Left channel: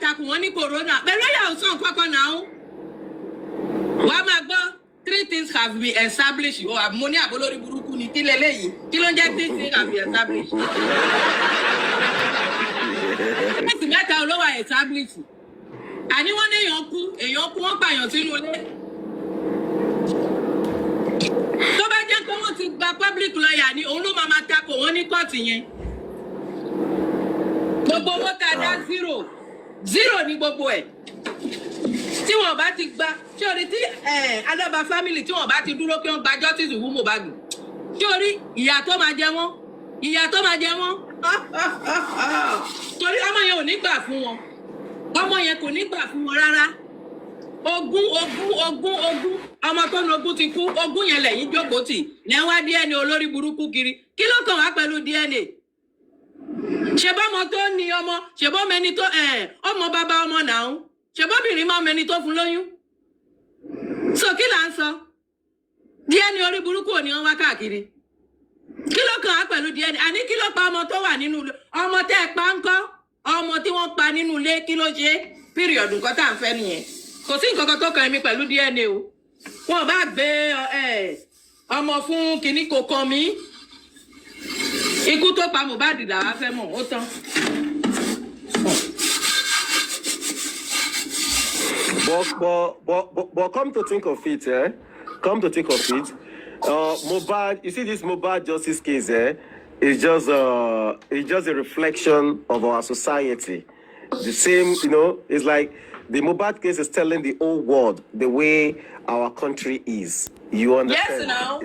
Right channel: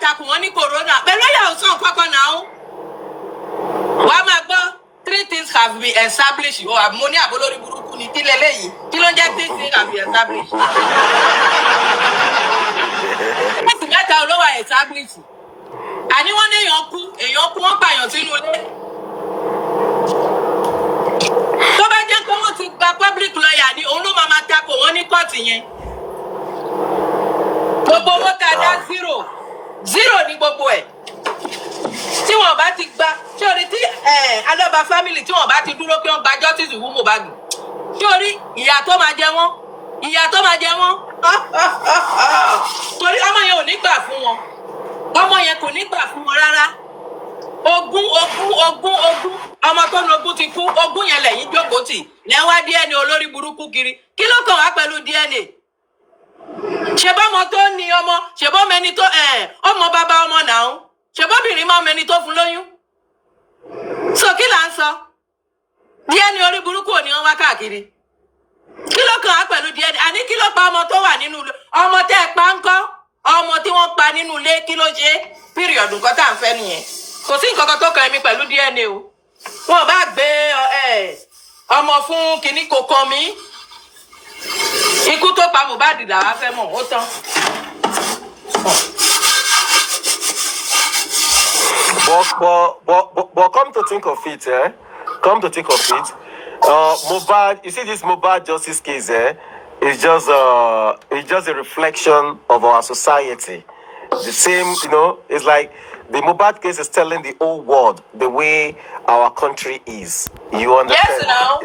takùn wọn ní corona pẹ̀lú ẹ̀yà ọ̀sán kankan náà wàá máa gbọ́ 3 things have been established o mo ní àbólórí burúkú ni kí lélẹ́yìí kí ló ń jẹ́ 3 things have been established. ẹ̀sìn mẹ́ta olówó established àní wọ́n ní èèyàn kú wọ́n pààyàn sínú ilé. tó bá jẹ́ pé wọ́n ti gba public lawyer ni òun ló máa takò wọ́n ní kóòtù yẹn. gbogbo owó tá a dá zero ní gbogbo ẹ̀ tí wọ́n bá ti gba tí orí tí aloba family tí wọ́n bá ti dúró pé wọ́n gba justice wú Mohbad tí orí ìyà tó máa jẹ wọ́n torí ọmọ yẹn ò ní gbà fún wọn ọmọ yẹn kò ní gbà fún wọn rárá ogún ọmọ tó ní ogún ti kú ogún yẹn lẹ́yìn jókòó tì lẹ́yìn wá DNA olórí burúkú kiri kí ló kàn wá pẹ̀lú DNA ṣèbọ́mọ tó ní ọmọ ṣèbọ́mọ ẹni tó ọmọ bàbá ọmọ náà ṣèbọ́bìnrin máa mẹni tó fún lóyún so kí là ń sọ DNA orí burúkú ò ní wọn wá káàkiri kí ló kàn wá pẹ̀lú DNA àní kí ló pa ọmọ tó wà nínú ilé ọmọ tẹ́ ẹ pa ń kọ́ ọmọ tí wọ́n pa nínú ilé kí ló ṣe píríọ̀dù nǹkan tá à ń fẹ́ nìyẹn kò sí nǹkan kan tó kàn mí pẹ̀lú DNA o wọn bá gbé ọmọ fún kinní kò kàn mí ikú tó pa Mohbad làwa fẹ́ mọ̀ ó tán. But come to think of it, Mohbad, you see this Mohbad justice case, it's just a reflection of our society. The same, it's like the Mohbad case is telling the whole world the way our country is. You understand? Yes,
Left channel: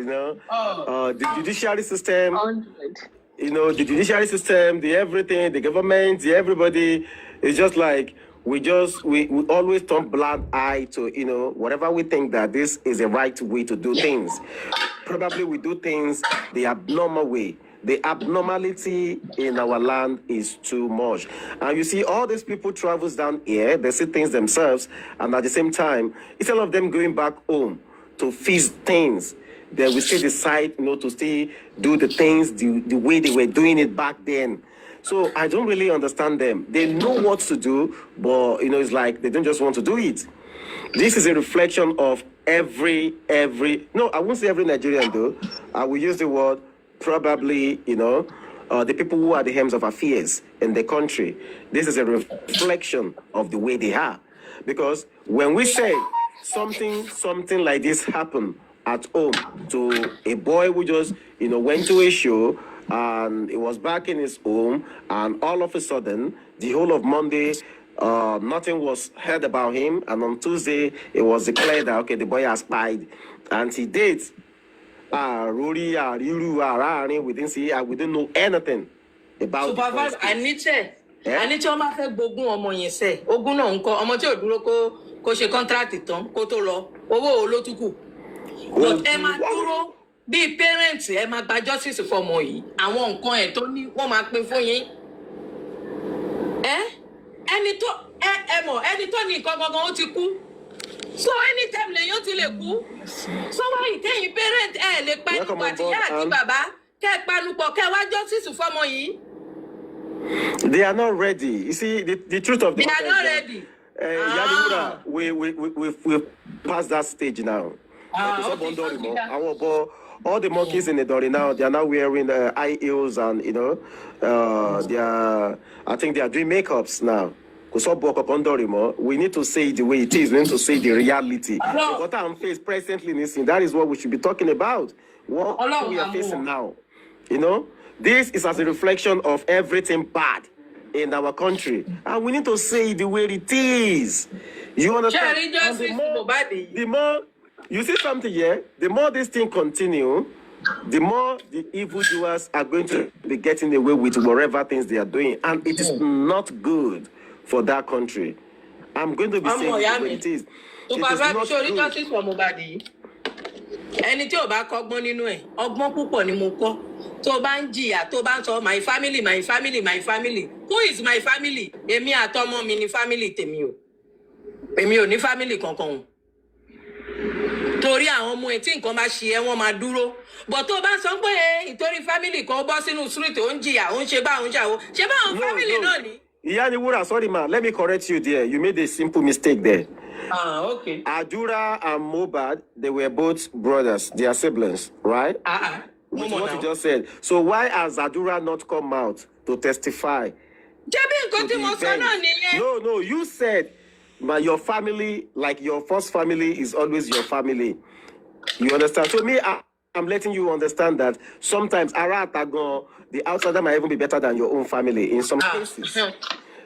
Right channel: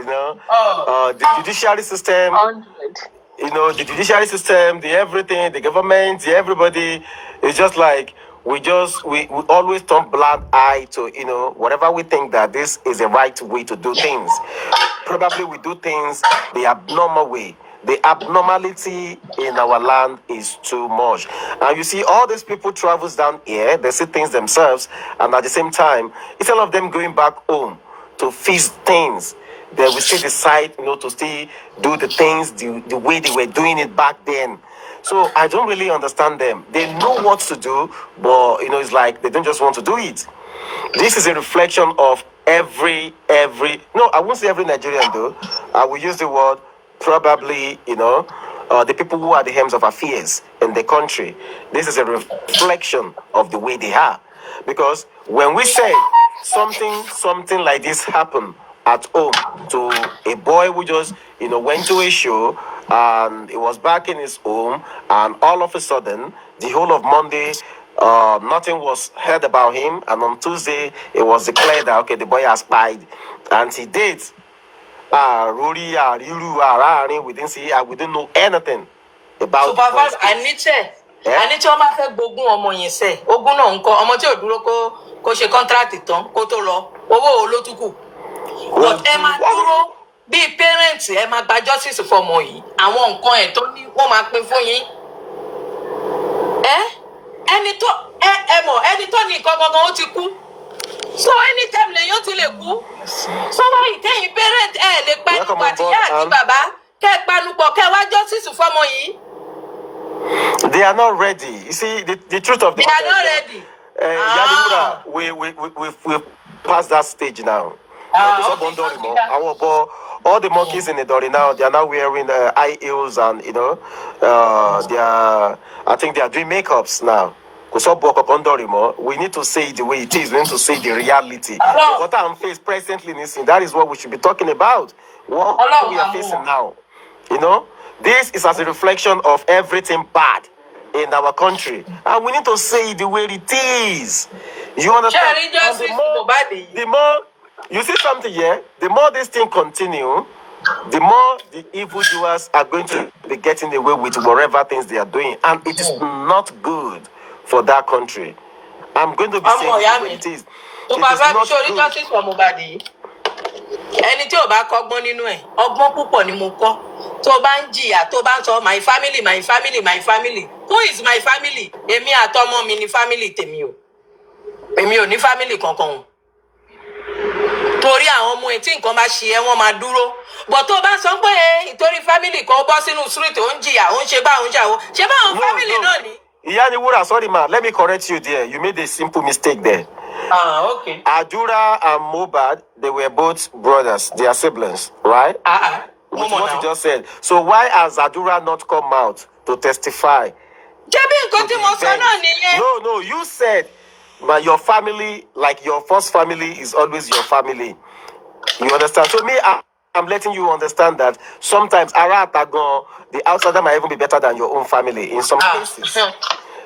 the judiciary system, 100. the judiciary system, the everything, the government, the everybody, it's just like we always turn blind eye to, whatever we think that this is the right way to do things. Probably we do things the abnormal way. The abnormality in our land is too much. And you see, all these people travels down here, they see things themselves, and at the same time, instead of them going back home to fix things, they will still decide, to still do the things the way they were doing it back then. So I don't really understand them. They know what to do, but, it's like they don't just want to do it. This is a reflection of every, no, I won't say every Nigerian though. I will use the word probably, the people who are the helms of affairs in the country. This is a reflection of the way they are. Because when we say something like this happened at home to a boy who just, went to a show and he was back in his home, and all of a sudden, the whole of Monday, nothing was heard about him, and on Tuesday, it was declared that, okay, the boy has died, and he did. We didn't see, we didn't know anything about supervise Aniche ọmọ fẹ́ gbógun ọmọ yẹn ṣe ogún náà ńkọ́ ọmọ tí ò dúró kó ṣe contract tán kó tó lọ owó olótùkù but ẹ máa dúró bí parents ẹ máa gba justice fọmọ yìí àwọn nǹkan ẹ̀ tó ní wọ́n máa pín fún yín ẹni tó ní nǹkan gangan ó ti kú so anytime lèyàn ti lè kú sọ́wọ́ ìtẹ̀yìn parent ẹ̀ lè panupọ̀ àtìyá àti bàbá kẹ́ ẹ panupọ̀ kẹ́ ẹ wá justice fọmọ yìí. They are not ready. You see, the truth of the matter. They are not ready. We passed that stage now. All the monkeys in the Dori now, they are now wearing high heels and, I think they are doing makeups now. We need to say it the way it is. We need to say the reality. What I'm facing presently, that is what we should be talking about. What we are facing now. This is as a reflection of everything bad in our country. And we need to say it the way it is. You understand? The more you see something here, the more this thing continue, the more the evildoers are going to be getting away with whatever things they are doing. And it is not good for that country. I'm going to be saying it the way it is. It is not good. Ẹni tí ò bá kọ́gbọ́n nínú ẹ̀ ọgbọ́n púpọ̀ ni mo kọ́ tó bá ń jìyà tó bá ń sọ my family who is my family èmi àtọmọ mi ni family tèmi o èmi ò ní family kankan o torí àwọn ọmọ ẹ̀ tí nǹkan bá ṣe ẹ́ wọ́n máa dúró bọ̀ tó bá sọ pé ìtorí family kan bọ́ sínú street ó ń jìyà ó ń ṣe bá òun ṣàwọ́ ṣe bá àwọn family náà ni. Wura, sorry, man. Let me correct you there. You made a simple mistake there. Okay. Adura and Mohbad, they were both brothers. They are siblings, right? With what you just said. So why has Adura not come out to testify? No, you said, but your family, like your first family, is always your family. You understand? So me, I'm letting you understand that sometimes the outsider might even be better than your own family in some cases.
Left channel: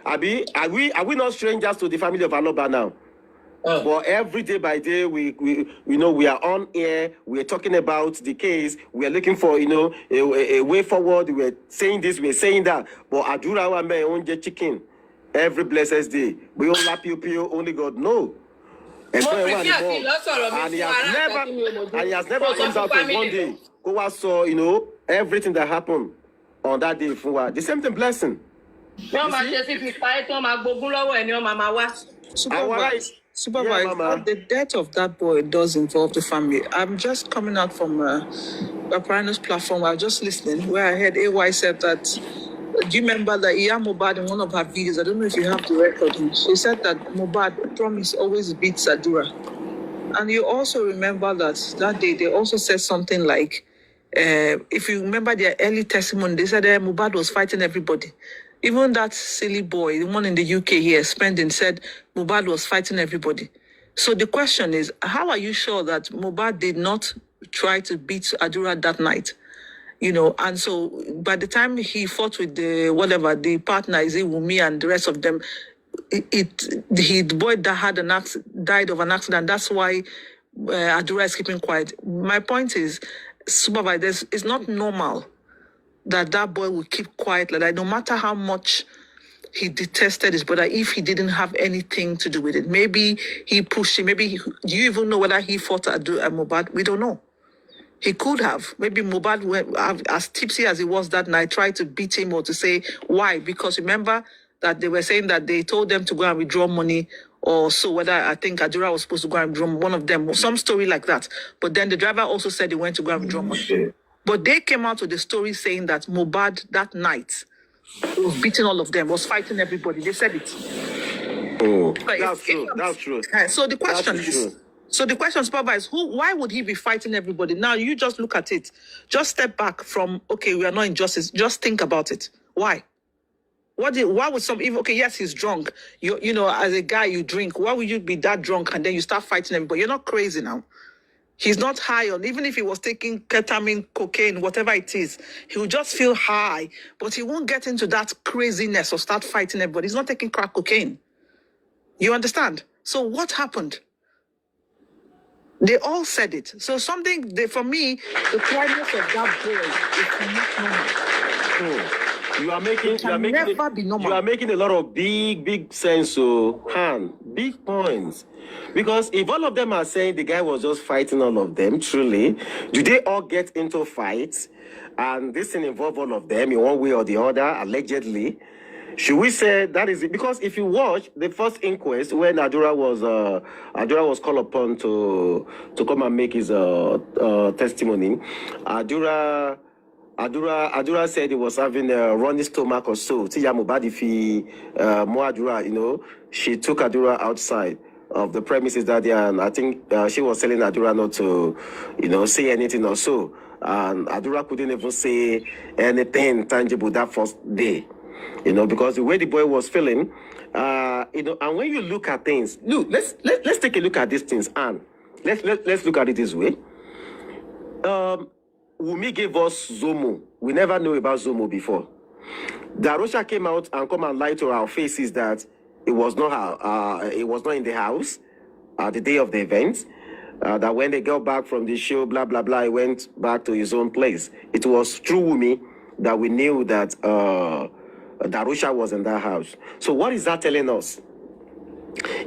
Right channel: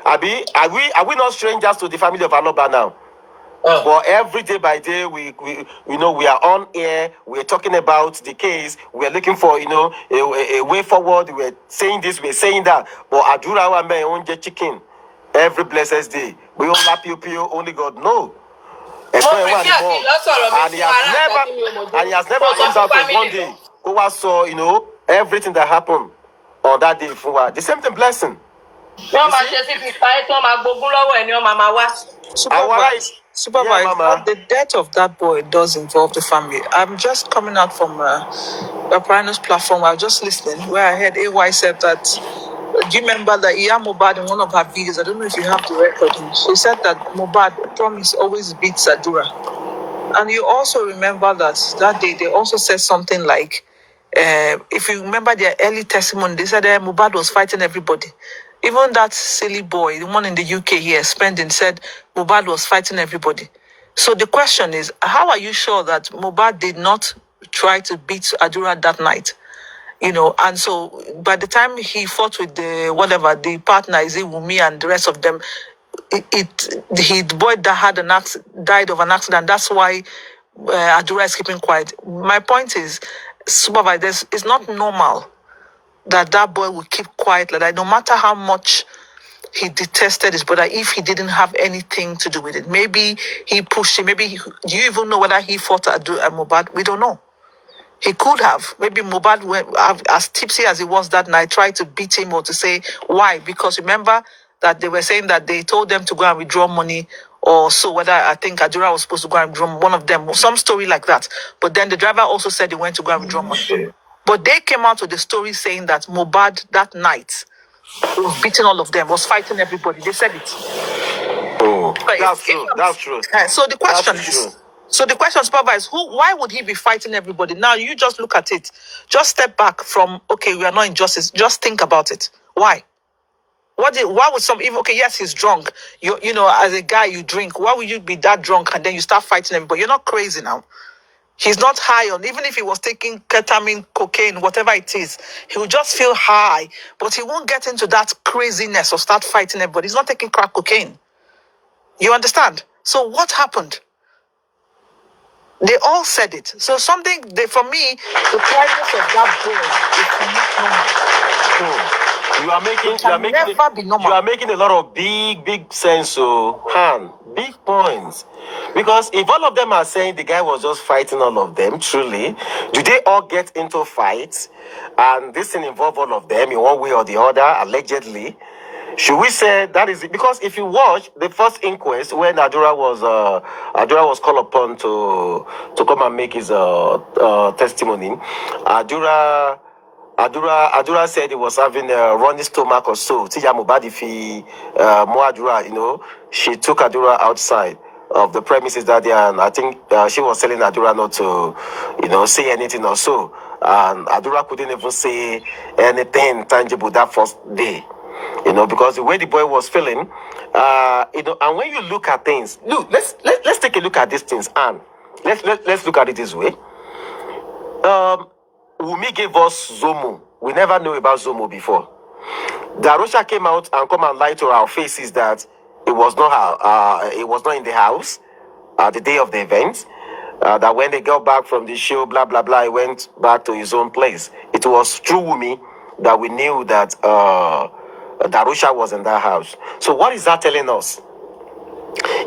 Abi, are we not strangers to the family of Aloba now? But every day by day, we are on air. We are talking about the case. We are looking for a way forward. We are saying this. We are saying that. But Adura wa me onje chicken every blessed day. We all lap you, only God know. And he has never comes out of one day. Who saw everything that happened on that day for the same thing blessing. Supervise. The death of that boy does involve the family. I'm just coming out from a Primus platform. I was just listening where I heard AY said that. Do you remember that Mohbad in one of her videos? I don't know if you have the recording. She said that Mohbad promise always beats Adura. And you also remember that day they also said something like, if you remember their early testimony, they said Mohbad was fighting everybody. Even that silly boy, the one in the UK here, Spending, said Mohbad was fighting everybody. So the question is, how are you sure that Mohbad did not try to beat Adura that night? And so by the time he fought with the partner, is it Wumi and the rest of them, the boy that died of an accident. That's why Adura is keeping quiet. My point is, supervisors, it's not normal that boy will keep quiet like that, no matter how much he detested his brother, if he didn't have anything to do with it. Maybe he pushed him. Do you even know whether he fought Mohbad? We don't know. He could have. Maybe Mohbad, as tipsy as he was that night, tried to beat him or to say why. Because remember that they were saying that they told them to go and withdraw money or so. Whether I think Adura was supposed to go and withdraw one of them, some story like that. But then the driver also said he went to go and withdraw money. But they came out with the story saying that Mohbad that night was beating all of them, was fighting everybody. They said it. Oh, that's true. That's true. So the question is. So the question, supervise, why would he be fighting everybody? Now you just look at it. Just step back from, okay, we are not in justice. Just think about it. Why? Why would yes, he's drunk. You know, as a guy, you drink. Why would you be that drunk and then you start fighting everybody? You're not crazy now. He's not high on, even if he was taking ketamine, cocaine, whatever it is, he would just feel high, but he won't get into that craziness or start fighting everybody. He's not taking crack cocaine. You understand? So what happened? They all said it. So for me, the quietness of that boy is not normal. You are making a lot of big sense, big points. Because if all of them are saying the guy was just fighting all of them, truly, do they all get into fights? And this thing involve all of them in one way or the other, allegedly. Should we say that is it? Because if you watch the first inquest when Adura was called upon to come and make his testimony, Adura said he was having a running stomach or so. She took Adura outside of the premises that day, and I think she was telling Adura not to, say anything or so. And Adura couldn't even say anything tangible that first day. Because the way the boy was feeling, and when you look at things, let's take a look at these things, and let's look at it this way. Wumi gave us Zomo. We never knew about Zomo before. Darosha came out and come and lied to our faces that it was not in the house the day of the event. That when they got back from the show, blah blah blah, he went back to his own place. It was through Wumi that we knew that Darusha was in that house. So what is that telling us?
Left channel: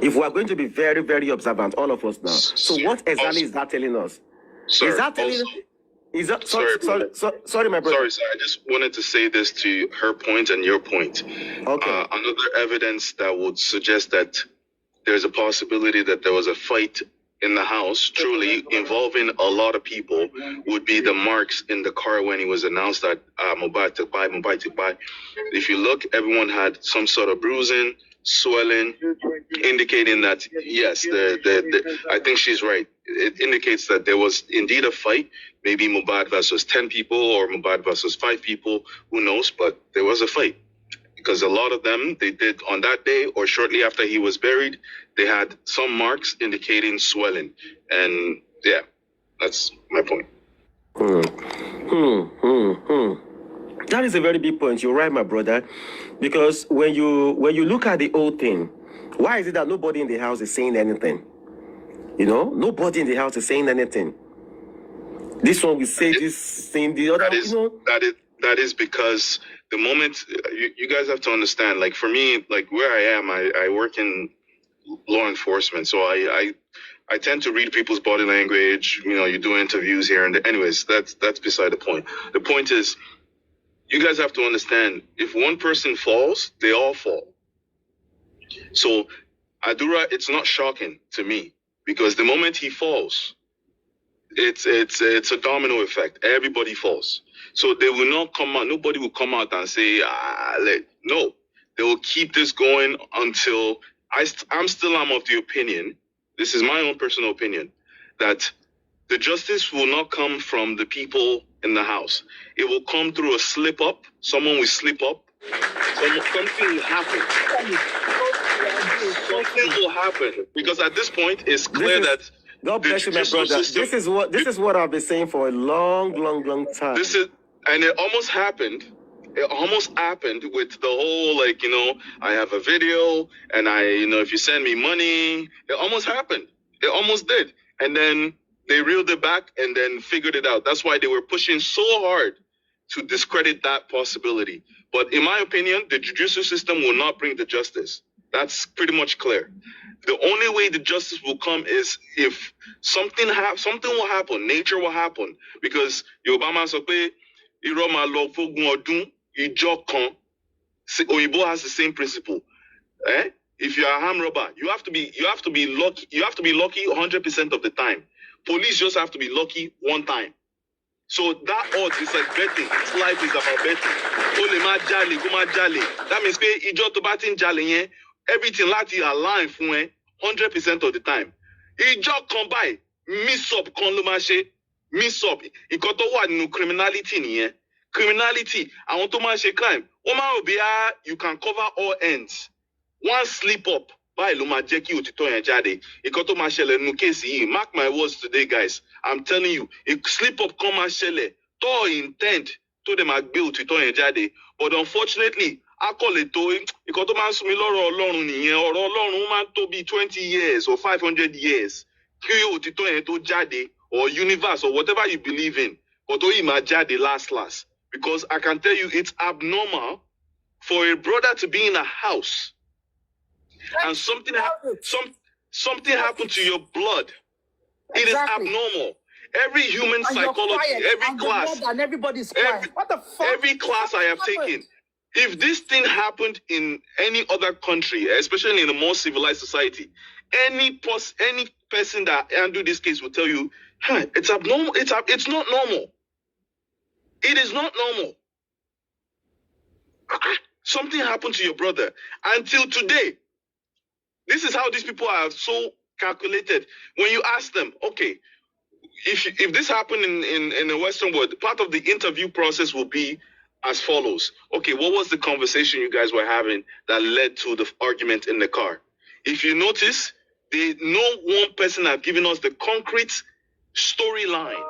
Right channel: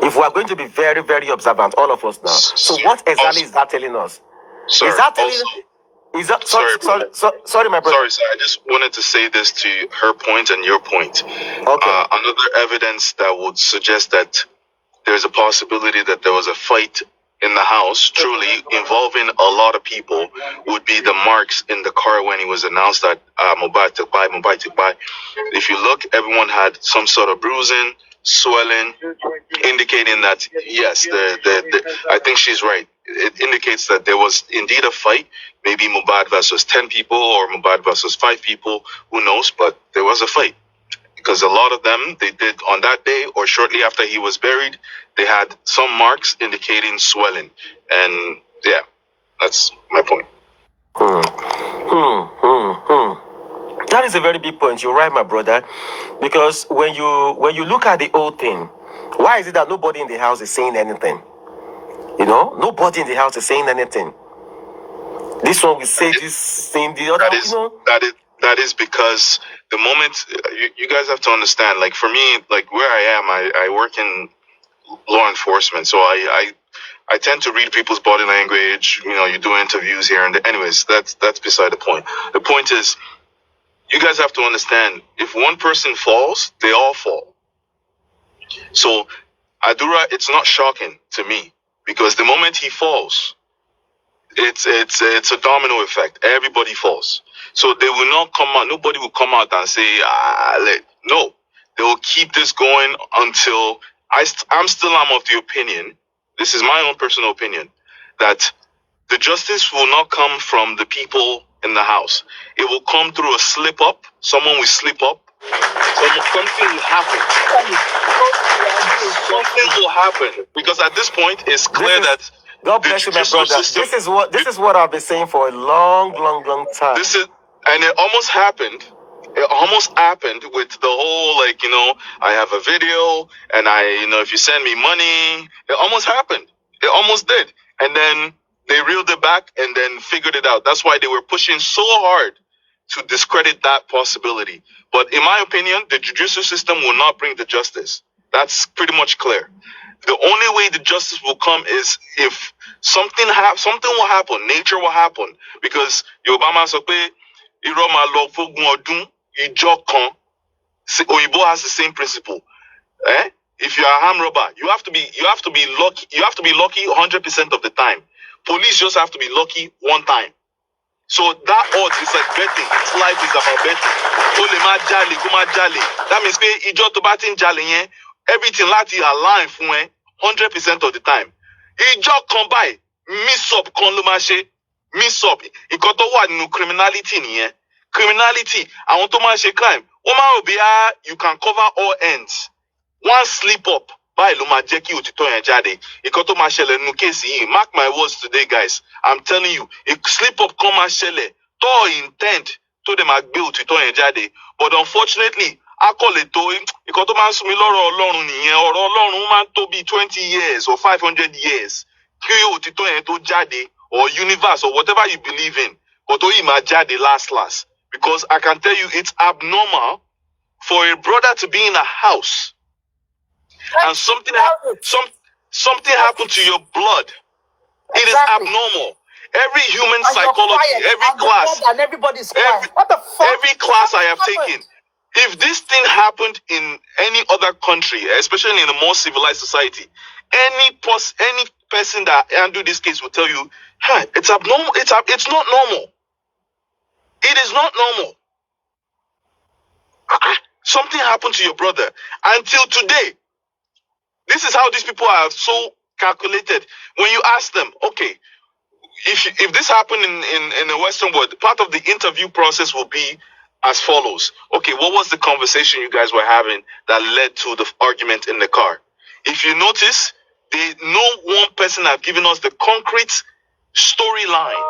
If we are going to be very, very observant, all of us now. So what exactly is that telling us? Sir, is that telling? Is that sorry, my brother? Sorry, sir. I just wanted to say this to her point and your point. Okay. Another evidence that would suggest that there's a possibility that there was a fight in the house, truly involving a lot of people, would be the marks in the car when it was announced that Mobile took by. If you look, everyone had some sort of bruising, swelling, indicating that yes, I think she's right. It indicates that there was indeed a fight, maybe Mubad versus 10 people or Mubad versus 5 people, who knows, but there was a fight. Because a lot of them, they did on that day or shortly after he was buried, they had some marks indicating swelling. And yeah, that's my point. That is a very big point. You're right, my brother. Because when you look at the whole thing, why is it that nobody in the house is saying anything? You know, nobody in the house is saying anything. This one will say this thing, the other, That is because the moment you guys have to understand, like for me, like where I am, I work in law enforcement, so I tend to read people's body language. You know, you do interviews here and there. Anyways, that's beside the point. The point is, you guys have to understand, if one person falls, they all fall. So Adura, it's not shocking to me, because the moment he falls, it's a domino effect. Everybody falls. So they will not come out. Nobody will come out and say, no. They will keep this going until I'm still of the opinion. This is my own personal opinion, that the justice will not come from the people in the house. It will come through a slip up. Someone will slip up. Something will happen. Something will happen, because at this point it's clear that. God bless you, my brother. This is what I've been saying for a long time. And it almost happened. It almost happened with the whole, like, you know, I have a video and if you send me money, it almost happened. It almost did. And then they reeled it back and then figured it out. That's why they were pushing so hard to discredit that possibility. But in my opinion, the judicial system will not bring the justice. That's pretty much clear. The only way the justice will come is if something will happen, nature will happen. Because Obama said, Oyibo has the same principle. If you are a armed robber, you have to be lucky. You have to be lucky 100% of the time. Police just have to be lucky one time. So that odds is like betting. This life is about betting. That means everything láti align fún 100% of the time. Ìjọ kan báyìí, miss up kan ló máa ṣe. Miss up. Ìkan tó wà nínú criminality nìyẹn. Criminality, àwọn tó máa ṣe crime, wọ́n máa rò bí you can cover all ends. One slip up, báyìí ló máa jẹ́ kí òtítọ́ yẹn jáde. Ìkan tó máa ṣẹlẹ̀ nínú kéèsì yìí, mark my words today, guys. I'm telling you, a slip up kan máa ṣẹlẹ̀ tó intent tó dẹ̀ máa gbé òtítọ́ yẹn jáde. But unfortunately, akọ̀lẹ̀ tó ìkan tó máa ń sún mi lọ́rọ̀ Ọlọ́run nìyẹn. Ọ̀rọ̀ Ọlọ́run máa ń tó bí 20 years or 500 years kí òtítọ́ yẹn tó jáde, or universe or whatever you believe in. But ó yìí máa jáde last. Because I can tell you, it's abnormal for a brother to be in a house and something happened to your blood. It is abnormal. Every human psychology, every class, and everybody's quiet. What the fuck? Every class I have taken. If this thing happened in any other country, especially in a more civilized society, any person that handled this case will tell you, it's abnormal. It's not normal. It is not normal. Something happened to your brother. Until today, this is how these people are so calculated. When you ask them, okay, if this happened in the Western world, part of the interview process will be as follows. Okay, what was the conversation you guys were having that led to the argument in the car? If you notice, no one person have given us the concrete storyline.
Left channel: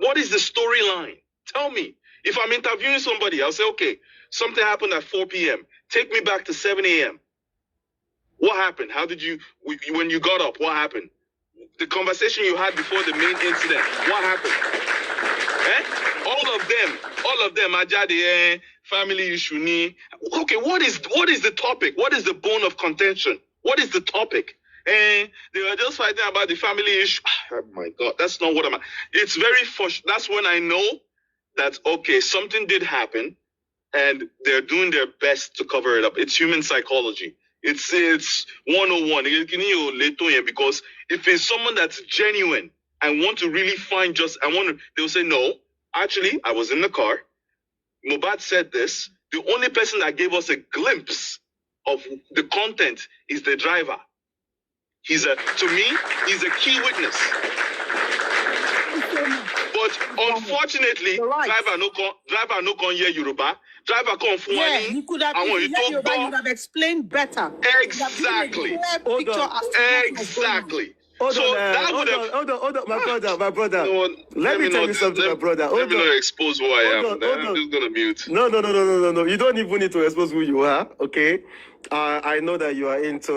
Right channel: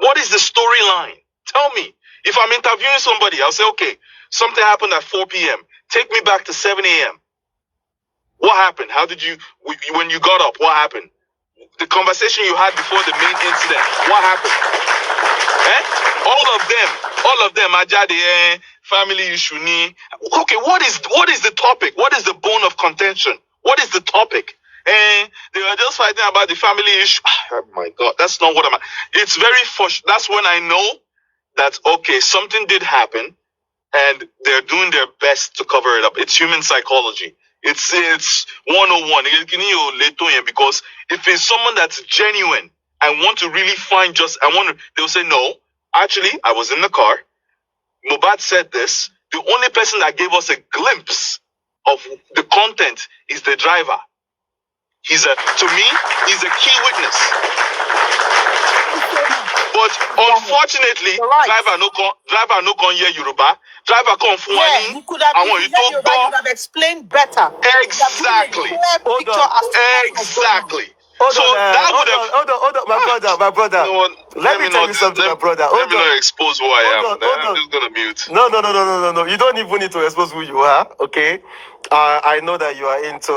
What is the storyline? Tell me. If I'm interviewing somebody, I'll say, okay, something happened at 4 p.m. Take me back to 7 a.m. What happened? When you got up, what happened? The conversation you had before the main incident, what happened? All of them, Ajade, family issue. Okay, what is the topic? What is the bone of contention? What is the topic? They were just fighting about the family issue. Oh my God, that's not what it's very that's when I know that, okay, something did happen and they're doing their best to cover it up. It's human psychology. It's 101. Because if it's someone that's genuine and want to really find they'll say, no, actually, I was in the car. Mohbad said this. The only person that gave us a glimpse of the content is the driver. To me, he's a key witness. But unfortunately, driver no con hear Yoruba. Driver come from Yeah, you could have, if you heard Yoruba, you would have explained better. Exactly. Exactly. Hold on, my brother. No, let me tell you something, my brother. Let me not expose who I am. I'm just gonna mute. No. You don't even need to expose who you are. Okay. I know that you are into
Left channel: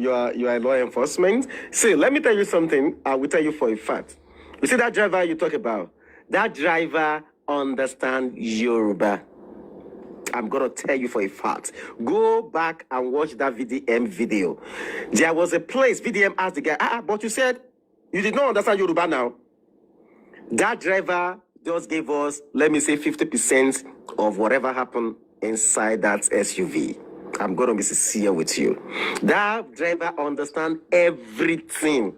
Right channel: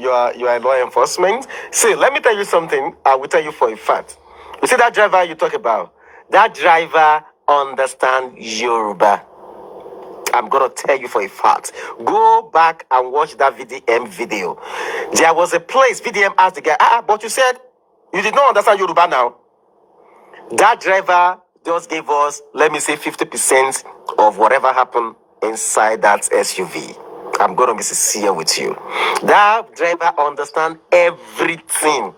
you are law enforcement. See, let me tell you something. I will tell you for a fact. You see that driver you talk about? That driver understands Yoruba. I'm gonna tell you for a fact. Go back and watch that VDM video. There was a place VDM asked the guy, but you said you did not understand Yoruba now. That driver just gave us, let me say, 50% of whatever happened inside that SUV. I'm gonna be sincere with you. That driver understands everything.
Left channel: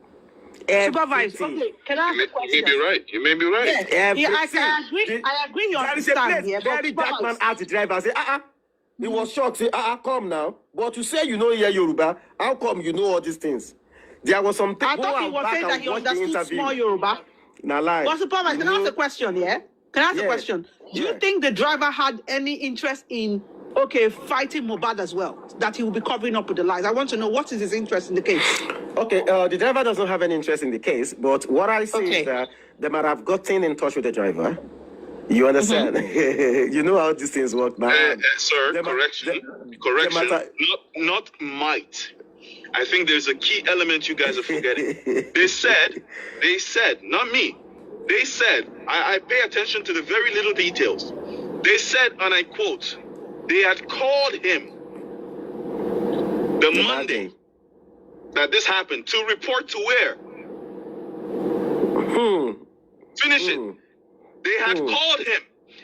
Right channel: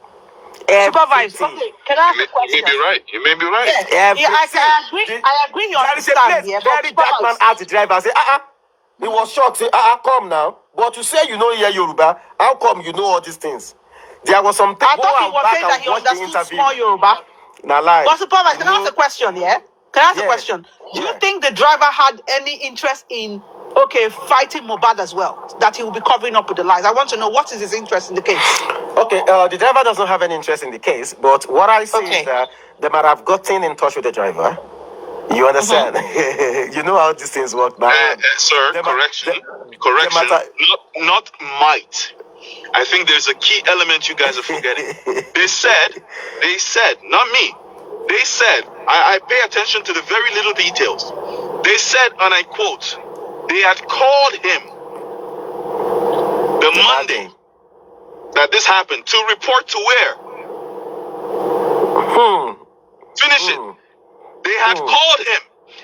Supervise. Okay, can I ask a question? You may be right. You may be right. Yes. I agree. You understand. Very dark man asked the driver, I say, He was shocked, say, come now. But you say you know here Yoruba, how come you know all these things? There was some I thought he was saying that he understood small Yoruba. Nah, lie. But Supervise, can I ask a question, yeah? Can I ask a question? Do you think the driver had any interest in fighting Mohbad as well, that he will be covering up with the lies? I want to know what is his interest in the case. Okay, the driver doesn't have any interest in the case, but what I see is that they might have gotten in touch with the driver. You understand? You know how these things work now. Sir, correction. Not might. I think there's a key element you guys are forgetting. They said, not me. They said, I pay attention to the very little details. They said, and I quote, they had called him the Monday that this happened to report to where? Finish it. They had called him.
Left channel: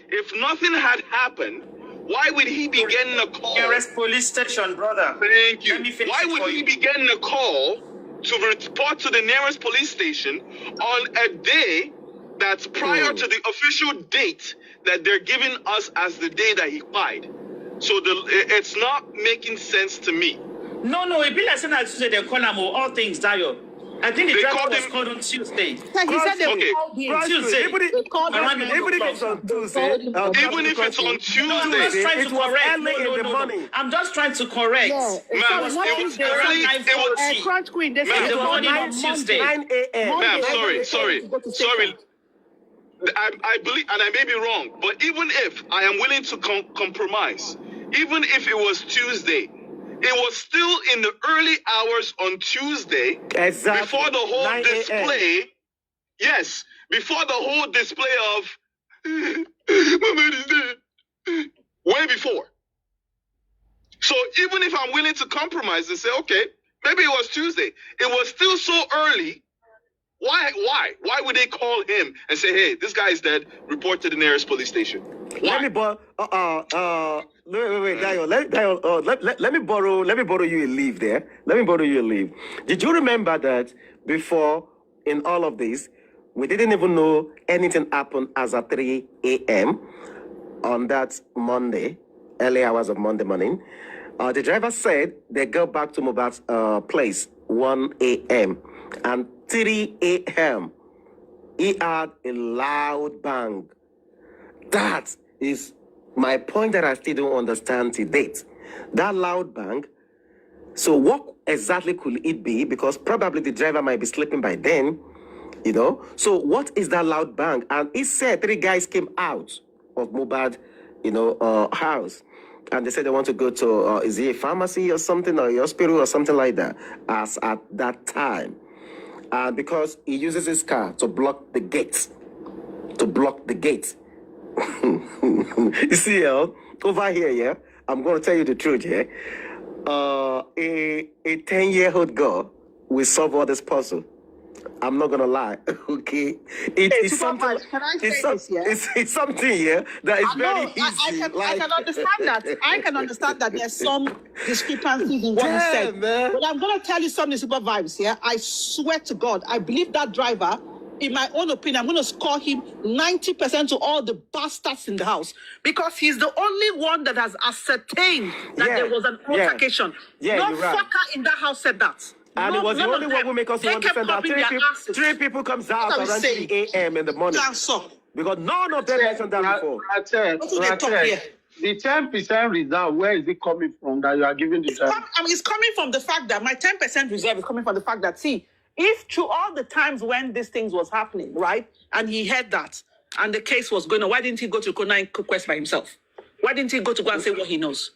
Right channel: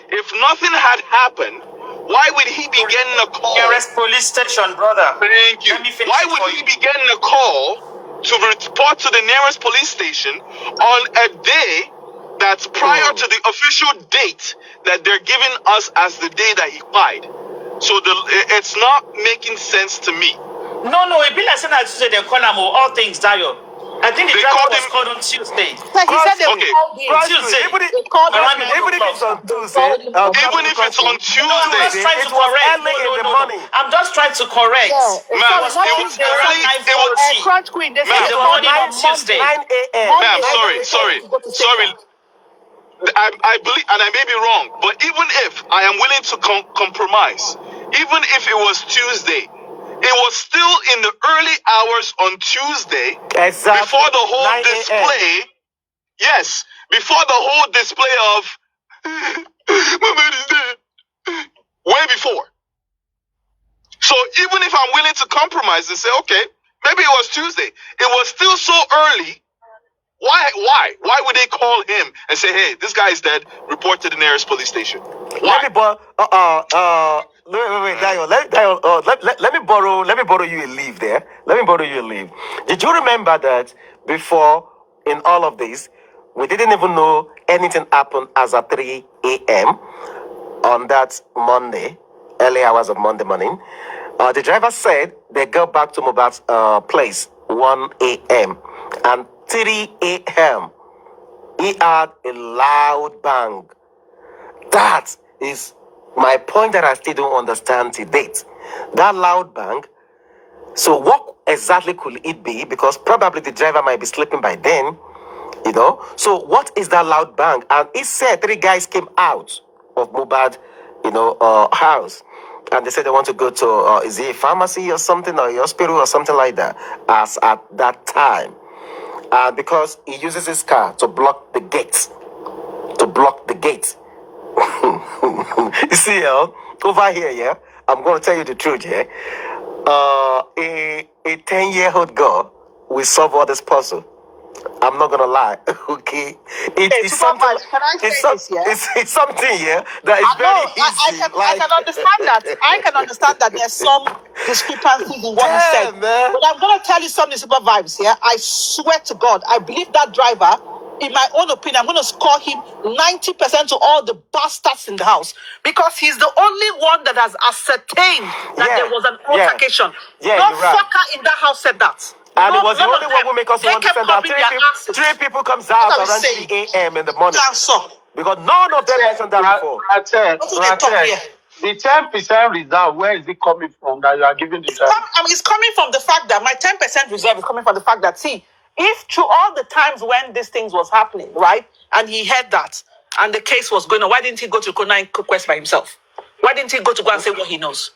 If nothing had happened, why would he be getting a call? Nearest police station, brother. Thank you. Why would he be getting a call to report to the nearest police station on a day that's prior to the official date that they're giving us as the day that he died? So it's not making sense to me. No, it be like saying that Tuesday they call him all things Dio. I think the driver was called on Tuesday. So he said they called him. Tuesday. Even if it's on Tuesday, it was early in the morning. I'm just trying to correct. Ma'am, it was early. Crunch Queen, they said the morning on Tuesday. 9 a.m. Ma'am, sorry. I believe, and I may be wrong, but even if I am willing to compromise, even if it was Tuesday, it was still in the early hours on Tuesday, before the whole display. Yes, before the whole display of my man is dead. Way before. So even if I'm willing to compromise and say, okay, maybe it was Tuesday, it was still so early. Why would they call him and say, hey, this guy is dead, report to the nearest police station? Why? Wait, Dio, let me borrow you a leave there. Let me borrow you a leave. Did you remember that before, in all of this, we didn't even know anything happened as at 3 a.m. on that Monday, early hours of Monday morning? The driver said they got back to Mohbad's place 1 a.m. and 3 a.m. he had a loud bang. That is my point that I still don't understand to date. That loud bang. So what exactly could it be? Because probably the driver might be sleeping by then, you know. So what is that loud bang? And he said 3 guys came out of Mohbad, house. And they said they want to go to, is it a pharmacy or something, or a hospital or something like that, as at that time. Because he uses his car to block the gate. You see, over here, yeah, I'm going to tell you the truth, yeah. A 10-year-old girl will solve all this puzzle. I'm not gonna lie. Okay, it's something. Can I say this? Yeah. It's something. Yeah, that is very easy. I can understand that. I can understand that there's some discrepancies in what you said. Man. But I'm going to tell you something, super vibes. Yeah, I swear to God, I believe that driver. In my own opinion, I'm going to score him 90% to all the bastards in the house because he's the only one that has ascertained that there was an altercation. Yeah, no you're right. fucker in that house said that. And it was the only one who make us to understand that three people comes out around 3 a.m. in the morning. Because none of them mentioned that before. The 10% reserve, where is it coming from that you are giving the driver? It's coming from the fact that my 10% reserve is coming from the fact that, see, if through all the times when these things was happening, right, and he heard that, and the case was going on, why didn't he go to Kona and Quest by himself? Why didn't he go to go and say what he knows?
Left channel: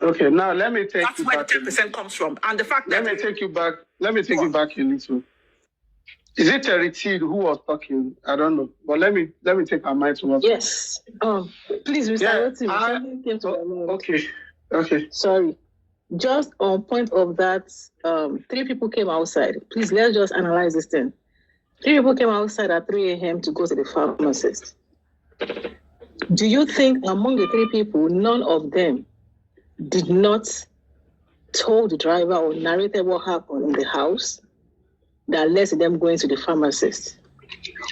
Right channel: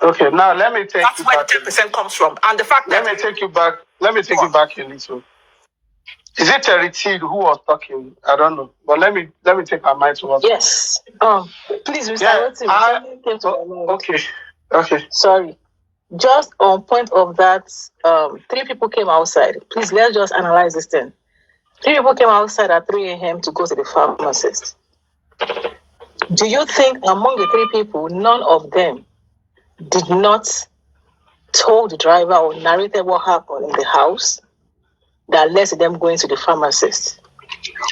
Okay, now let me take That's you where back. the 10% comes from. And the fact that... Let me take you back a little. Is it Terry T who was talking? I don't know. But let me take our mind to what. Yes. Please, Mr. Okay. Sorry. Just on point of that, 3 people came outside. Please, let's just analyze this thing. 3 people came outside at 3 a.m. to go to the pharmacist. Do you think among the 3 people, none of them did not told the driver or narrated what happened in the house that led to them going to the pharmacist?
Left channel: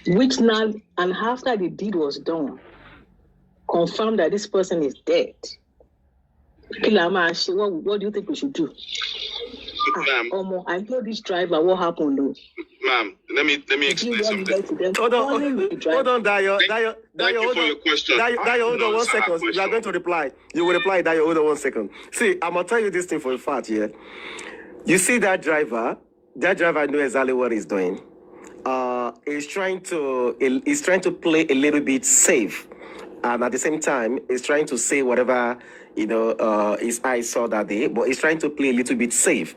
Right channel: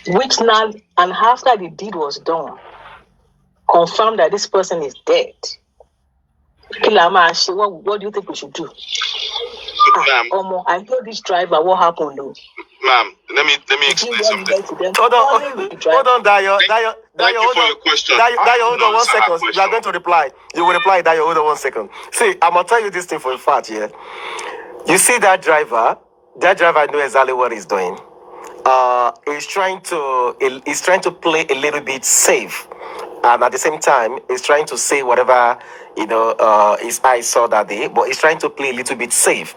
Which now, and after the deed was done, confirmed that this person is dead. What do you think we should do? Ma'am, I told this driver what happened, though. Ma'am, let me explain something. Hold on, Dayo. Thank you for your question. Dayo, hold on 1 second. You are going to reply. You will reply, Dayo, hold on 1 second. See, I'm going to tell you this thing for a fact, yeah? You see that driver knows exactly what he's doing. He's trying to play a little bit safe. And at the same time, he's trying to say whatever, his eyes saw that day, but he's trying to play a little bit safe.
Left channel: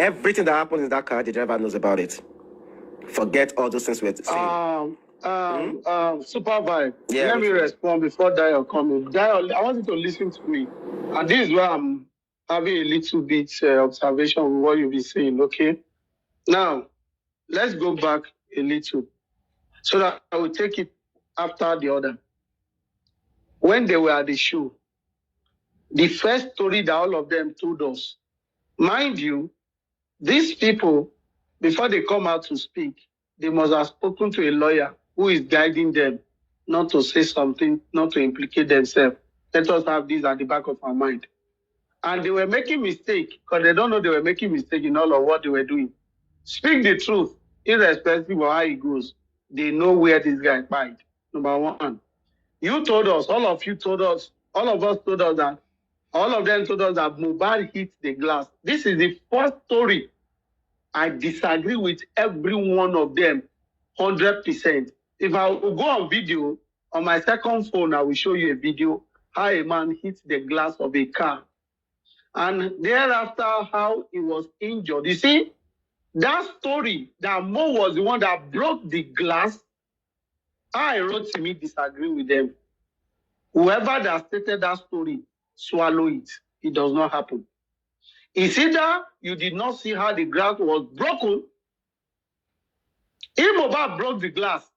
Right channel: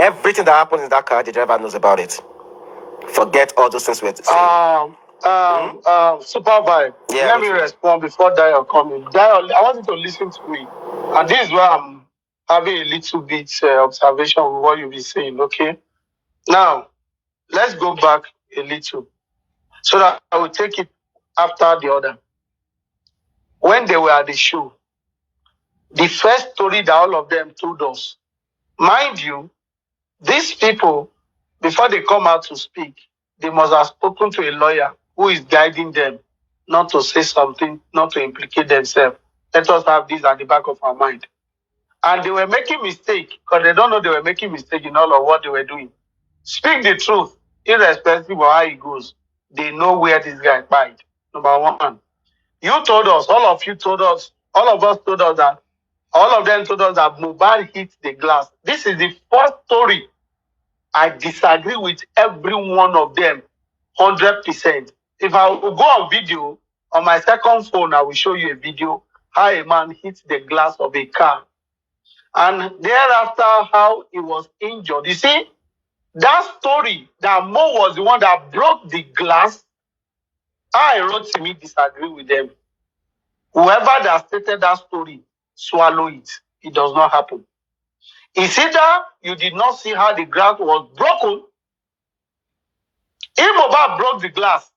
Everything that happens in that car, the driver knows about it. Forget all those things we're saying. Supervise. Yeah, Let me respond before Dio comes. Dio, I want you to listen to me. And this is where I'm having a little bit observation with what you'll be saying, okay? Now, let's go back a little so that I will take it after the other. When they were at the show, the first story that all of them told us, mind you, these people, before they come out to speak, they must have spoken to a lawyer who is guiding them not to say something, not to implicate themselves. Let us have this at the back of our mind. And they were making mistakes because they don't know they were making mistakes in all of what they were doing. Speak the truth, irrespective of how it goes. They know where this guy died. Number 1. You told us, all of us told us that Mohbad hit the glass. This is the first story. I disagree with every one of them, 100%. If I will go on video, on my second phone, I will show you a video how a man hit the glass of a car. And thereafter, how he was injured. You see, that story, that Mo was the one that broke the glass, I wrote to me disagree with them. Whoever that stated that story, swallow it. It does not happen. It's either you did not see how the glass was broken. If Mohbad broke the glass,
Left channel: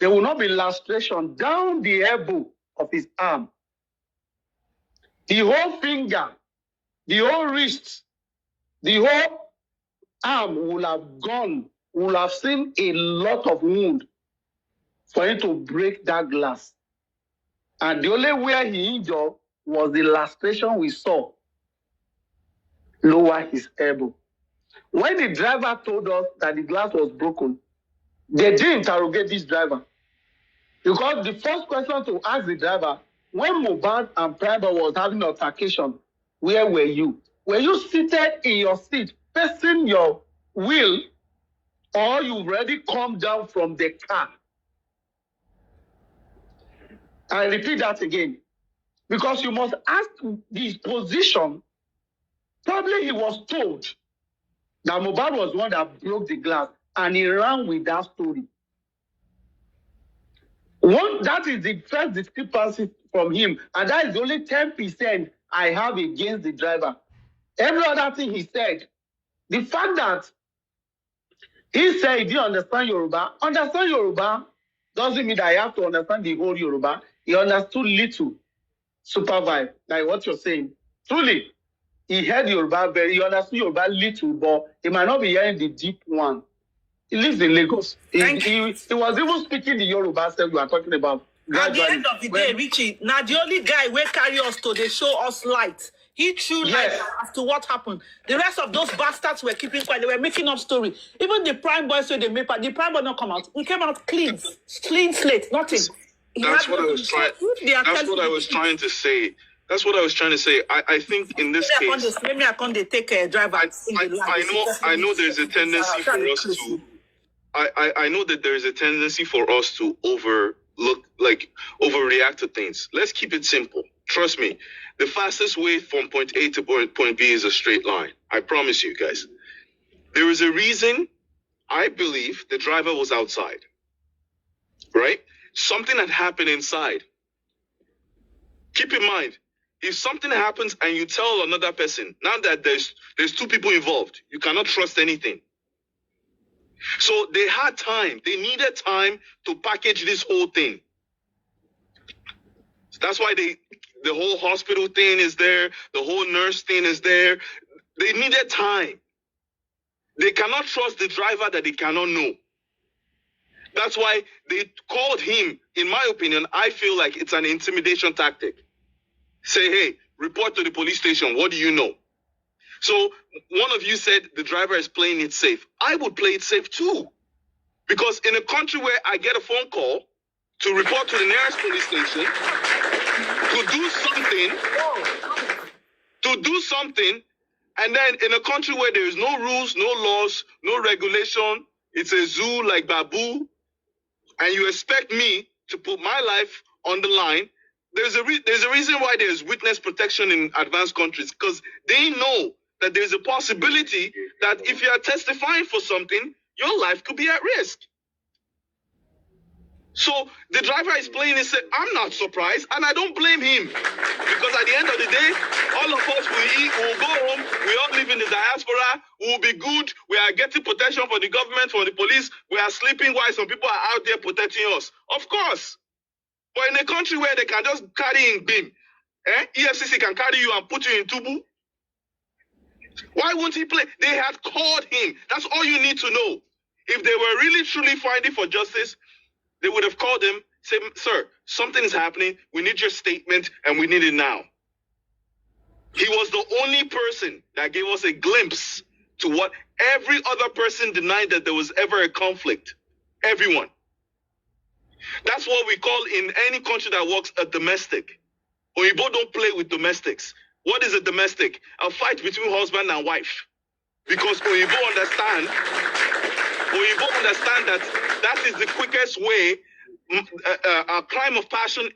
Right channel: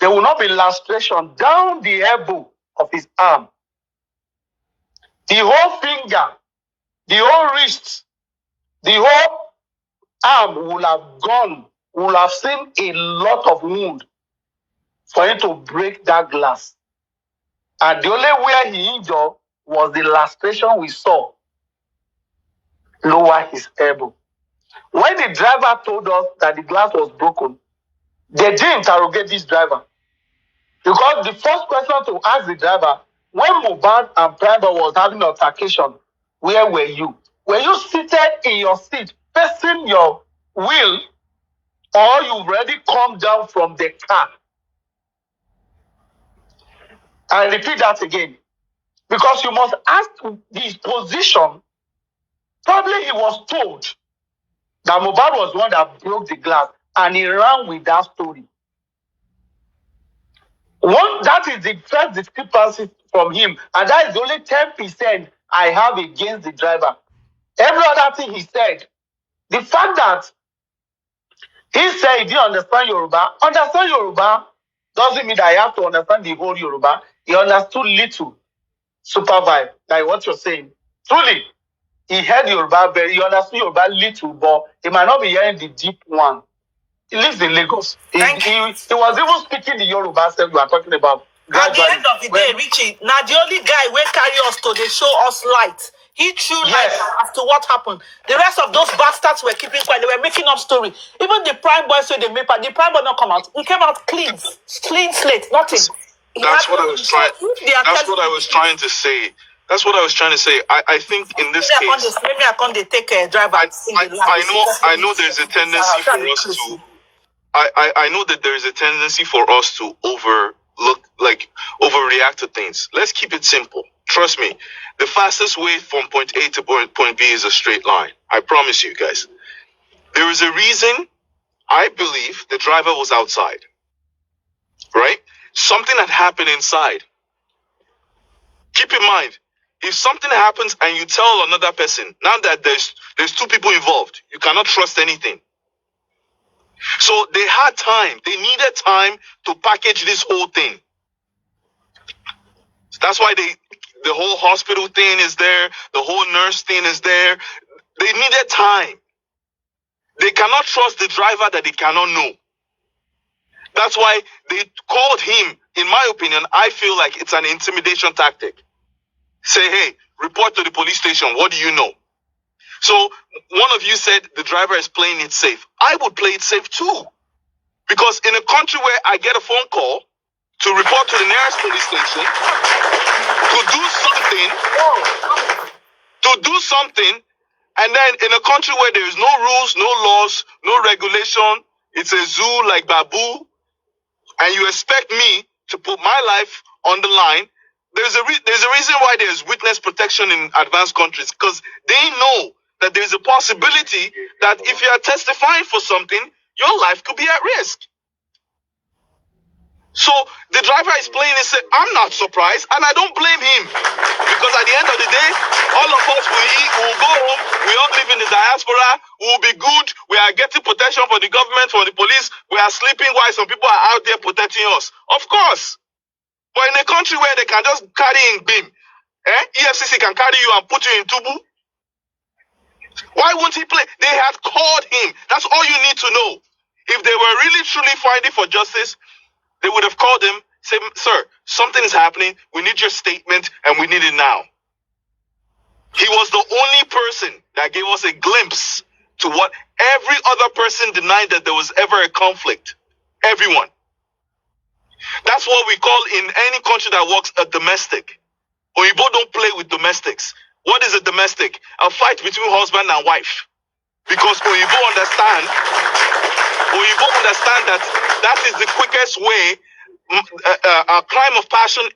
there will not be lacration down the elbow of his arm. The whole finger, the whole wrist, the whole arm will have gone, will have seen a lot of wound for him to break that glass. And the only way he injured was the lacration we saw lower his elbow. When the driver told us that the glass was broken, they did interrogate this driver. Because the first question to ask the driver, when Mohbad and Private was having an altercation, where were you? Were you seated in your seat, facing your wheel, or you already come down from the car? I repeat that again. Because you must ask his position. Probably he was told that Mohbad was the one that broke the glass, and he ran with that story. That is the first discrepancy from him, and that is only 10% I have against the driver. Every other thing he said, the fact that He said he didn't understand Yoruba. Understand Yoruba doesn't mean that I have to understand the whole Yoruba. He understood little. Supervibez, like what you're saying. Truly, he heard Yoruba he understood Yoruba little, but he might not be hearing the deep one. He lives in Lagos. He was even speaking the Yoruba stuff you are talking about. At the Gradually. end of the day, Richie, now the only guy will carry us to they show us light. He threw light as to what happened. The rest of those bastards were keeping quiet. They were making up story. Even the prime boy said they made, but the prime boy not come out. He came out clean slate, nothing. That's what I was trying. That's what I was trying to say. That's what I was trying to say. I think in this case, maybe I can't take a driver. I know there's a tendency for us to. I know that there is a tendency for us to overreact to things. Let's keep it simple. Trust me, the fastest way from point A to point B is a straight line. I promise you guys. There is a reason I believe the driver was outside. Right? Something had happened inside. Keep in mind, if something happens and you tell another person, now that there's two people involved, you cannot trust anything. So they had time. They needed time to package this whole thing. That's why the whole hospital thing is there. The whole nurse thing is there. They needed time. They cannot trust the driver that they cannot know. That's why they called him. In my opinion, I feel like it's an intimidation tactic. Say, hey, report to the police station. What do you know? So one of you said the driver is playing it safe. I would play it safe too. Because in a country where I get a phone call to report to the nearest police station, to do something, and then in a country where there is no rules, no laws, no regulation, it's a zoo like Babu, and you expect me to put my life on the line, there's a reason why there's witness protection in advanced countries, because they know that there's a possibility that if you are testifying for something, your life could be at risk. So the driver is playing and said, I'm not surprised, and I don't blame him. Because at the end of the day, all of us will eat, we'll go home, we all live in the diaspora, we'll be good, we are getting protection from the government, from the police, we are sleeping while some people are out there protecting us. Of course. But in a country where they can just carry in beam, EFCC can carry you and put you in Tubu, why won't he play? They had called him. That's all you need to know. If they were really truly fighting for justice, they would have called him, say, sir, something is happening. We need your statement, and we need it now. He was the only person that gave us a glimpse to what every other person denied, that there was ever a conflict. Everyone. That's what we call in any country that works a domestic. Oyibo don't play with domestics. What is a domestic? A fight between husband and wife. Because Oyibo understand that is the quickest way. A crime of passion,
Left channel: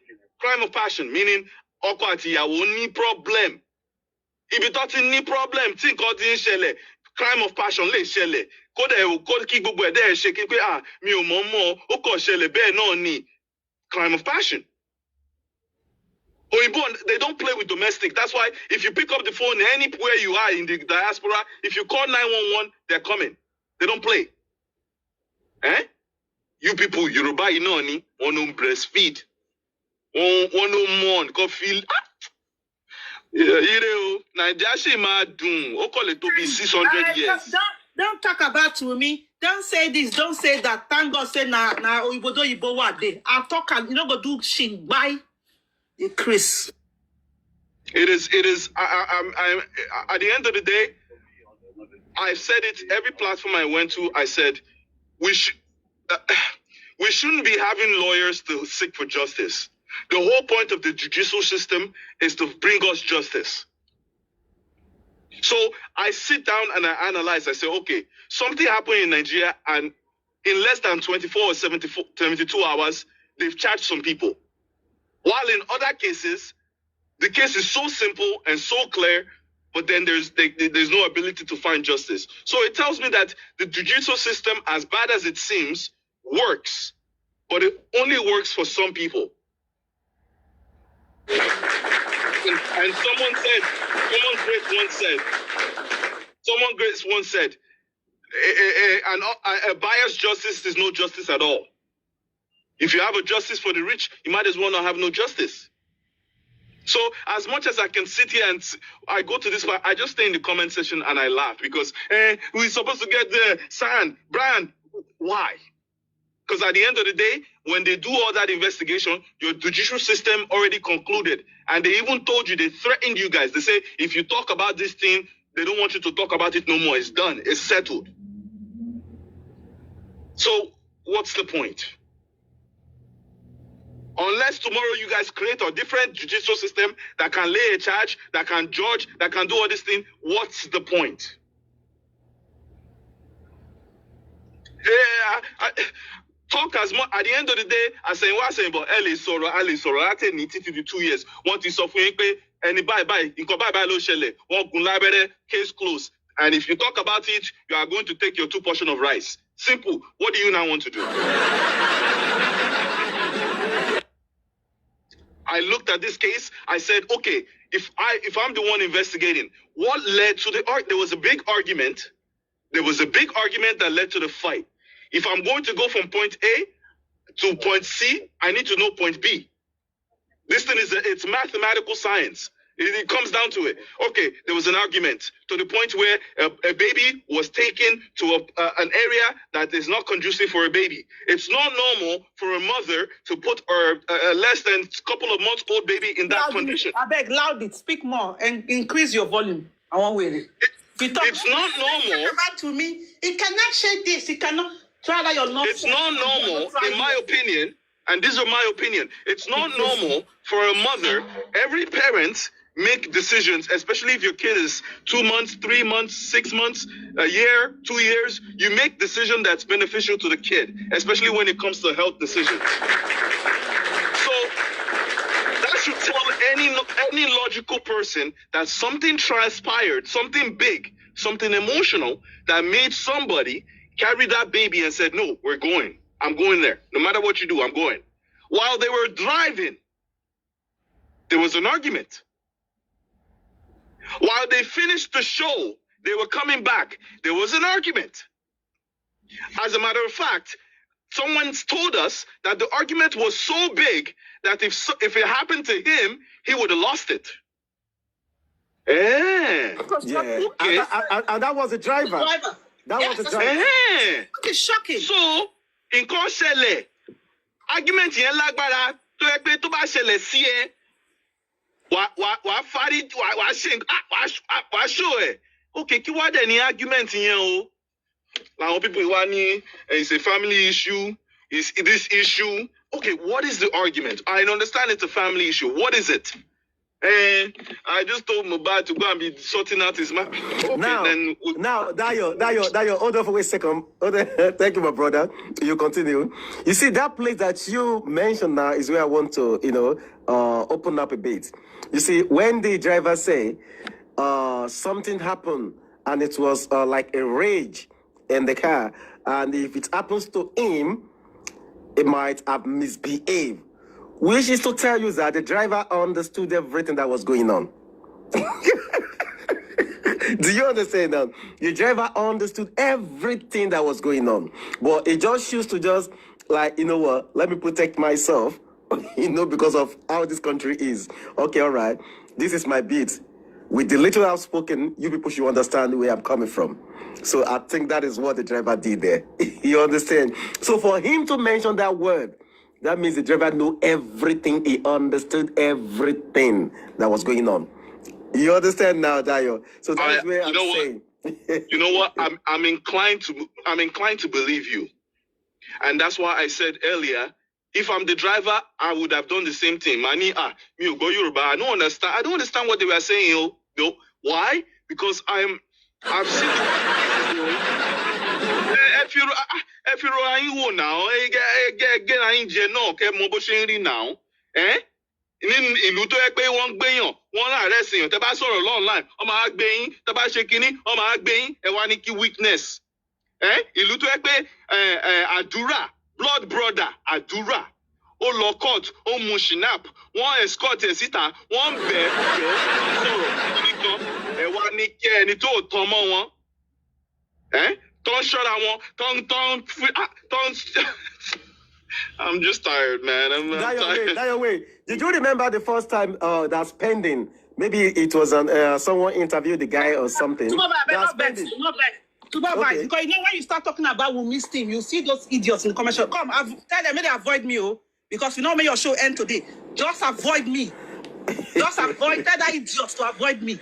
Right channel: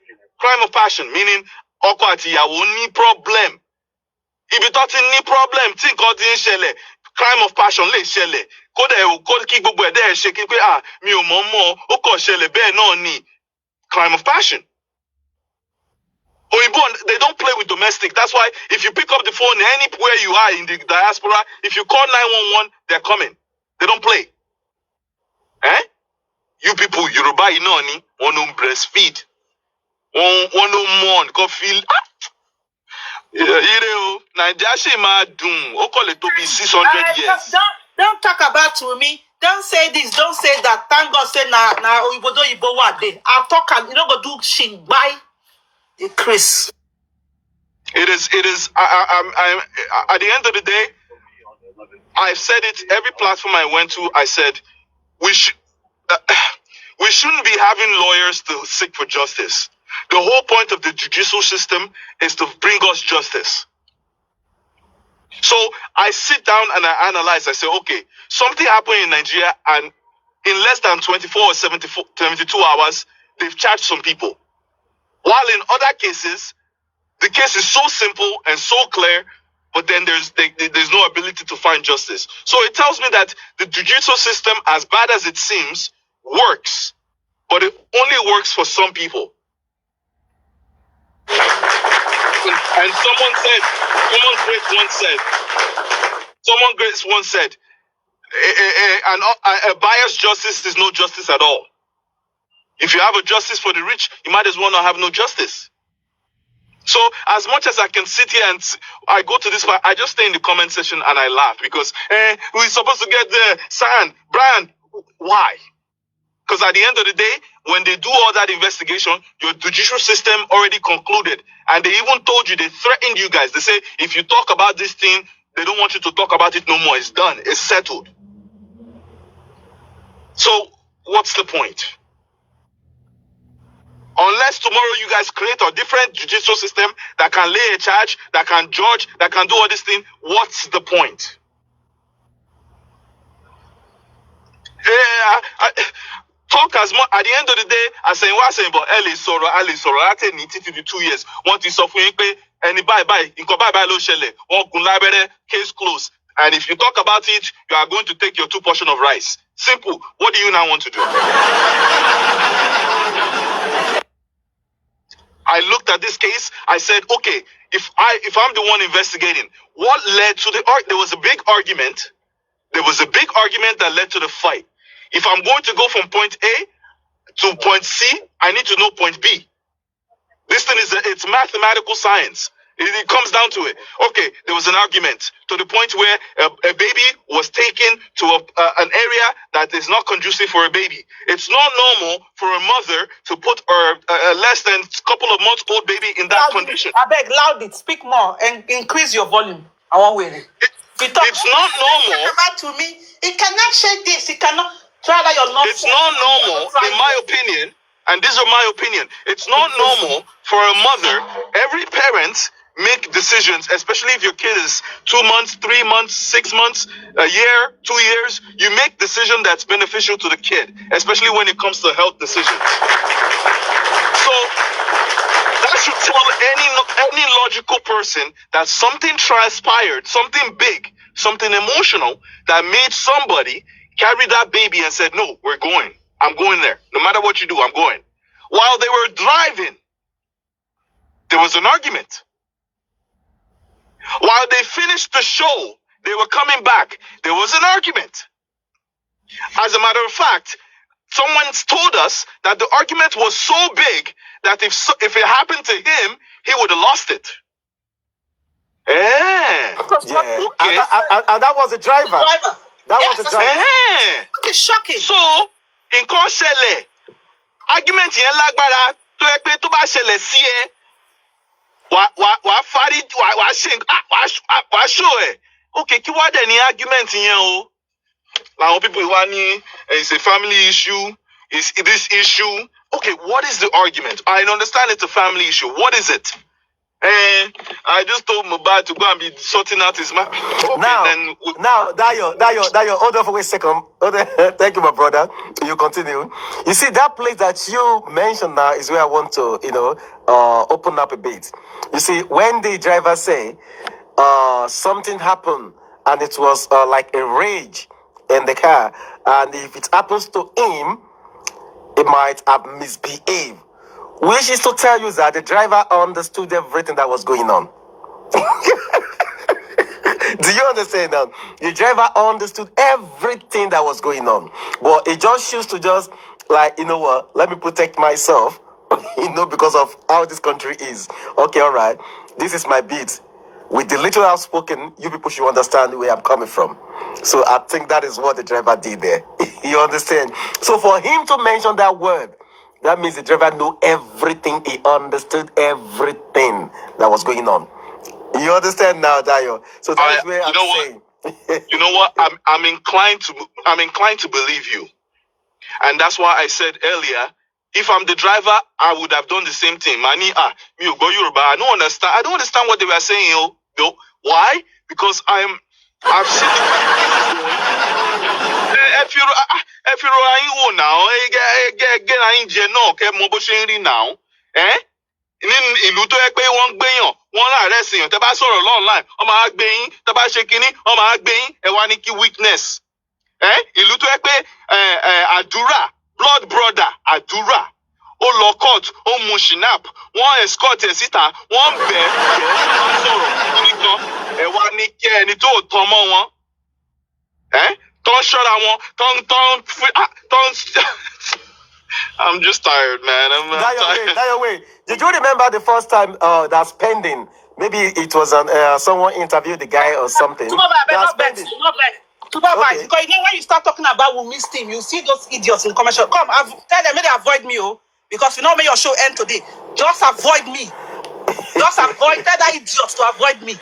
meaning ọkọ àti ìyàwó ní problem. Ibi tó ti ní problem, tí nǹkan ti ń ṣẹlẹ̀, crime of passion lè ṣẹlẹ̀. Kódà kí gbogbo ẹ̀dá ẹ̀ ṣe kí pé mi ò mọ̀ ó kàn ṣẹlẹ̀ bẹ́ẹ̀ náà ni. Crime of passion. Oyibo, they don't play with domestic. That's why if you pick up the phone anywhere you are in the diaspora, if you call 911, they're coming. They don't play. You people, Yoruba, you know, want to breastfeed. Want to mourn, go feel. Najashi ma doom. O call it to be 600 years. Don't talk about to me. Don't say this. Don't say that. Thank God, say na Oyibo do Ibo wa dey. I'll talk. You don't go do shit. Bye. Chris. It is. I'm at the end of the day, I've said it every platform I went to. I said we shouldn't be having lawyers to seek for justice. The whole point of the judicial system is to bring us justice. So I sit down and I analyze. I say, okay, something happened in Nigeria, and in less than 24 or 72 hours, they've charged some people. While in other cases, the case is so simple and so clear, but then there's no ability to find justice. So it tells me that the judicial system, as bad as it seems, works, but it only works for some people. And someone great once said, a biased justice is no justice at all. If you have a justice for the rich, you might as well not have no justice. So as much as I can sit here and I go to this part, I just stay in the comment section and I laugh because we're supposed to get the sand, Brian. Why? Because at the end of the day, when they do all that investigation, your judicial system already concluded. And they even told you, they threatened you guys. They say, if you talk about this thing, they don't want you to talk about it no more. It's done. It's settled. So what's the point? Unless tomorrow you guys create a different judicial system that can lay a charge, that can judge, that can do all this thing, what's the point? Talk as much at the end of the day, I say what saying about Ali Soro, I take it to 2 years. Want to suffer any bye lo shele, case closed. And if you talk about it, you are going to take your 2 portions of rice. Simple. What do you now want to do? I looked at this case. I said, okay, if I'm the one investigating, what led to there was a big argument. There was a big argument that led to the fight. If I'm going to go from point A to point C, I need to know point B. This thing it's mathematical science. It comes down to it. Okay, there was an argument to the point where a baby was taken to an area that is not conducive for a baby. It's not normal for a mother to put a less than couple of months old baby in that condition. I beg, loud it, speak more, and increase your volume. I won't wait. It's not normal. Back to me. It cannot say this. It cannot. Try that your nonsense. It's not normal, in my opinion, and these are my opinion. It's not normal for a mother. Every parent make decisions, especially if your kid is 2 months, 3 months, 6 months, a year, 2 years. You make decision that's beneficial to the kid, especially when it comes to health decisions. So that should tell any logical person that something transpired, something big, something emotional that made somebody carry that baby and said, no, we're going. I'm going there. No matter what you do, I'm going. While they were driving, there was an argument. While they finished the show, they were coming back. There was an argument. As a matter of fact, someone told us that the argument was so big that if it happened to him, he would have lost it. Yeah. Okay. And that was the driver. That was the driver. It's shocking. So, in Koshele, argument yen lagbara to e pe to ba ṣẹlẹ̀ sí ẹ wà show ẹ. Okay, kí wá dẹ̀ ní argument yẹn o? Làwọn people wá ní it's a family issue, it's this issue. Okay, what is the argument? I understand it's a family issue. What is it? I just told Mohbad to go and be sorting out his map. Okay, now, Dayo, hold on for a second. Thank you, my brother. You continue. You see, that place that you mentioned now is where I want to, open up a bit. You see, when the driver say something happened and it was like a rage in the car, and if it happens to him, it might have misbehaved. Which is to tell you that the driver understood everything that was going on. Do you understand now? The driver understood everything that was going on. But he just chose to just, like, you know what, let me protect myself, because of how this country is. Okay, all right, this is my beat. With the little I've spoken, you people should understand where I'm coming from. So I think that is what the driver did there. You understand? So for him to mention that word, that means the driver knew everything. He understood everything that was going on. You understand now, Dayo? So that's where I'm saying. You know what? I'm inclined to believe you, and that's why I said earlier, if I'm the driver, I would have done the same thing. Mani, me go Yoruba. I don't understand what they were saying. Why? Because I've seen if you're now, now, ní ìlú tó yẹ pé wọ́n ń gbéyàn wọ́n láàárẹ̀ sèyàn tẹ́ bá sọ̀rọ̀ online wọ́n máa gbé yín tẹ́ bá ṣe kinní wọ́n máa gbé yín ẹ wá ní kí weakness. Ìlú tó yẹ pé àdúrà blood brother àdúrà ó lọ court ó mu shinap wọ́n escort ẹ̀ síta wọ́n bẹ̀ wọ́n sọ̀rọ̀ nìkan ẹ wá ní kí ẹni tó tán mọ́ wọn Don't shut I want. Don't. I'm just tired, man. I'm tired. That your way. Did you remember the first time that's pending? Maybe it was someone interviewed the guy or something. Not pending. Supervise, okay. Because you know when you start talking about Wumi's team, you see those idiots in the commercial. Come, tell them, may they avoid me, because you know may your show end today. Just avoid me. Just avoid. Tell that idiot to avoid me.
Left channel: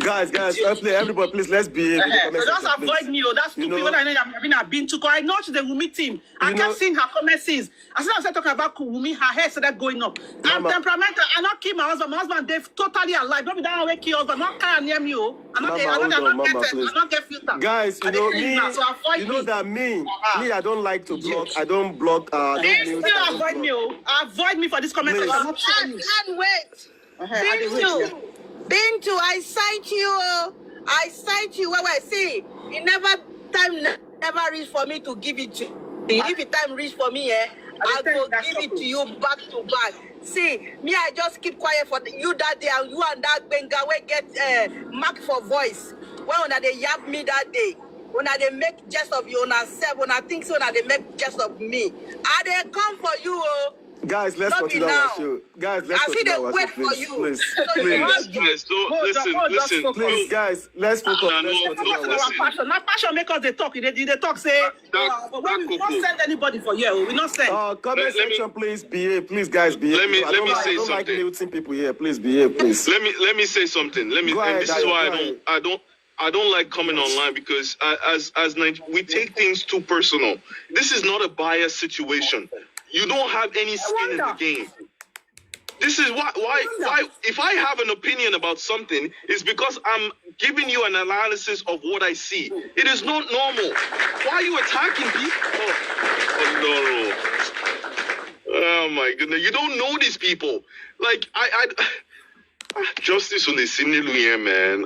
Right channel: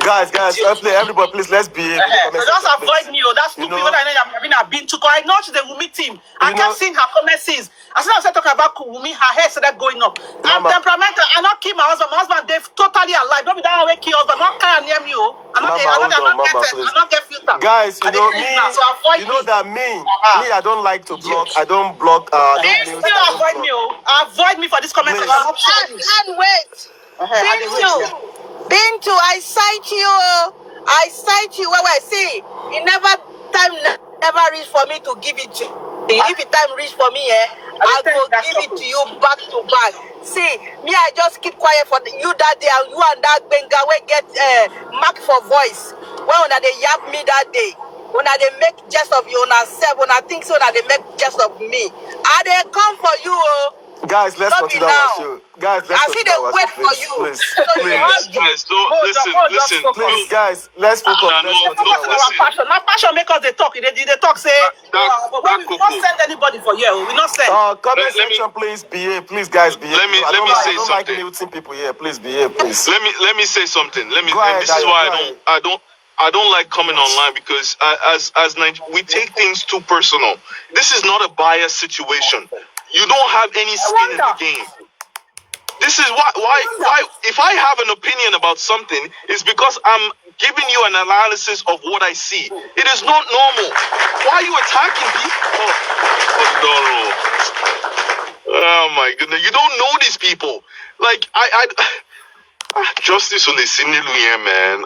Guys, everybody, please, let's behave. So just avoid me, That's stupid. When I know I've been to, I know she's the Wumi team. I kept seeing her comments. As soon as I talking about Wumi, her hair started going up. I'm temperamental. I not kill my husband. My husband, they're totally alive. Don't be that way, kill husband. Not care near me, I not get filter. Guys, you know me. So you know that me, I don't like to block. I don't block. Avoid me, Avoid me for this comment. And wait. Bintu, I cite you. Well, I see. It never reached for me to give it to you. If the time reach for me, I will give it to you back to back. See, me, I just keep quiet for you that day, and you and that Benga will get mark for voice. When they yap me that day, when they make jest of you, when I think so, they make jest of me. And they come for you, Guys, let's continue our show. Guys, let's continue our show, please. Listen. Please, guys, let's focus. Not passion make us they talk. They talk, say, but when we don't send anybody for here. We not send. Comment section, please behave. Please, guys, behave. Let me say something. I don't like muting people here. Please behave, please. Let me say something. This is why I don't like coming online, because as we take things too personal. This is not a biased situation. You don't have any skin in the game. This is why if I have an opinion about something, it's because I'm giving you an analysis of what I see. It is not normal. Why are you attacking people? Oh my goodness. You don't know these people. Like justice on the Sinilu, man.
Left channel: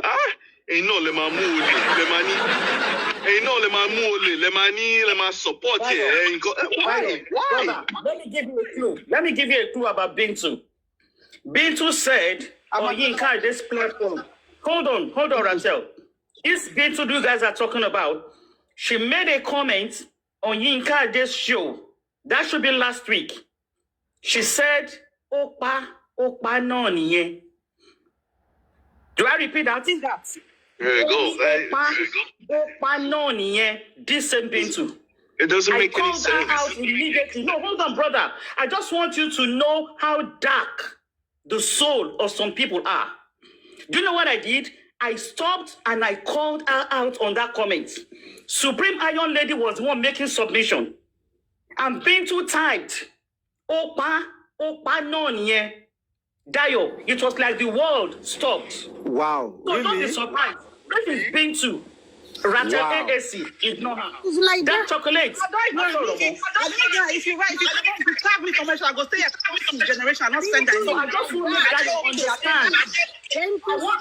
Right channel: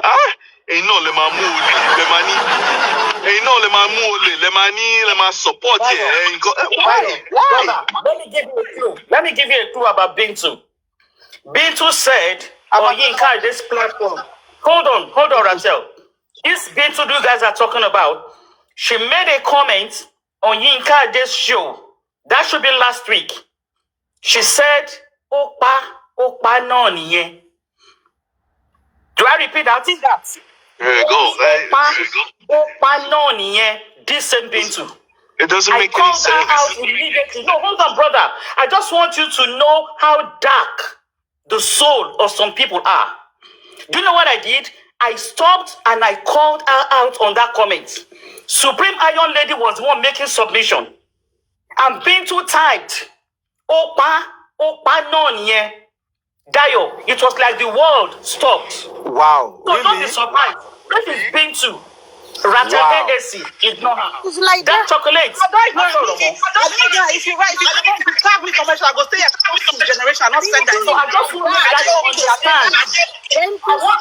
Support it. Why? Let me give you a clue about Bintu. Bintu said on Yinka this platform. Hold on, Rachel. This Bintu you guys are talking about, she made a comment on Yinka this show. That should be last week. She said, Opa no niye. Do I repeat that? There you go. Opa no niye. This same Bintu. It doesn't make any sense. I called her out immediately. No, hold on, brother. I just want you to know how dark the soul of some people are. Do you know what I did? I stopped and I called her out on that comment. Supreme Iron Lady was the one making submission. I'm being too typed. Opa no nye. Dayo, it was like the world stopped. Wow. So really? don't be surprised. This is Bintu. Rata AAC, ignore her. It's like that chocolate. If you tag me commercial, I go stay at some generation, not spend that. So I just want that you understand.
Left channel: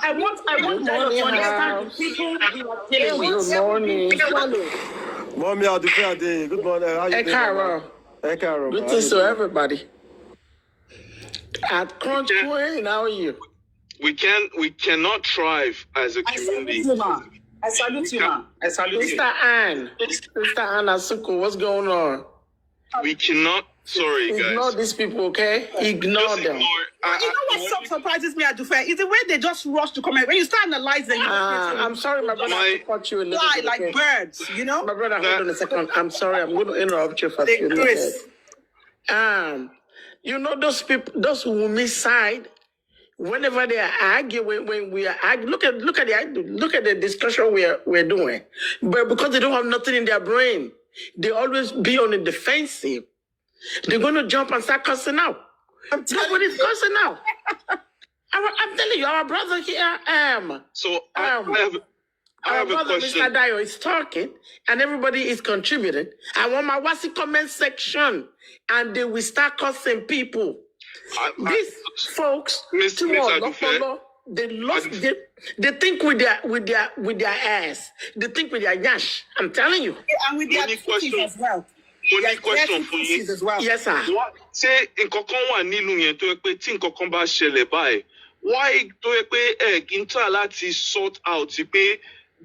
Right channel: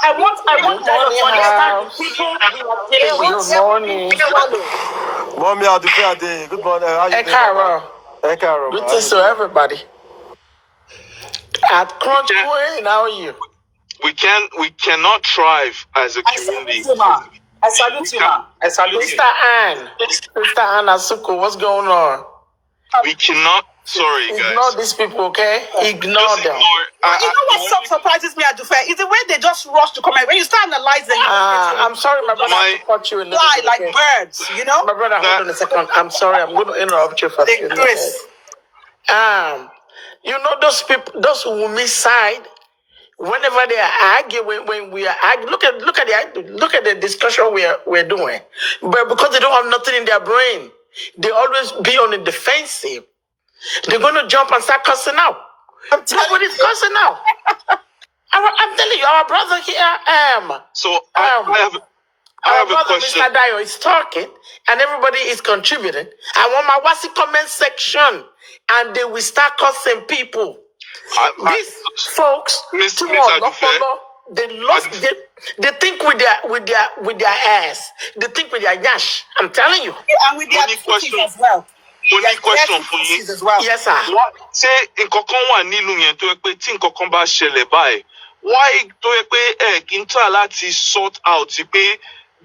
I want that you understand the people we are dealing with. Good morning. Mommy, I'll do fair day. Good morning. How you doing? Hey, Carol. Greetings to everybody. At Crunch Queen, how are you? We cannot thrive as a community. I salute you, man. I salute you. Mr. Ann Asuko, what's going on? We cannot. Sorry, guys. Ignore these people, okay? Ignore them. You know what surprises me, Adufe? Is the way they just rush to comment. When you start analyzing, I'm sorry, my brother, I caught you in the fly like birds, you know? My brother, hold on a second. I'm sorry, I'm going to interrupt you for a few minutes. You know those people, those Wumi side. Whenever they are arguing, when we are arguing, look at the discussion we're doing. But because they don't have nothing in their brain, they always be on the defensive. They're going to jump and start cussing out. Nobody's cussing out. I'm telling you, our brother here, So I have a question. Mr. Dio is talking, and everybody is contributing. I want my Wasi comment section, and they will start cussing people. These folks, they think with their ass. They think with their yash. I'm telling you. And with their pussies as well. Only question for you. As well. Yes, sir. Say in kokon wa nilu yen to pe tin kokon ba sele báyìí. Why to pe kí n try láti sort out pe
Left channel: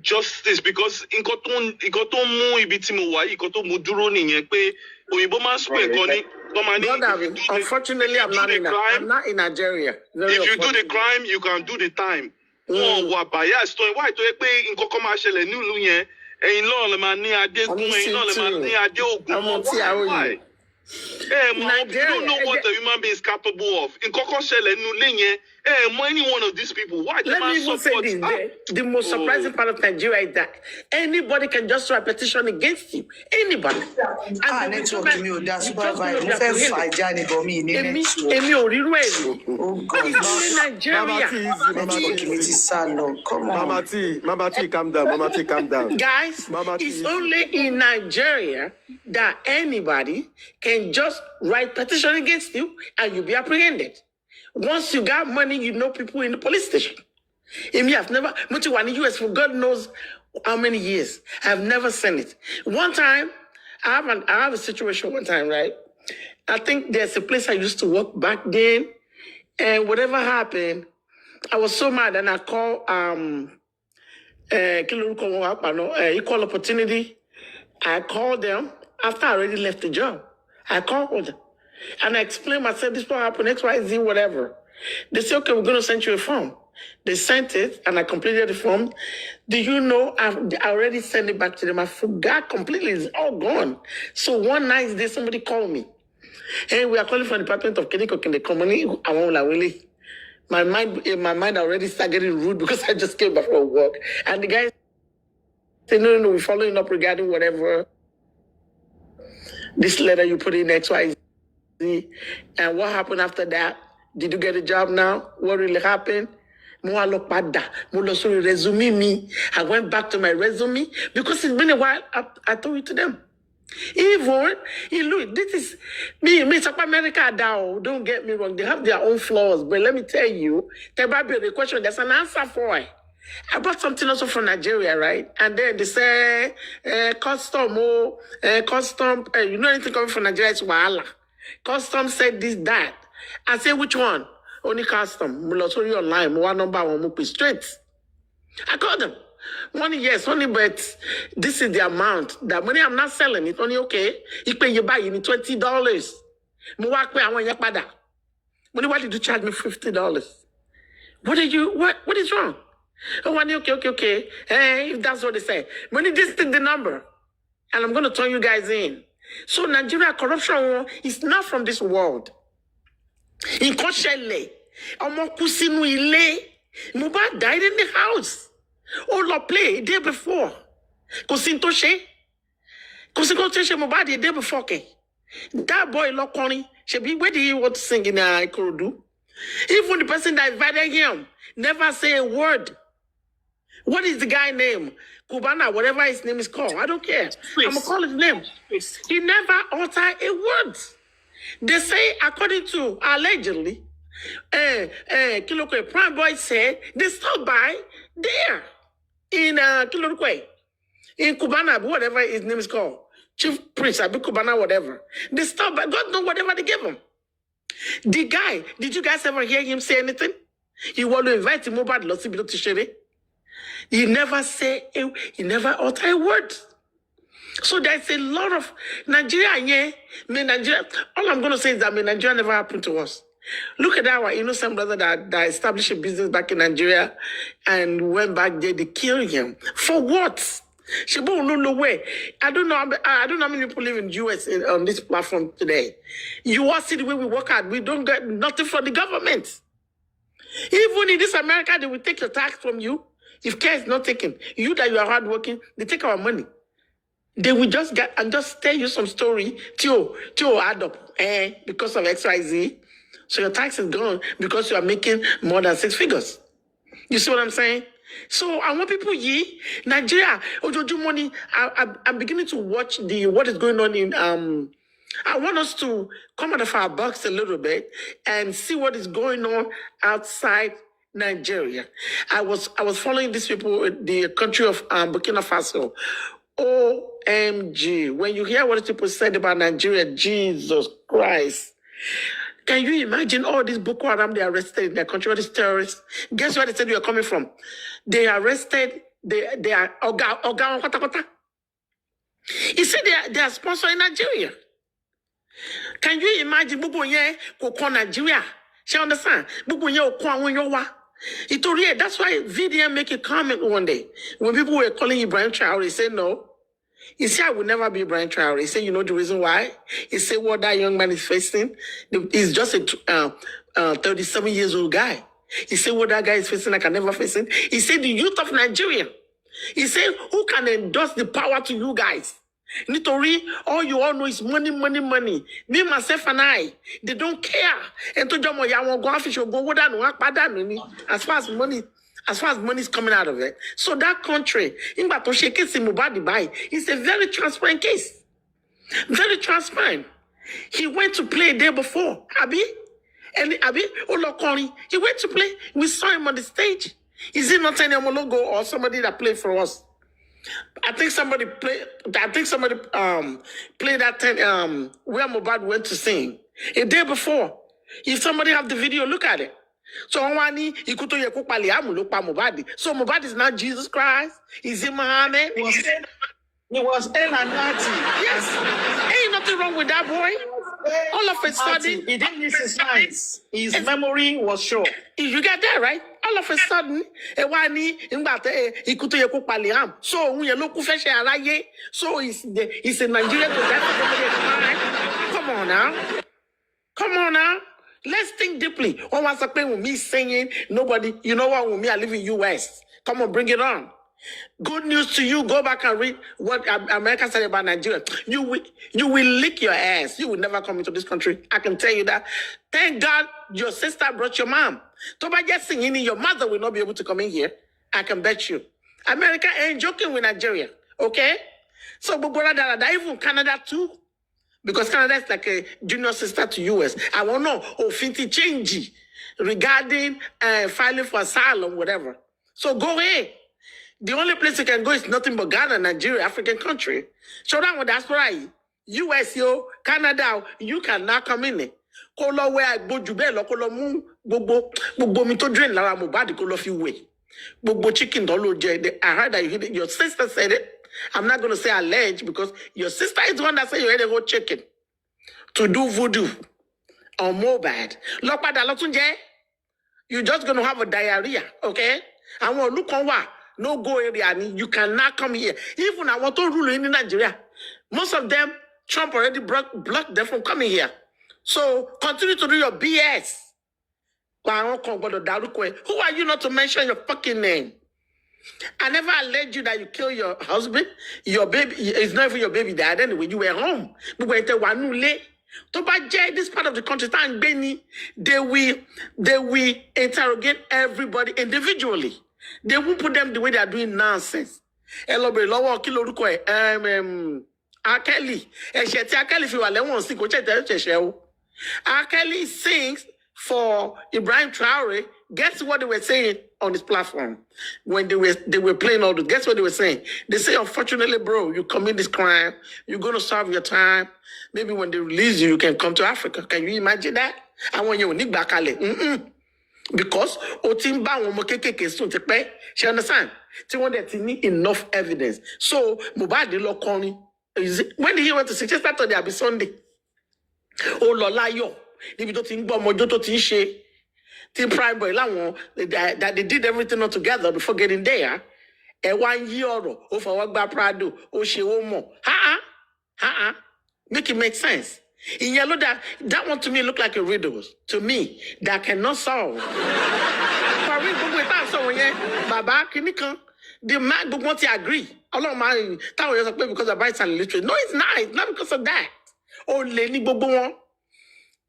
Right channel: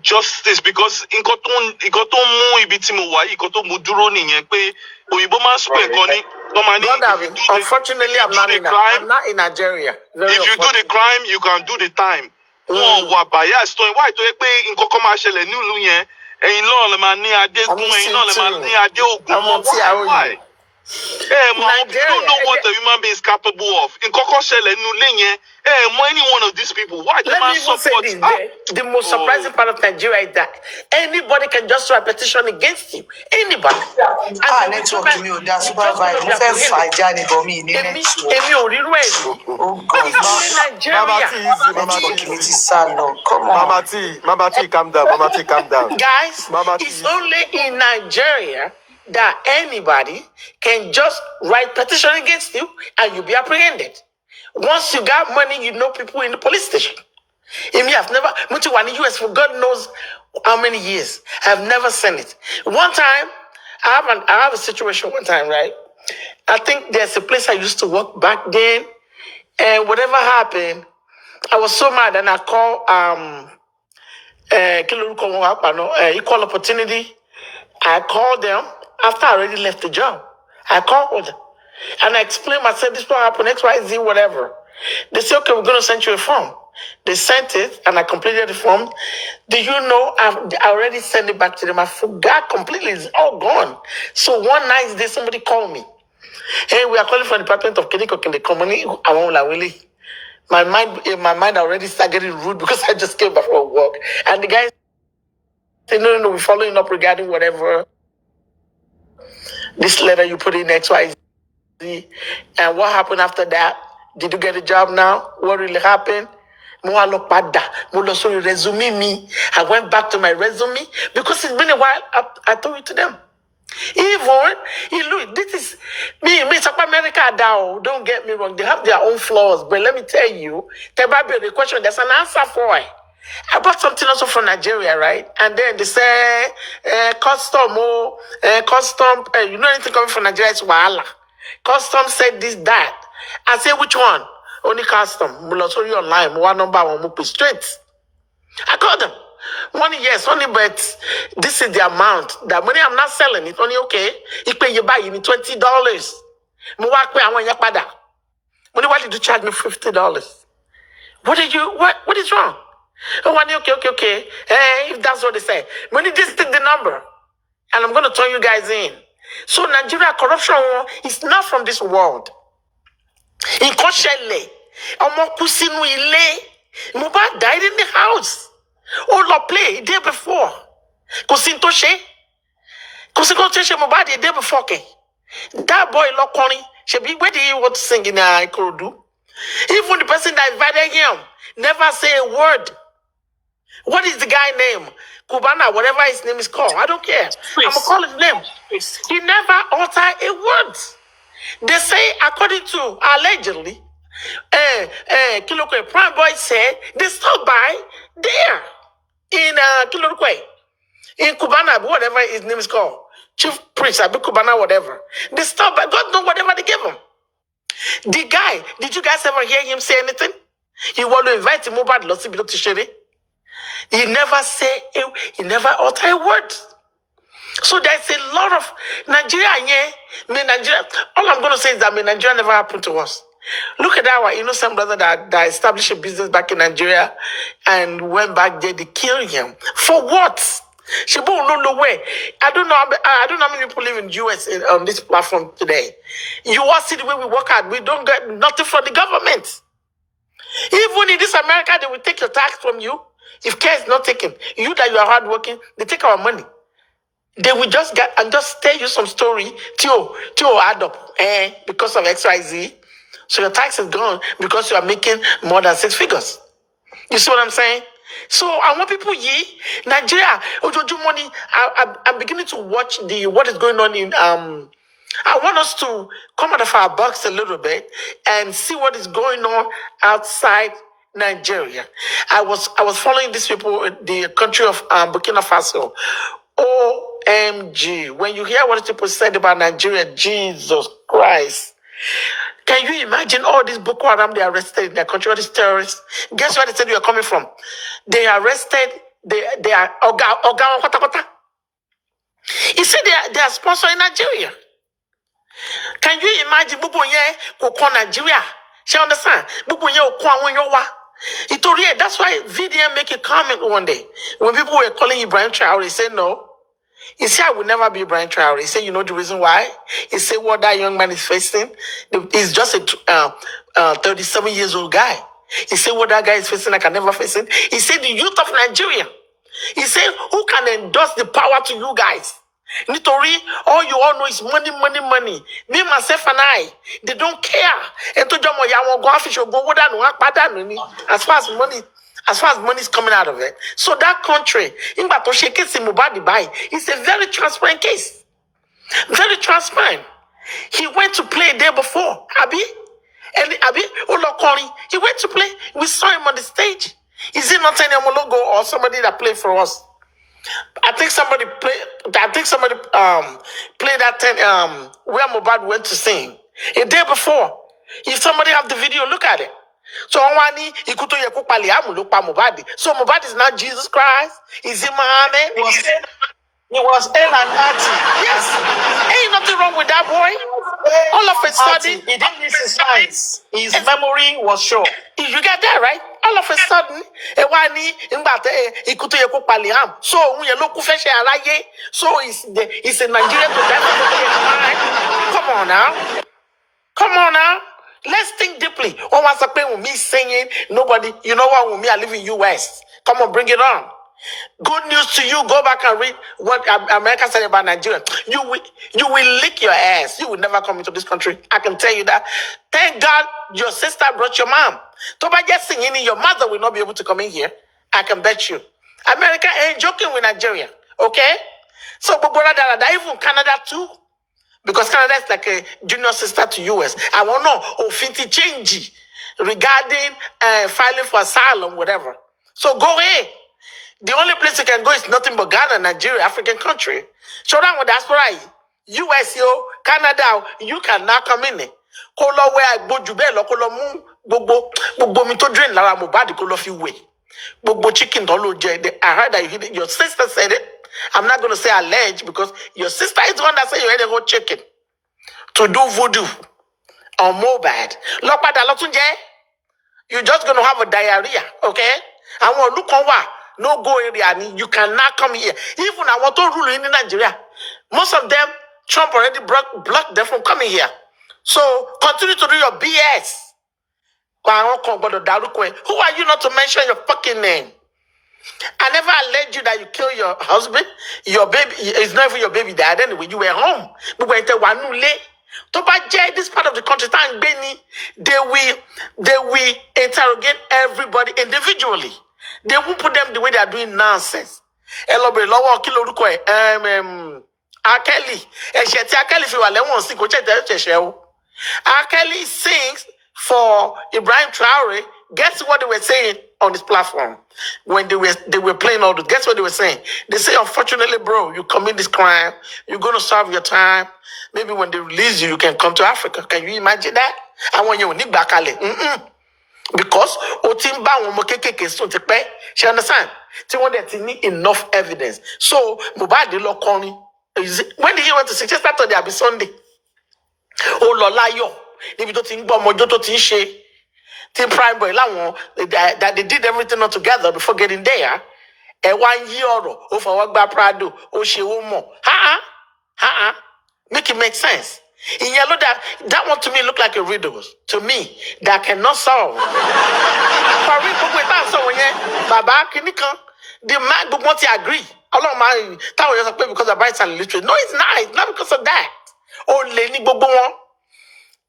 justice because nǹkan tó mú ibi tí mo wà yìí nǹkan tó mú dúró nìyẹn pé òyìnbó máa ń sọ nǹkan ní Brother, unfortunately, I'm not in Nigeria. If you do the crime, you can do the time. Wọ́n wà bias tó wáyé tó yẹ pé nǹkan kan máa ṣẹlẹ̀ nílùú yẹn ẹ̀yin náà lè máa ní adégún ẹ̀yin náà lè máa ní adé ògùn why? You don't know what a human being is capable of. Nǹkan kan ṣẹlẹ̀ nílùú yẹn any one of these people why they Let me even say this. The most surprising part of Nigeria is that anybody can just write a petition against you. Anybody. Network mi ò dá supervise. Mo fẹ́ fà já ni bọ̀ mí ní network. Èmi ò rírú ẹ̀ rí. Oh God. Network mi ti sá lọ. Come on. Mama T, calm down. Mama T, calm down. Guys, it's only in Nigeria that anybody can just write petition against you and you'll be apprehended. Once you got money, you know people in the police station. I've never went to the US for God knows how many years. I've never seen it. One time, I have a situation one time, right? I think there's a place I used to work back then, and whatever happened, I was so mad, and I called Equal Opportunity. I called them after I already left the job. I called them. And I explained myself, this will happen, X, Y, Z, whatever. They said, okay, we're going to send you a form. They sent it, and I completed the form. Do you know, I already sent it back to them. I forgot completely. It's all gone. So one nice day, somebody called me. Hey, we are calling from the Department of Clinical in the company. I won't lie, really. My mind already started getting rude because I just came back from work. And the guy said, no, we're following up regarding whatever. This letter you put in X, Y, Z. And what happened after that? Did you get a job now? What really happened? I went back to my resume because it's been a while. I told it to them. Even, look, this is me, South America, don't get me wrong. They have their own flaws. But let me tell you, the question, there's an answer for it. I bought something also from Nigeria, right? And then they say, custom, you know anything coming from Nigeria, it's wahala. Custom said this, that. I say, which one? Only custom. Mulosori online. One number, one move straight. I called them. One, yes, only, but this is the amount. That money I'm not selling it. Only okay. You pay you buy, you need $20. Money, why did you charge me $50? What is wrong? Oh, okay. Hey, if that's what they say. Money, this is the number. And I'm going to turn you guys in. So Nigeria corruption is not from this world. In Koshele, Omokusinu Ile, Mubad died in the house. Oh, Lord, play day before. Kosintoshe Mubad the day before. Okay. That boy Lokoni, where did he want to sing in Ikorodu? Even the person that invited him never say a word. What is the guy name? Kubana, whatever his name is called. I don't care. I'm going to call his name. He never uttered a word. They say, according to, allegedly, Kilokwe Prime Boy said, they stopped by there in Kilokwe, in Kubana, whatever his name is called. Chief Priest, Abi Kubana, whatever. They stopped by, God knows whatever they gave him. The guy, did you guys ever hear him say anything? He want to invite him over to Shere. He never uttered a word. So there's a lot of Nigeria, all I'm going to say is that Nigeria never happened to us. Look at our innocent brother that established a business back in Nigeria and went back there, they killed him. For what? No way. I don't know how many people live in the US on this platform today. You all see the way we work out. We don't get nothing from the government. Even in this America, they will take your tax from you. If care is not taken, you that you are hardworking, they take our money. They will just get and just tell you some story till add up, because of XYZ. So your tax is gone because you are making more than 6 figures. You see what I'm saying? So I want people Nigeria, Ojoju money. I'm beginning to watch what is going on in I want us to come out of our box a little bit and see what is going on outside Nigeria. I was following these people in the country of Burkina Faso. OMG. When you hear what people said about Nigeria, Jesus Christ. Can you imagine all these Boko Haram they arrested in their country, all these terrorists? Guess where they said you are coming from? They arrested they are Oga. You see, they are sponsoring Nigeria. Can you imagine Bubu ye ko Nigeria? She understand? Bubu ye ko that's why VDM make a comment one day. When people were calling Ibrahim Traore, he said no. He said, I will never be Ibrahim Traore. He said, you know the reason why? He said, what that young man is facing, he's just a 37 years old guy. He said, what that guy is facing, I can never face it. He said, the youth of Nigeria. He said, who can endorse the power to you guys? Nitori, all you all know is money. Me, myself, and I, they don't care. And to Jomo Yawon go fish or go as far as money is coming out of it. So that country, in Batoshe case in Mubadi Bai, it's a very transparent case. Very transparent. He went to play a day before, Abi Olokori. He went to play. We saw him on the stage. Is it not any logo or somebody that played for us? I think somebody played that thing where Mubad went to sing a day before. If somebody have the video, look at it. So So Mubad is not Jesus Christ. Is it Muhammad? He was N and Ati. Yes. Ain't nothing wrong with that boy. All of a sudden, he didn't miss his lines. His memory was short. You get that, right? All of a sudden, so he's in Nigeria to death. Come on now. Let's think deeply. One wants to play with me singing. Nobody, you know what? With me, I live in US. Come on, bring it on. Good news to you. Go back and read what America said about Nigeria. You will lick your ass. You will never come into this country. I can tell you that. Thank God your sister brought your mom. Toba just singing, your mother will not be able to come in here. I can bet you. America ain't joking with Nigeria. Okay? So, even Canada too. Because Canada is like a junior sister to US. I want to know, Finti change regarding filing for asylum, whatever. So go ahead. The only place you can go is nothing but Ghana, Nigeria, African country. So that one, that's right. US, Canada, you cannot come in. Kolo where I go jubelo, kolo mu, bobo mi to drain lara mobadi kolo fi way. Bobo chicken dolo je. I heard that your sister said it. I'm not going to say alleged because your sister is the one that said you had to go chicken to do voodoo or mobad. You're just going to have a diarrhea, okay? I want to look on what. No go area, you cannot come here. Even I want to rule in Nigeria. Most of them, Trump already blocked them from coming here. So continue to do your BS. Who are you not to mention your fucking name? I never alleged you that you killed your husband, your baby. It's not even your baby dad anyway. You were home. But when they were this part of the country, they will interrogate everybody individually. They won't put them the way they are doing nonsense. Akeli. Akeli sings for Ibrahim Traore. Guess what they were saying on this platform when they were playing all this? Guess what they were saying? They say, unfortunately, bro, you commit this crime, you're going to serve your time. Maybe when they release you, you can come to Africa. Can you imagine that? I want you to back because she understand? She wanted to need enough evidence. So Mubadi Lokoni, when he went to say just Saturday, I'll be Sunday. Oh Lolayo, if you think about Mojoto Tinshe, Team Prime Boy that they did everything all together before getting there. And 1 year or for what by Prado, or she won't more. Make it make sense. In yellow, that one to me look like a riddle to me that cannot solve. Baba, can you come? The man don't want to agree. Allah my tower is because of rights and literature. No, it's not. It's not because of that. Oh, Lenny Bobo.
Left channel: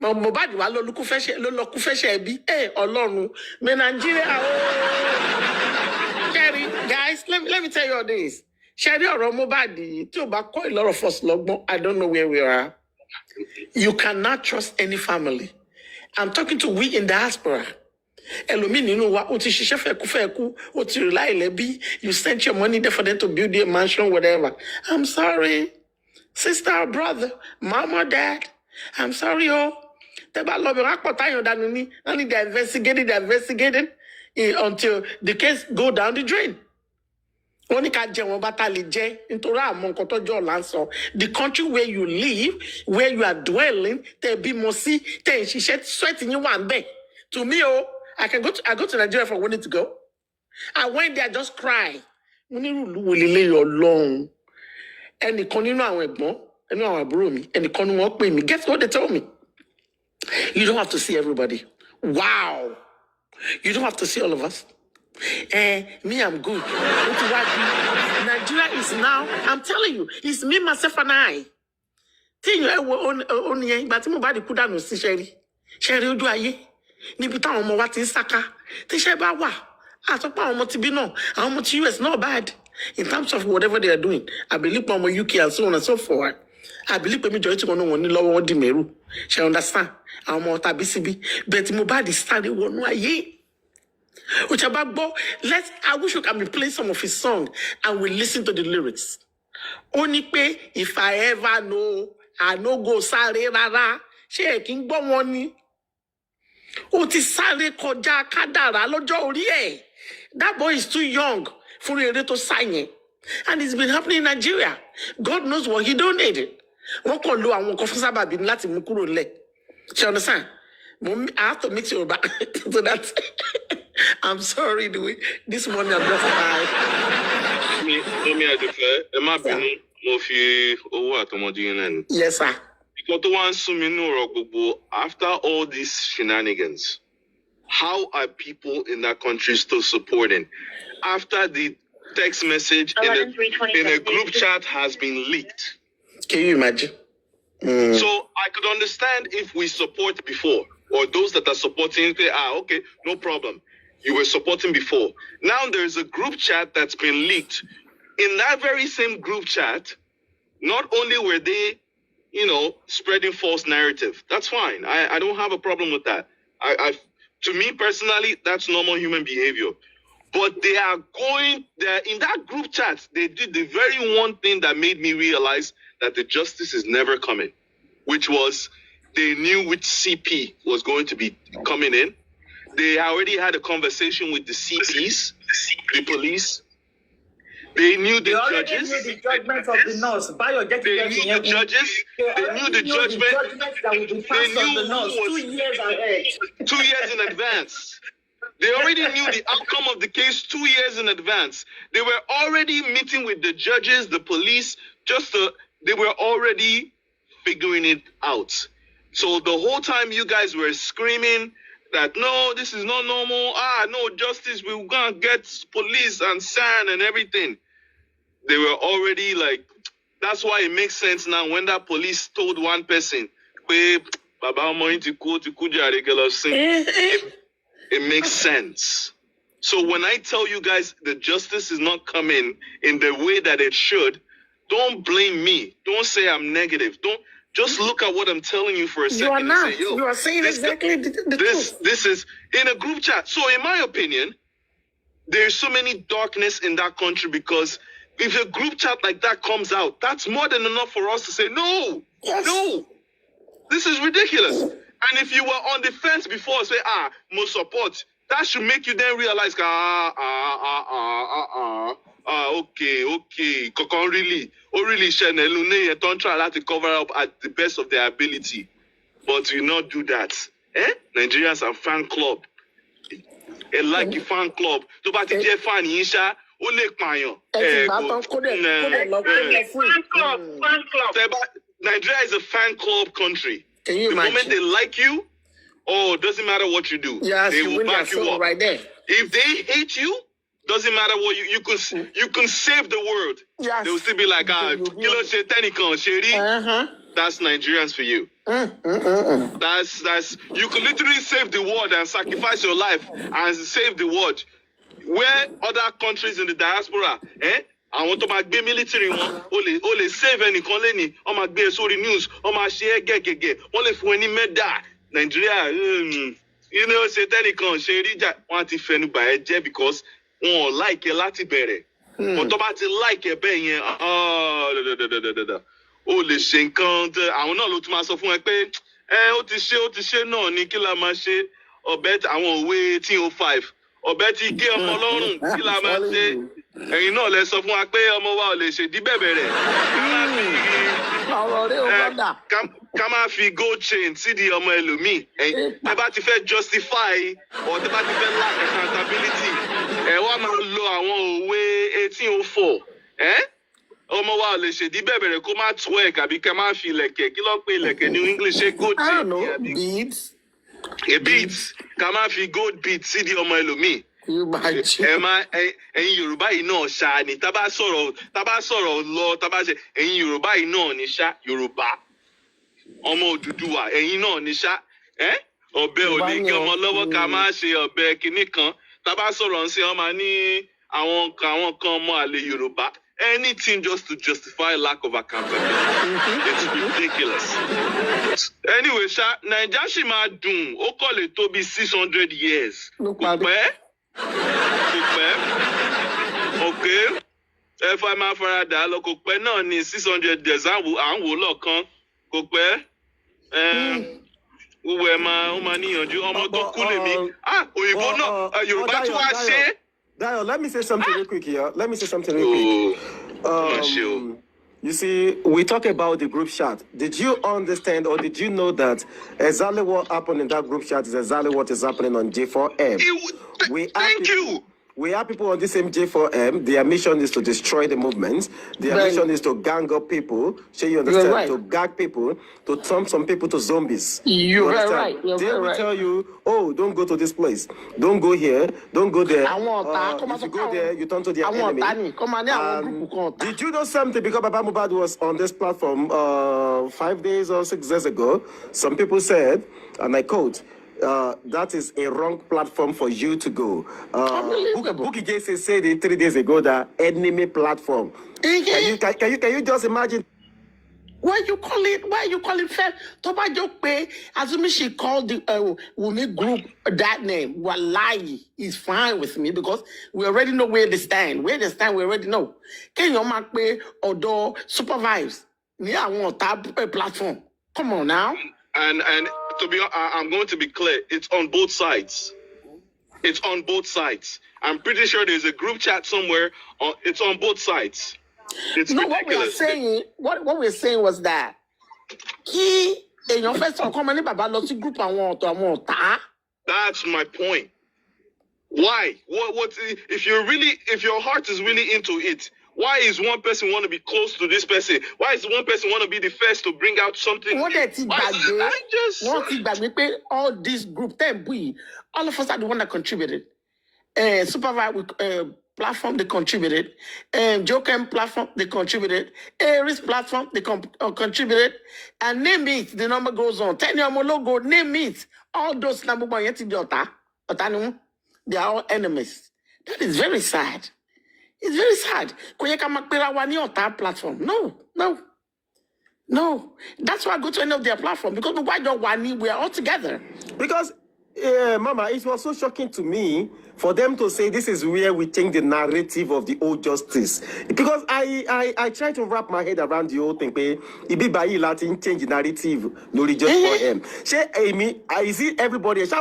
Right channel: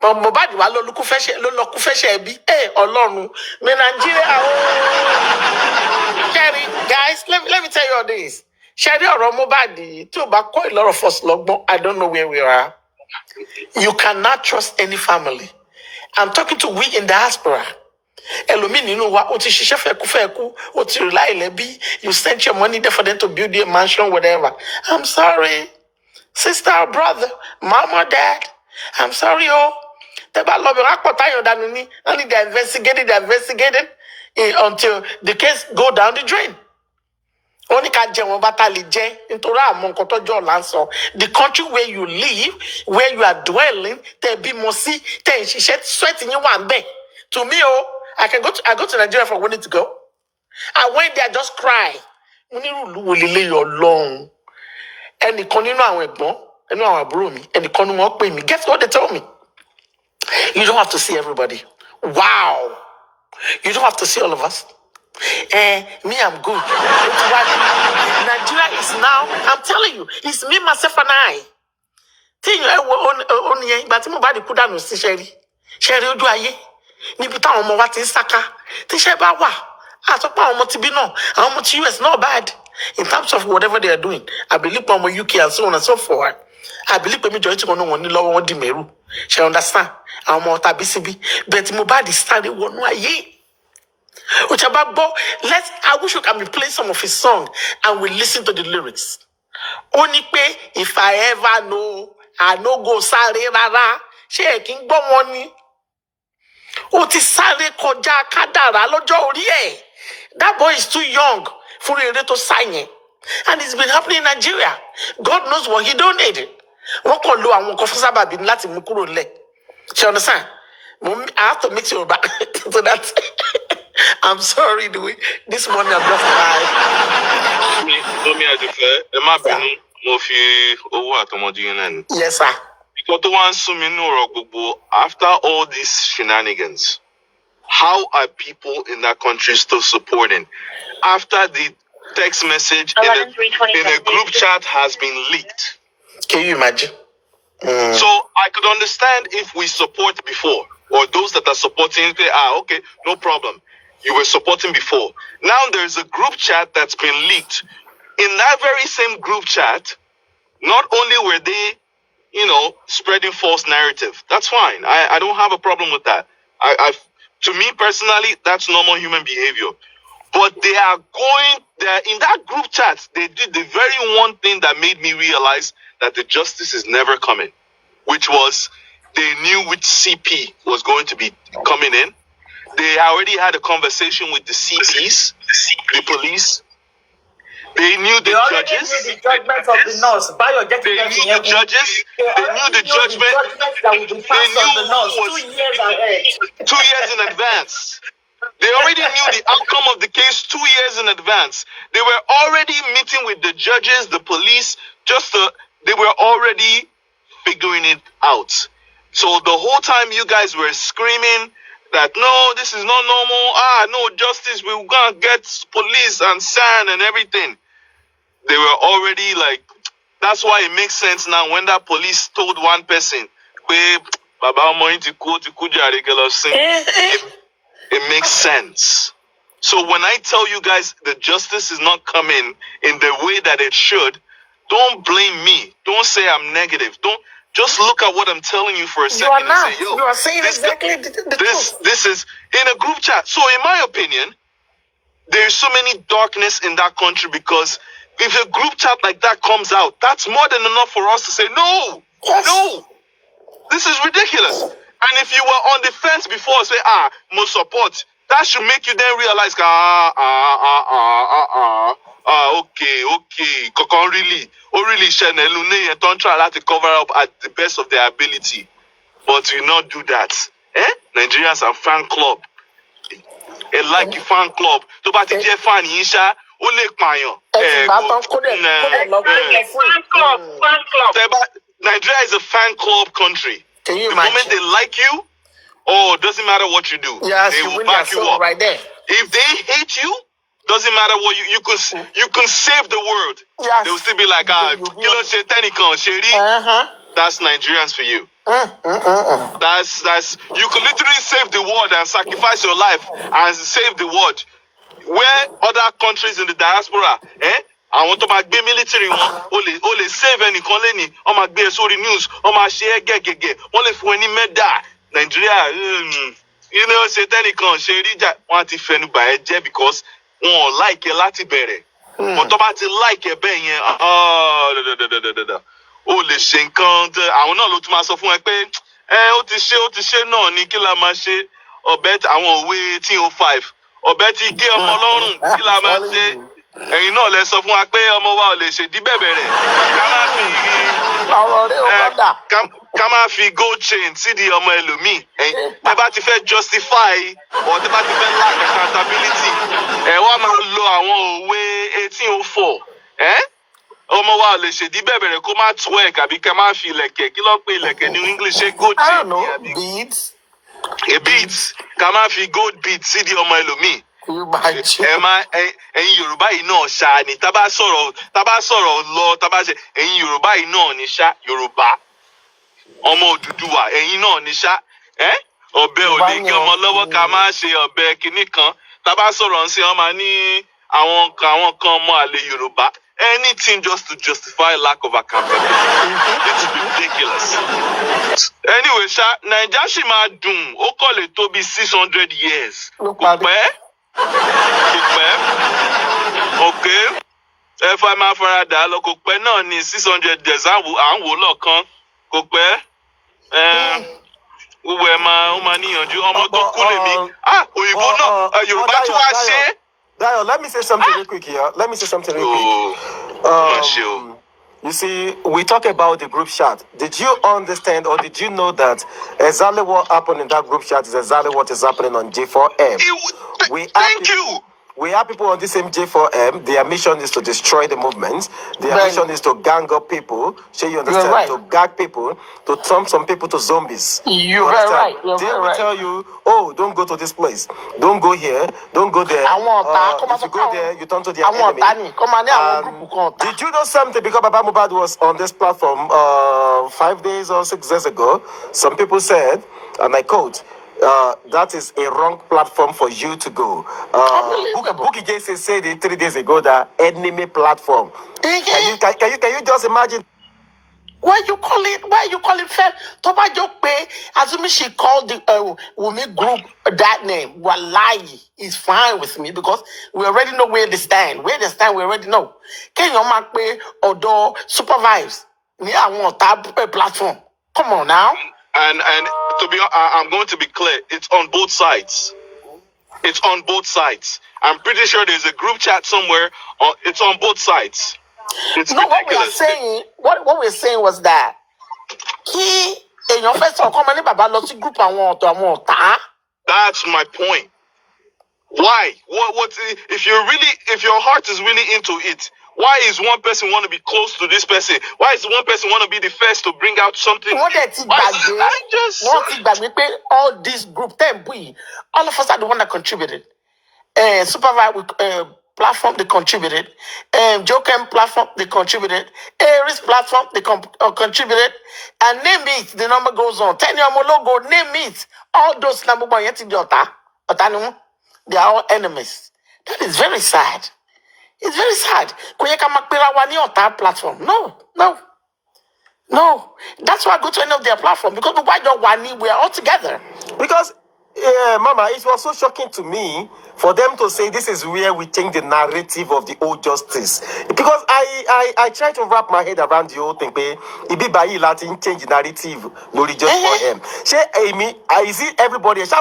Mobadi wa lo kufeshe bi. Olorun. Me Nigeria. Sherry, guys, let me tell you all this. Sherry or Mobadi, too, but quite a lot of us logbon. I don't know where we are. You cannot trust any family. I'm talking to we in diaspora. You sent your money there for them to build a mansion, whatever. I'm sorry, sister or brother, mom or dad. I'm sorry, only they're investigating until the case go down the drain. Only can jẹ wọn bàtà lè jẹ nítorí àmọ́ nǹkan tọ́jọ́ ọ̀la ń sọ. The country where you live, where you are dwelling, tẹ̀ bímọ sí, tẹ̀ ń ṣiṣẹ́ sweat yín wà ń bẹ̀. To me, I go to Nigeria for wanting to go. I went there, just cry. Mo ní rúùlù wo lélẹ́yìí Ọlọ́run. Ẹnìkan nínú àwọn ẹ̀gbọ́n, nínú àwọn àbúrò mi, ẹnìkan ni wọ́n pè mí. Guess what they told me? You don't have to see everybody. Wow. You don't have to see all of us. Me, I'm good. Nigeria is now, I'm telling you, it's me, myself, and I. Tí ó ní yẹn, ìgbà tí mo bá di kú dànù sí ṣẹ́rí ojú ayé, níbi táwọn ọmọ wa ti ń sáká, tíṣẹ́ bá wà, àtọ́pọ̀ àwọn ọmọ ti bí náà, àwọn ọmọ ti US not bad. In terms of whatever they are doing, I believe ọmọ UK and so on and so forth. I believe pé majority kan náà wọ́n ní lọ́wọ́ wọn di mẹ́rù. Ṣé understand? Àwọn ọmọ tàbí síbí, bẹ́ẹ̀ tí mo bá di sáré wọnú ayé. I wish we can be playing some of his song and we listen to the lyrics. Only pay if I ever know, I no go sáré rárá. Ṣé ẹ kí ń gbọ́ wọn ni? Ó ti sáré kọjá kádàrá lọ́jọ́ orí ẹ̀. That boy is too young for eré tó sá yẹn. And it's been happening in Nigeria. God knows what he don't need. Wọ́n kàn lo àwọn nǹkan fún sábàbí láti mú kúrò lẹ̀. Ṣé understand? I have to mix it back to that. I'm sorry, this morning I'm just tired. Mommy, I declare, ẹ má bínú, mo fi owó àtọmọdé yín lẹ́nu. Yes, sir. Because tó wá ń sún mi nínú ọ̀rọ̀ gbogbo, after all these shenanigans, how are people in that country still supporting? After the text message in a group chat has been leaked. Can you imagine? So I could understand if we support before, or those that are supporting say, okay, no problem. You were supporting before. Now there's a group chat that's been leaked. In that very same group chat, not only were they, spreading false narrative. That's fine. I don't have a problem with that. To me personally, that's normal human behavior. But they are in that group chat, they did the very one thing that made me realize that the justice is never coming, which was they knew which CP was going to be coming in. They already had a conversation with the CPs, the police. They knew the judges. They knew the judgment of the nurse. They knew the judges. They knew the judgment. That would be passed on the nurse 2 years ahead. 2 years in advance. They already knew the outcome of the case 2 years in advance. They were already meeting with the judges, the police, they were already figuring it out. So the whole time you guys were screaming that, no, this is not normal. No justice. We're going to get police and SAN and everything. They were already that's why it makes sense now when that police told one person, it makes sense. So when I tell you guys the justice is not coming in the way that it should, don't blame me. Don't say I'm negative. Just look at what I'm telling you for a second. You are not. And say, You are saying exactly the truth. This is in a group chat. So in my opinion, there's so many darkness in that country because if a group chat like that comes out, that's more than enough for us to say, no, this is ridiculous. And if you were on the fence before, say, more support, that should make you then realize, okay. Kokon really Shenelune and don't try to cover up at the best of their ability. But we not do that. Nigerians are fan club. Like fan club. To ba ti je fan yin sha, o le payan. Nigeria is a fan club country. Can you the imagine? moment they like you, doesn't matter what you do. Yes, they will back you up. Right there. If they hate you, doesn't matter what you can save the world. Yes. They will still be like, That's Nigerians for you. That's you can literally save the world and sacrifice your life and save the world. Where other countries in the diaspora, àwọn tó máa gbé military wọn ó lè save ẹnìkan lẹ́ni wọ́n máa gbé sórí news wọ́n máa ṣe gẹ́gẹ́gẹ́ wọ́n lè fún ẹ ní mẹ́dà Nàìjíríà ṣe tẹ́nìkan ṣe ríjà wọ́n á ti fẹnu bà ẹ́ jẹ́ because wọn ò like ẹ láti bẹ̀rẹ̀ but tó bá ti like ẹ bẹ́ẹ̀ yẹn ó lè ṣe nǹkan àwọn náà ló tún máa sọ fún ẹ pé ó ti ṣe náà ní kí la máa ṣe ọ̀bẹ àwọn òwe 1805 ọ̀bẹ ti gé ọmọ lọ́rùn kí la máa ṣe. ẹ̀yin náà lẹ sọ fún wa pé ọmọ wa ò lè ṣèdí bẹ̀bẹ̀ rẹ̀ ká má fi ọ̀rọ̀ rẹ̀ ó gbọ́dà. ká má fi gold chain sídìí ọmọ ẹlòmíì tẹ́ bá ti fẹ́ justify or tẹ́ bá ti fẹ́ lack accountability ẹ wá máa lo àwọn òwe 1804 ọmọ wa ò lè ṣèdí bẹ̀bẹ̀ rẹ̀ kó má twerk àbí ká má fi ilẹ̀kẹ̀ kí ló pé ilẹ̀kẹ̀ ní English ṣe gold I chain don't know, beads. beads ká má fi gold beads sídìí ọmọ ẹlòmíì ẹ̀yin Yorùbá yìí náà ṣá ni tá bá sọ̀rọ̀ lọ tá bá ṣe ẹ̀yin Yorùbá yìí náà ni ṣá Yorùbá ọmọ Odùduwà ẹ̀yin náà ni ṣá ọ̀bẹ ò lè gé ọmọ lọ́wọ́ ká má ṣe ọ̀bẹ kinní kan tá bá sọ̀rọ̀ ń ṣe wọn máa ní àwọn kan ọmọ àlè Yorùbá anything just to justify lack of accountability it's ridiculous. Anyway ṣá Naija ṣì máa dùn ó kọ̀ lè tó bí 600 years kò pẹ́. Okay ẹ fà máa fara dà lọ kò pẹ́ náà ní 600 years à ń wò lọ́ọ̀kan kò pẹ́ gbogbo ẹ̀ máa níyànjú ọmọ tó kú lèmi òyìnbó náà Yorùbá tún wá ṣe. Dayo, let me say something real quick here. You see, we talk about the group chat. Did you understand or did you know that exactly what happened in that group chat is exactly what is happening on J4M? Thank you. We have people on the same J4M. Their mission is to destroy the movement. Their mission is to gang up people. So you understand? Right. To gag people, to turn some people to zombies. You're very right. They will tell you, oh, don't go to this place. Don't go here. Don't go there. If you go there, you turn to their enemy. Did you know something? Because Baba Mubad was on this platform 5 days or 6 days ago. Some people said, and I quote, that is a wrong platform for you to go. Bookie Jason said it 3 days ago that enemy platform. Can you just imagine? Why you call it fair? Toba joke pay. Assuming she called the Wumi group that name. Wallahi is fine with me because we already know where they stand. Where they stand, we already know. Can you mark pay or do supervibez? I want that platform. Come on now. And to be, I'm going to be clear. It's on both sides. It's on both sides. I'm pretty sure there's a group chat somewhere. It's on both sides. It's no, ridiculous. What we're saying was that he in your first come on Baba lost group I want. That's my point. Why? What if your heart is really into it? Why is one person want to be close to this person? Why is one person want to be the first to bring out something? All this group, all of us are the one that contributed. Supervibez platform, they contributed. Jokem platform, they contributed. Aries platform, they contributed. And name it, the number goes on. 10 year logo, name it. All those number one, they are all enemies. That is very sad. It's very sad. Platform. No. That's why I go to any of their platform because we are all together. Because, Mama, it was so shocking to me for them to say this is where we change the narrative of the old justice. Because I try to wrap my head around the whole thing. Ibi Latin change the narrative. No, just for him. Is it everybody? Is he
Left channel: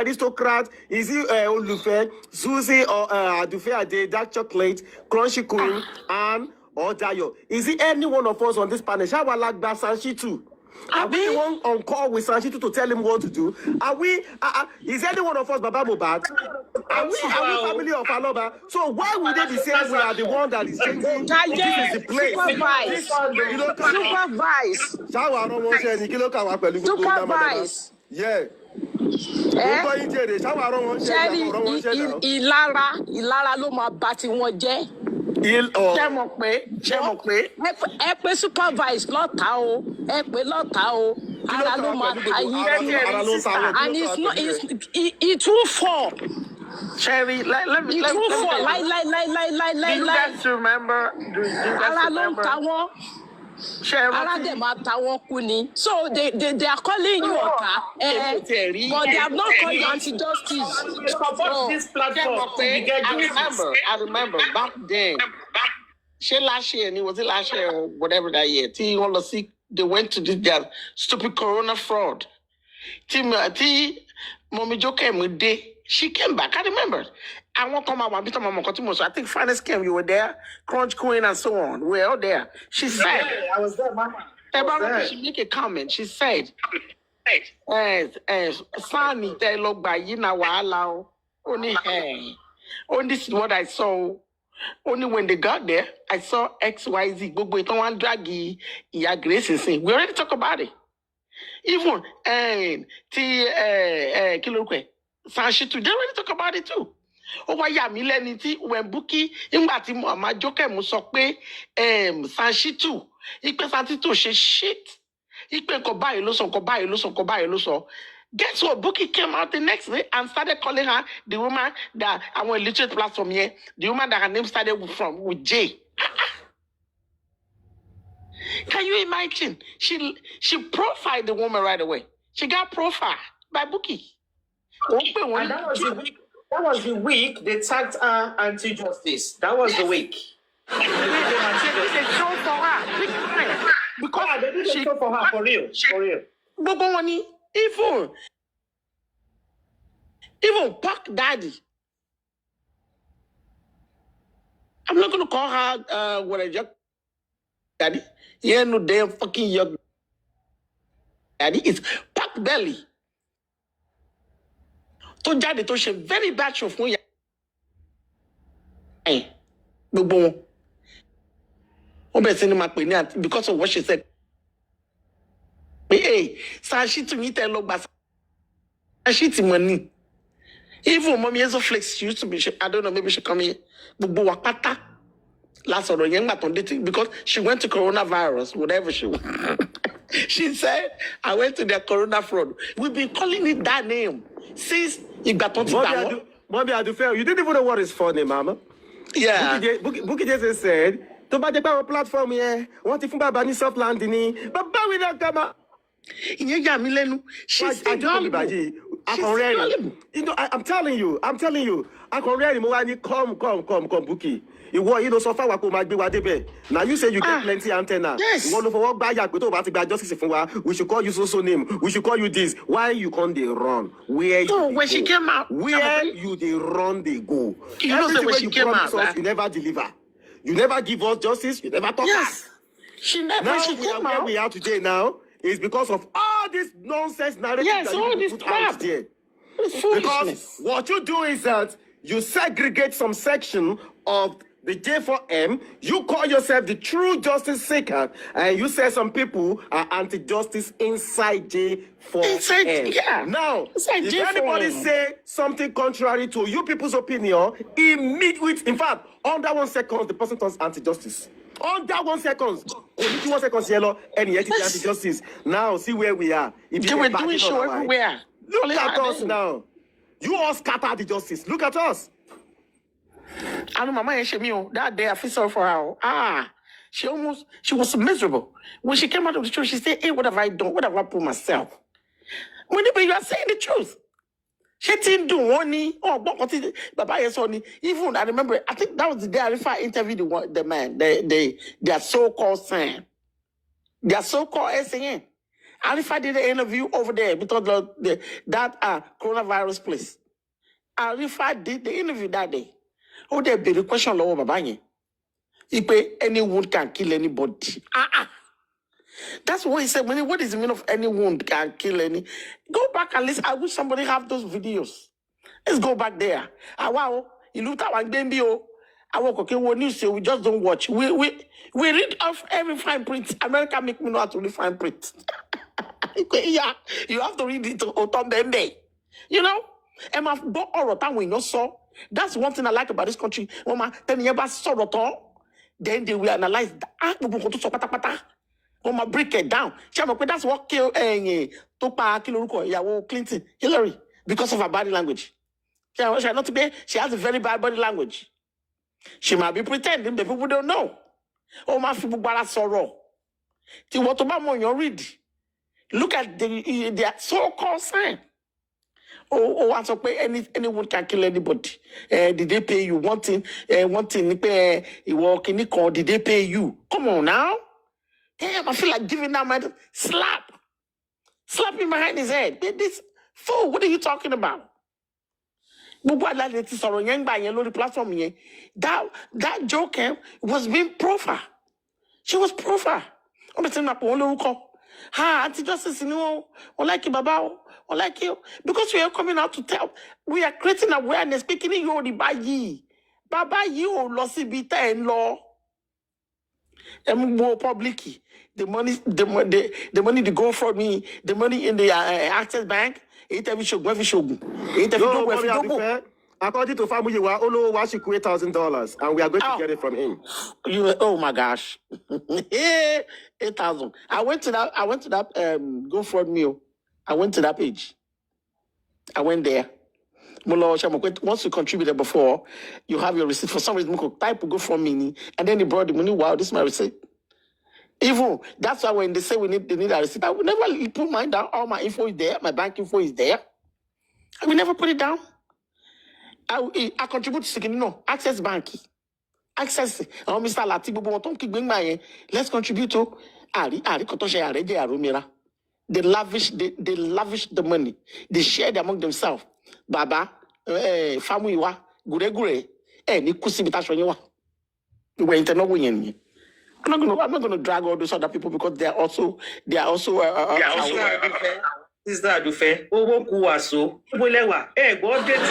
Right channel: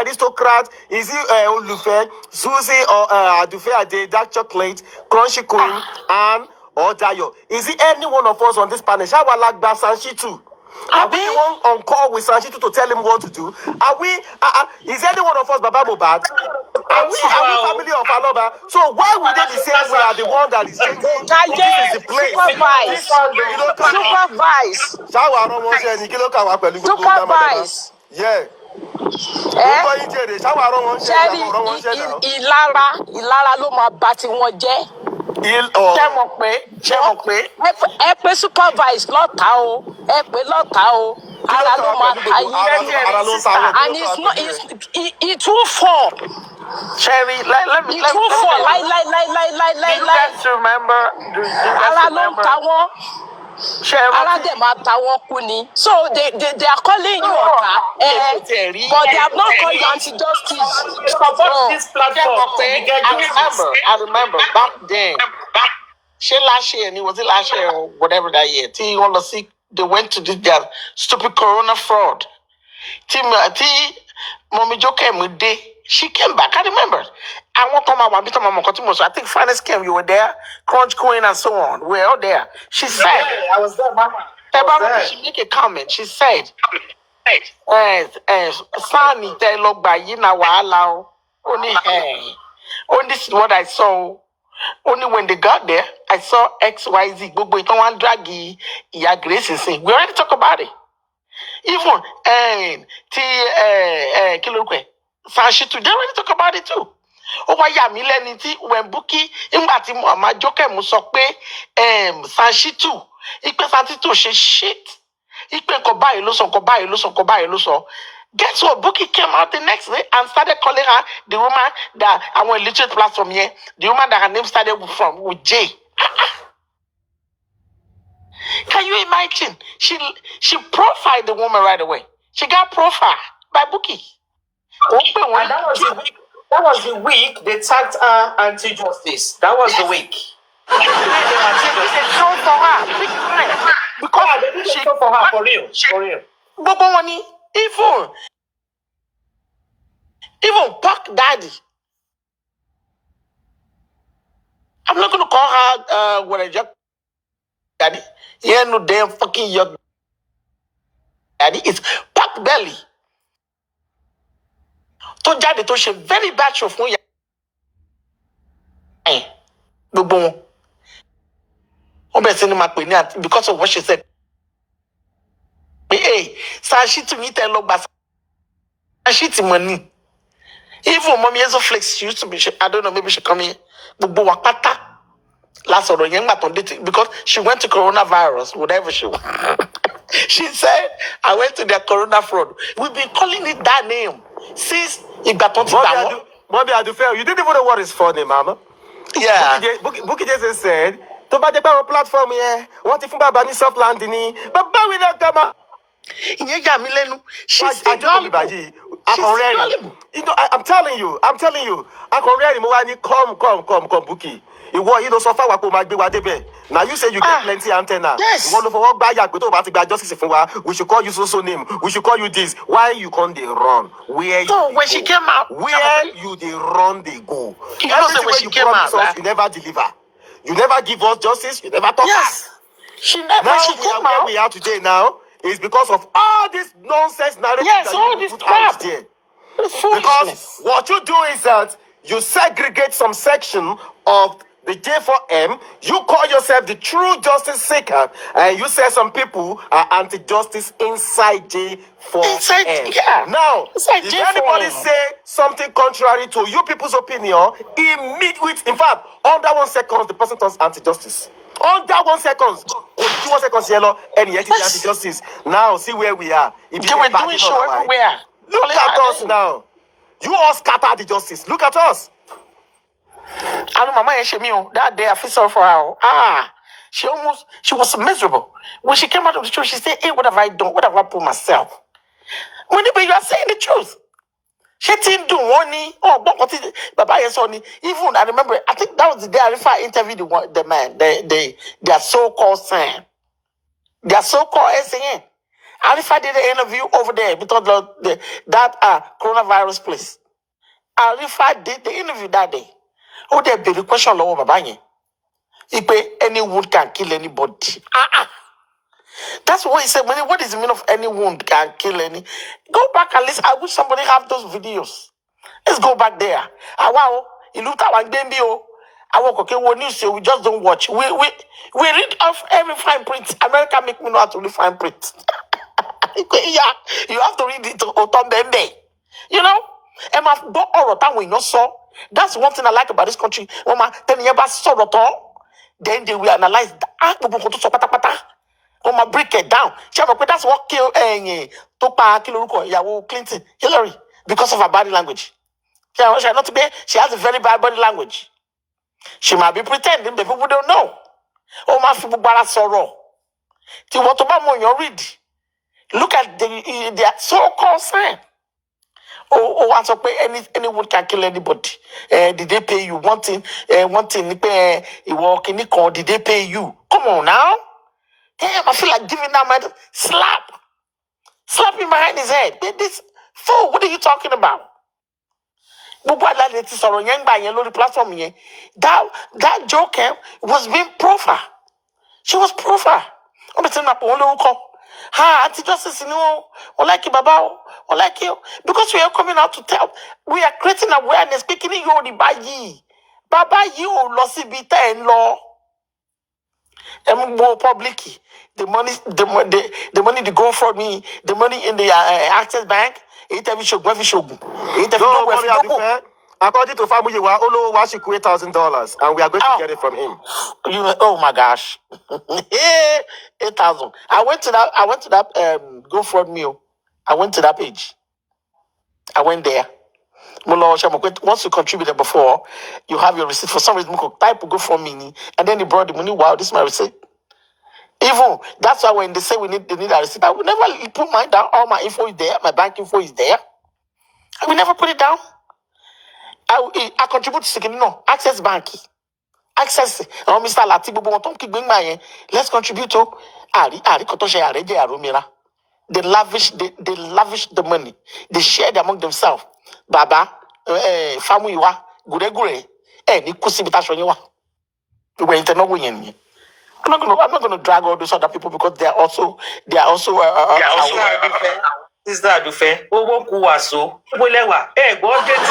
aristocrat? Is he Olufe, Susie or Adufe, Dark Chocolate, Crunchy Queen, and or Dayo? Is it any one of us on this panel? Shawalagba Sanshi too? Are we one on call with Sanchitu to tell him what to do? Are we? Is any one of us Baba Mubad? Are we family of aloba? So why would they be saying we are the one that is changing? This is the place. Supervibez. Yeah. Ìlara ló máa bá tí wọ́n jẹ́. Ṣé mo pé. Ẹ pé supervibez lọ́ta o. Ẹ pé lọ́ta o. Ara ló máa ta yín. And it will fall. Cherry, let me. It will fall. Lie. Do you guys remember? Ara ló ń ta wọ́n. Ara dem máa ta wọ́n kú ni. So they are calling you ọ̀tá. But they have not called you anti-justice. This platform. I remember back then. Last year, and it was last year or whatever that year. They went to this their stupid corona fraud. Mommy Jo came with day. She came back. I remember. I won't come out one bit of my so I think Finance came, you were there, Crunch Queen and so on. We're all there. She said, I was there, Mama. I was there. she make a comment. She said, Sani te log by yina wa only hey. Only this is what I saw. Only when they got there, I saw XYZ. Gbogbo itan wan dragi Iya Grace sin. We already talk about it. Even Kilokwe, Sanshitu, they already talk about it too. Ó wá yà mí lẹ́ni tí when Bukky nígbà tí Mama Joke mú sọ pé Sanshitu ipe Sanshitu ṣe shit ipe nǹkan báyìí ló sọ nǹkan báyìí ló sọ. Guess what? Bukky came out the next day and started calling her the woman that our illiterate platform here, the woman that her name started with J. Can you imagine? She profiled the woman right away. She got profiled by Bukky. And that was the week they tagged her anti-justice. That was the week. They did a show for her, big time. Because they did a show for her, for real. But money, even Puck Daddy. I'm not gonna call her what a young daddy. Yeah, no damn fucking young daddy. It's Puck Belly. To daddy to she very bad show for you. Boom. Because of what she said. Hey, Sashi me tell look back. Sashi money. Even mommy is a flex. She used to be. I don't know. Maybe she come here. Wakata. Last or young because she went to coronavirus. Whatever she want. She said, "I went to the corona fraud." We've been calling it that name since it got on to Bobby, I do fair. You didn't even know what is funny, Mama. Yeah. Bukky just said, "To buy the power platform here. What if Baba ni soft landing? But we don't come out." She's you know, I'm telling you, I can really come, Bukky. So far, now you say you get plenty antenna. Yes. You want to work by justice. We should call you so name. We should call you this. Why you can't they run? When she came out, where you they run, they go. You know when she came out, you never deliver. You never give us justice. You never talk us. She never. Now she came out. Where we are today now is because of all this nonsense narrative. Yes, all this crap. Because what you do is that you segregate some section of the J4M, you call yourself the true justice seeker, and you say some people are anti-justice inside J4M. Now, if anybody say something contrary to you people's opinion, immediately, in fact, under 1 second, the person turns anti-justice. Under 1 second, only 1 second, yellow, and yet it's anti-justice. Now, see where we are. They were doing show everywhere. Look at us now. You all scatter the justice. Look at us. I know Mama Yeshemio, that day I feel sorry for her. She was miserable. When she came out of the church, she said, "Hey, what have I done? What have I put myself?" When you are saying the truth. She didn't do one. Even I remember, I think that was the day I interviewed the man, their so-called son. Their so-called SAN. Arifa did an interview over there because that coronavirus place. Arifa did the interview that day. Oh, there be the question lower babanye. Any wound can kill anybody. That's what he said. What is the meaning of any wound can kill any? Go back and listen. I wish somebody have those videos. Let's go back there. Wow, you looked at one baby. I walk okay. What news? We just don't watch. We read off every fine print. America make me know how to read fine print. Yeah, you have to read it to you know. And my dog or when you saw. That's one thing I like about this country. Then they will analyze break it down. That's what killed Clinton, Hillary, because of her body language. She has a very bad body language. She might be pretending, but people don't know. Oh, my people sorrow. Read. Look at their so-called sign. Once anyone can kill anybody. Did they pay you? One thing, did they pay you? Come on now. Damn, I feel like giving that man slap him behind his head. This fool, what are you talking about? Gbogbo àlàyé ti sọ̀rọ̀ yẹn gbà yẹn lórí platform yẹn. That joker was being proper. She was proper. Wọ́n bẹ̀ tí wọ́n pè wọ́n lórúkọ. Àti Justice ni wọ́n like bàbá o, wọ́n like you. Because we are coming out to tell, we are creating awareness pé kí ni yóò rí báyìí. Bàbá yìí ò lọ síbi tẹ́ ẹ̀ ń lọ. Public, the money, the money to go for me, the money in the Access Bank. No, according to family, Olo Washi $8,000, and we are going to get it from him. Oh my gosh, 8,000. I went to that GoFundMe. I went to that page. I went there. Once you contributed before, you have your receipt. For some reason, type GoFundMe, and then he brought the money. Wow, this is my receipt. Even that's why when they say they need a receipt, I will never put mine down. All my info is there. My bank info is there. I will never put it down. I contribute to Access Bank. Access. Mr. Latibu, let's contribute to They lavish the money. They share it among themselves. Baba, Famuiwa, Gure, ni kusibita you went to know. I'm not gonna drag all those other people because they are also Sister Adufe, owó kù wá so. Ibo lẹ́wà, gbọ́ update.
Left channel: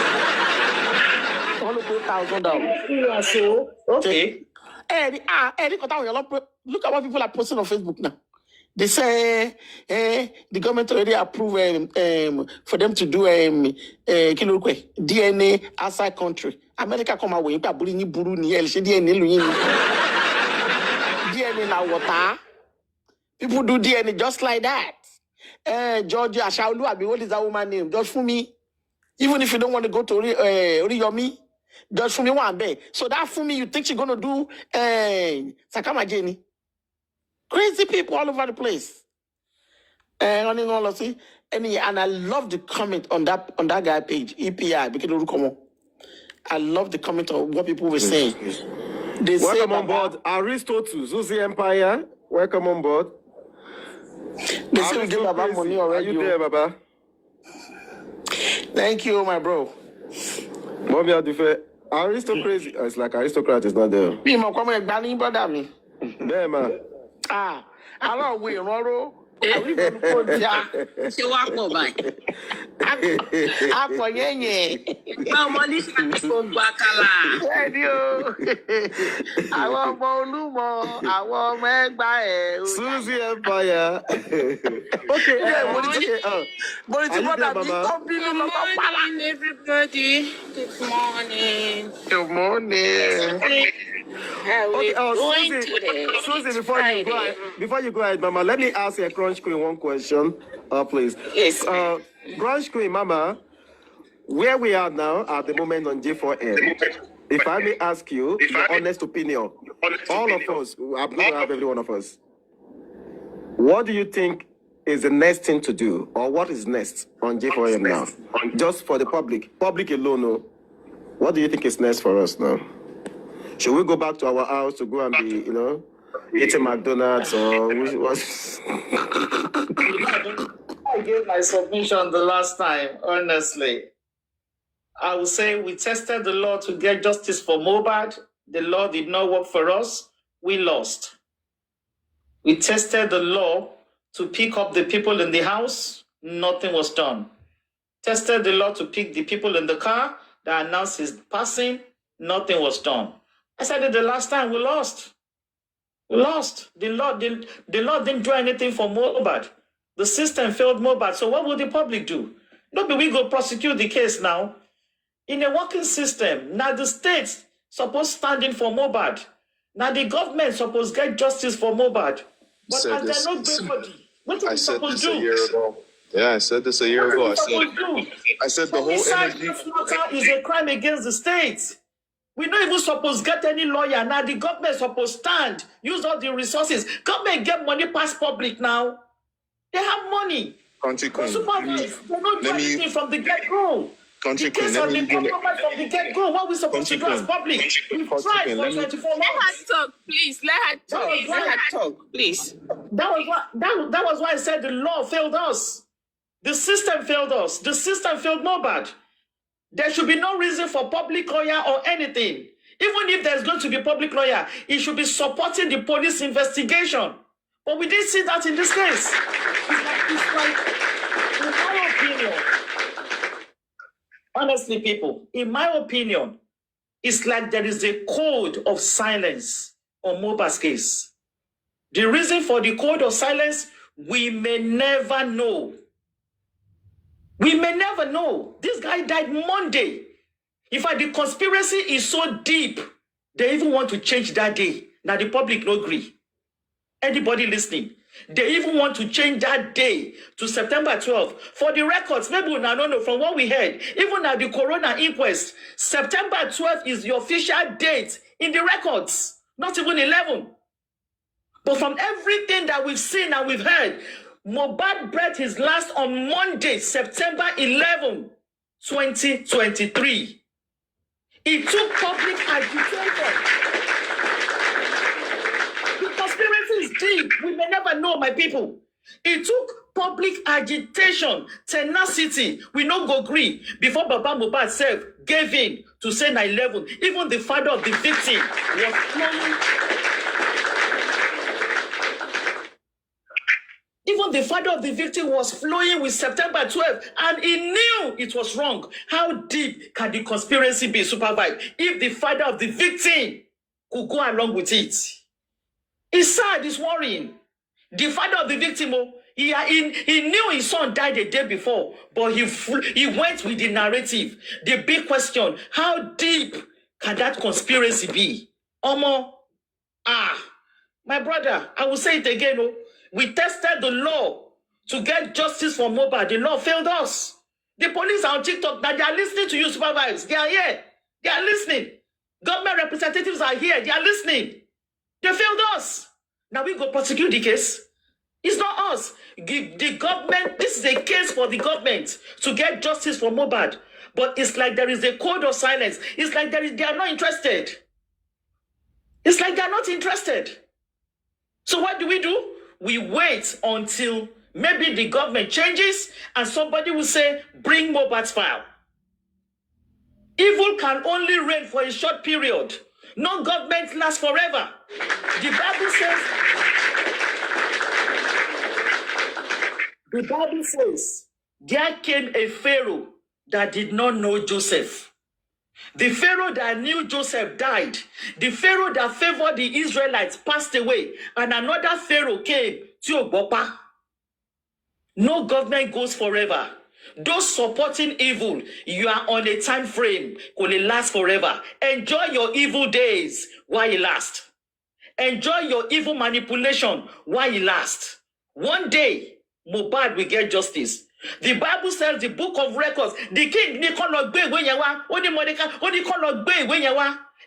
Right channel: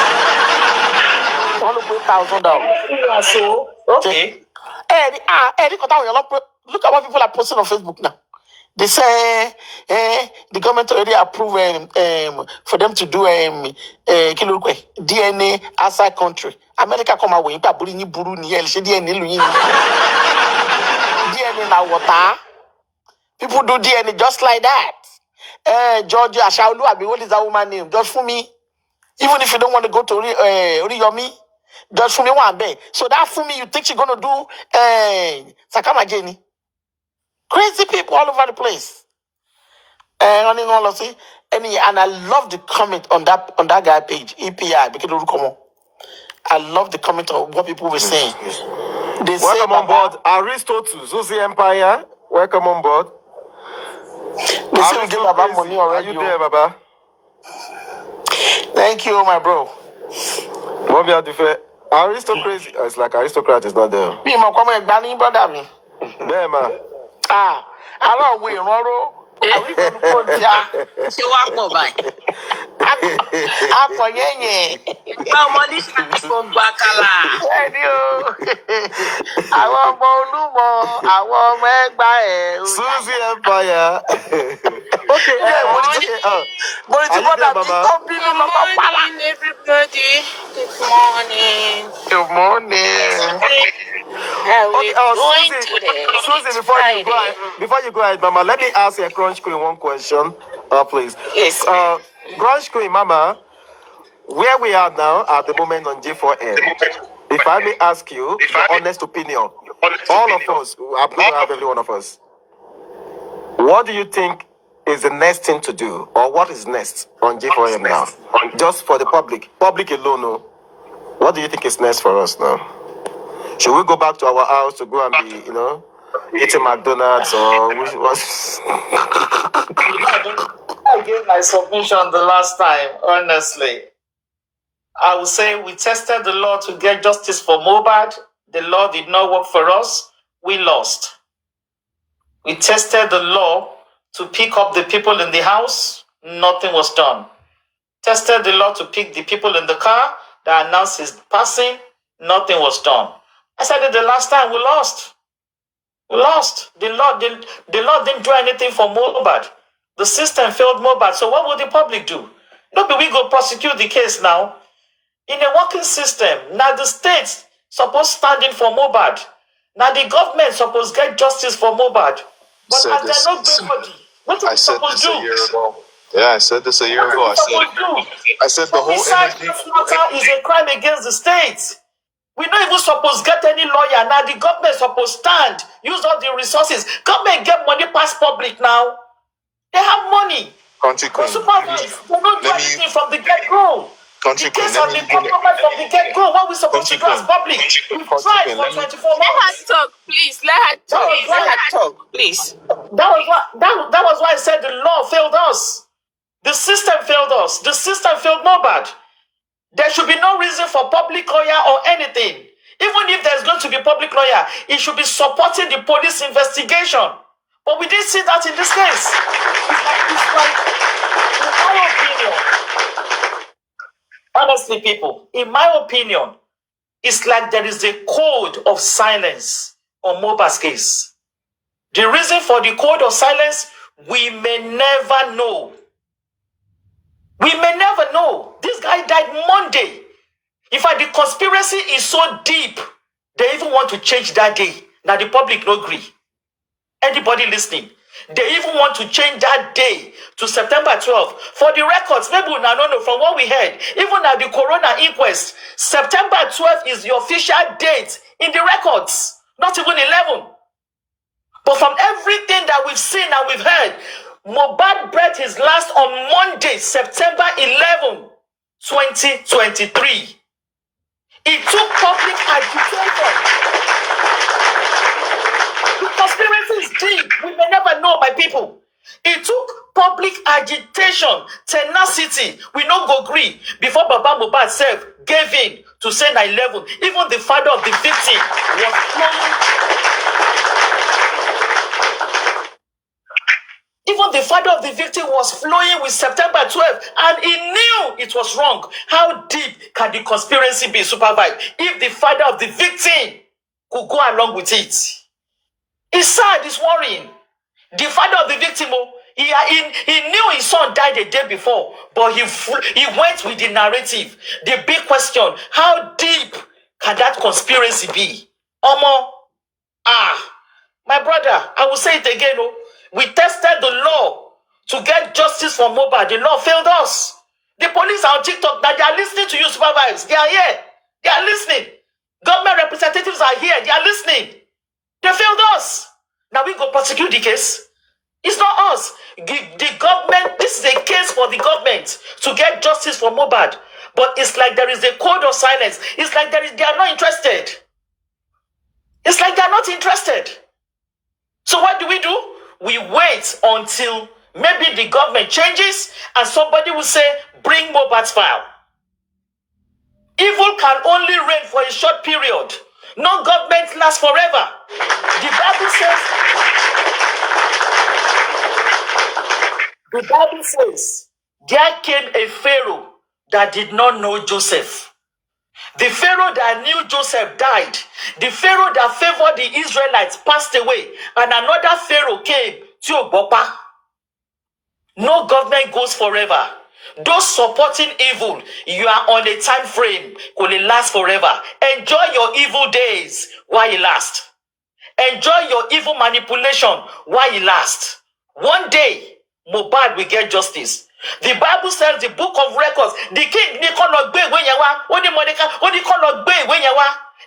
$100,000. Okay. Look at what people are posting on Facebook now. They say the government already approved for them to do DNA outside country. America come away, DNA now water. People do DNA just like that. Georgia Ashaolu, what is that woman's name? Just for me. Even if you don't want to go to Oriyomi, just for me one day. So that for me, you think she's gonna do Sakama Jenny? Crazy people all over the place. And I love the comment on that guy page, EPI, because I love the comment of what people were saying. They welcome on board, Aristotle, Zuzi Empire. Welcome on board. They say we give Baba money already. Are you there, Baba? Thank you, my bro. Mommy, aristocracy. It's like aristocrat is not there. Me, my come and banning brother me. There, man. I don't wait, Roro. Are we going to go down? Ṣé wàá pọ̀ báyìí? Àpọ̀ yẹ́nyẹ́. Ọmọ ní ṣàkóso gba kálá. Ẹni o. Àwọn ọmọ Olúmọ, àwọn ọmọ Ẹ̀gbá ẹ̀. Suzy Empire. Okay, mo ní ti bọ́dà mi tó bínú lọ́kọ́ pálá. Good morning, everybody. Good morning. Good morning. How are we doing today? Suzy, before you go ahead, Mama, let me ask a Crunch Queen one question, please. Yes. Crunch Queen, Mama, where we are now at the moment on J4M, if I may ask you your honest opinion, all of us, I'm going to have every one of us, what do you think is the next thing to do, or what is next on J4M now? Just for the public alone, no? What do you think is next for us now? Should we go back to our house to go and be, eating McDonald's or what? I gave my submission the last time, honestly. I would say we tested the law to get justice for Mohbad. The law did not work for us. We lost. We tested the law to pick up the people in the house. Nothing was done. Tested the law to pick the people in the car that announced his passing. Nothing was done. I said it the last time, we lost. We lost. The law didn't do anything for Mohbad. The system failed Mohbad. So what will the public do? No, but we go prosecute the case now. In a working system, now the states supposed standing for Mohbad. Now the government supposed get justice for Mohbad. But as they're not nobody, what are we supposed to do? A year ago. Yeah, I said this a year ago. I said the whole energy is a crime against the state. We're not even supposed to get any lawyer. Now the government is supposed to stand, use all the resources. Government get money past public now. They have money. Country Queen. They don't do anything from the get-go. Country Queen. From the get-go. What we supposed to do as public? We've tried for 24 months. Let her talk, please. Let her talk. Let her talk, please. That was why I said the law failed us. The system failed us. The system failed Mohbad. There should be no reason for public lawyer or anything. Even if there's going to be public lawyer, it should be supporting the police investigation. But we didn't see that in this case. It's like, in my opinion, honestly, people, in my opinion, it's like there is a code of silence on Mohbad's case. The reason for the code of silence, we may never know. We may never know. This guy died Monday. In fact, the conspiracy is so deep, they even want to change that day. Now the public no agree. Anybody listening? They even want to change that day to September 12th. For the records, maybe we don't know from what we heard, even at the Corona inquest, September 12th is the official date in the records, not even 11. But from everything that we've seen and we've heard, Mohbad breathed his last on Monday, September 11, 2023. It took public agitation. The conspiracy is deep. We may never know, my people. It took public agitation, tenacity. We no go agree before Baba Mohbad self gave in to say 9/11. Even the father of the victim was flowing. Even the father of the victim was flowing with September 12th, and he knew it was wrong. How deep can the conspiracy be, Supervibez, if the father of the victim could go along with it? It's sad, it's worrying. The father of the victim, he knew his son died a day before, but he went with the narrative. The big question, how deep can that conspiracy be? Omo, my brother, I will say it again, we tested the law to get justice for Mohbad. The law failed us. The police are on TikTok. That they are listening to you, Supervibez. They are here. They are listening. Government representatives are here. They are listening. They failed us. Now we go prosecute the case. It's not us. The government, this is a case for the government to get justice for Mohbad. But it's like there is a code of silence. It's like they are not interested. It's like they are not interested. So what do? We wait until maybe the government changes and somebody will say, bring Mohbad's file. Evil can only reign for a short period. No government lasts forever. The Bible says, there came a Pharaoh that did not know Joseph. The Pharaoh that knew Joseph died. The Pharaoh that favored the Israelites passed away. And another Pharaoh came, Tiobopa. No government goes forever. Those supporting evil, you are on a time frame. Could it last forever? Enjoy your evil days while it lasts. Enjoy your evil manipulation while it lasts. One day, Mohbad will get justice. The Bible says, the book of records, the king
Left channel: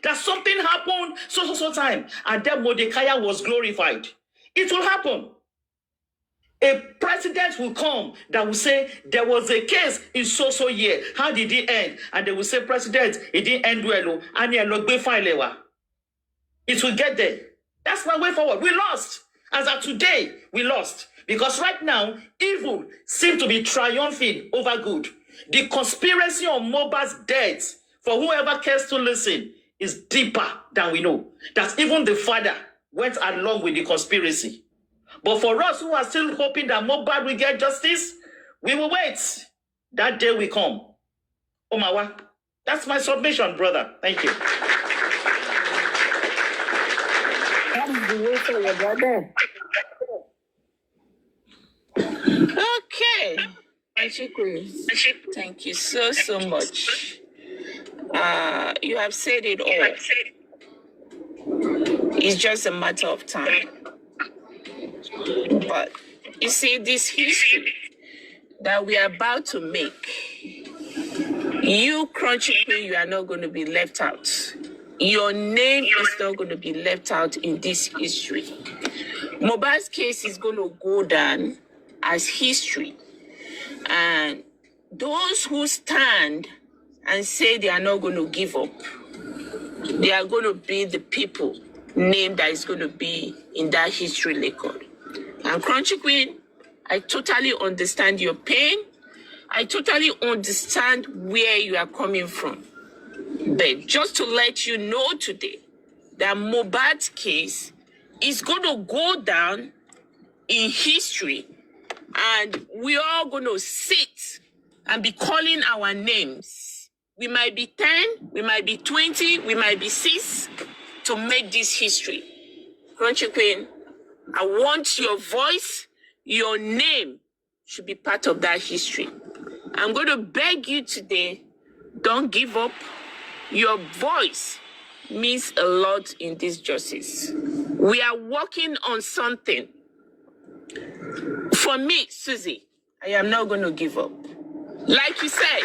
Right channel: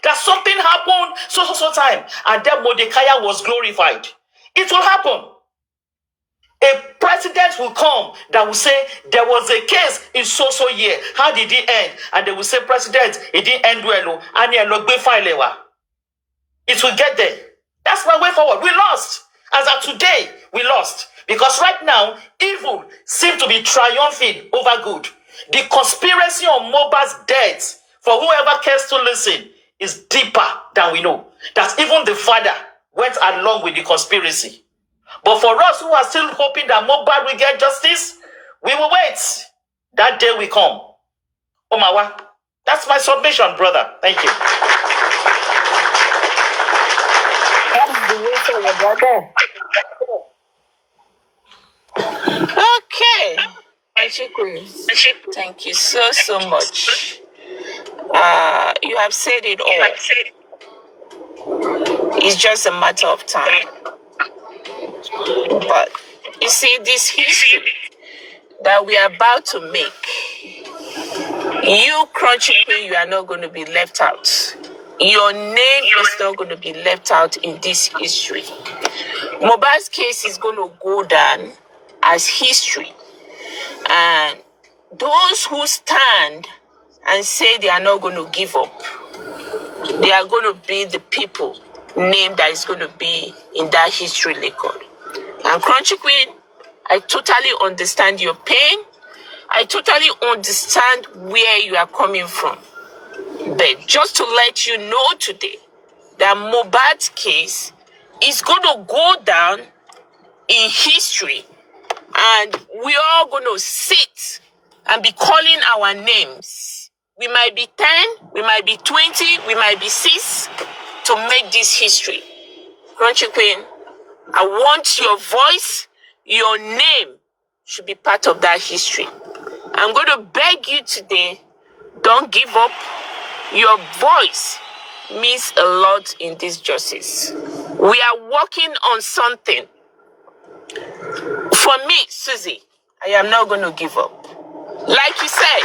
that something happened so time, and then Mordecai was glorified. It will happen. A president will come that will say there was a case in so year. How did it end? And they will say, President, it didn't end well. And it will get there. That's my way forward. We lost. As of today, we lost. Because right now, evil seems to be triumphing over good. The conspiracy on Mohbad's death, for whoever cares to listen, is deeper than we know. That even the father went along with the conspiracy. But for us who are still hoping that Mohbad will get justice, we will wait. That day will come. Omawa, that's my submission, brother. Thank you. That is the way forward, brother. Okay. Thank you so much. You have said it all. It's just a matter of time. But you see, this history that we are about to make, you, Crunchy Queen, you are not going to be left out. Your name is not going to be left out in this history. Mohbad's case is going to go down as history. And those who stand and say they are not going to give up, they are going to be the people name that is going to be in that history record. And Crunchy Queen, I totally understand your pain, I totally understand where you are coming from. But just to let you know today that Mohbad's case is going to go down in history, and we are going to sit and be calling our names. We might be 10, we might be 20, we might be 6 to make this history. Crunchy Queen, I want your voice, your name should be part of that history. I'm going to beg you today, don't give up. Your voice means a lot in this justice. We are working on something. For me, Susie, I am not going to give up. Like you said,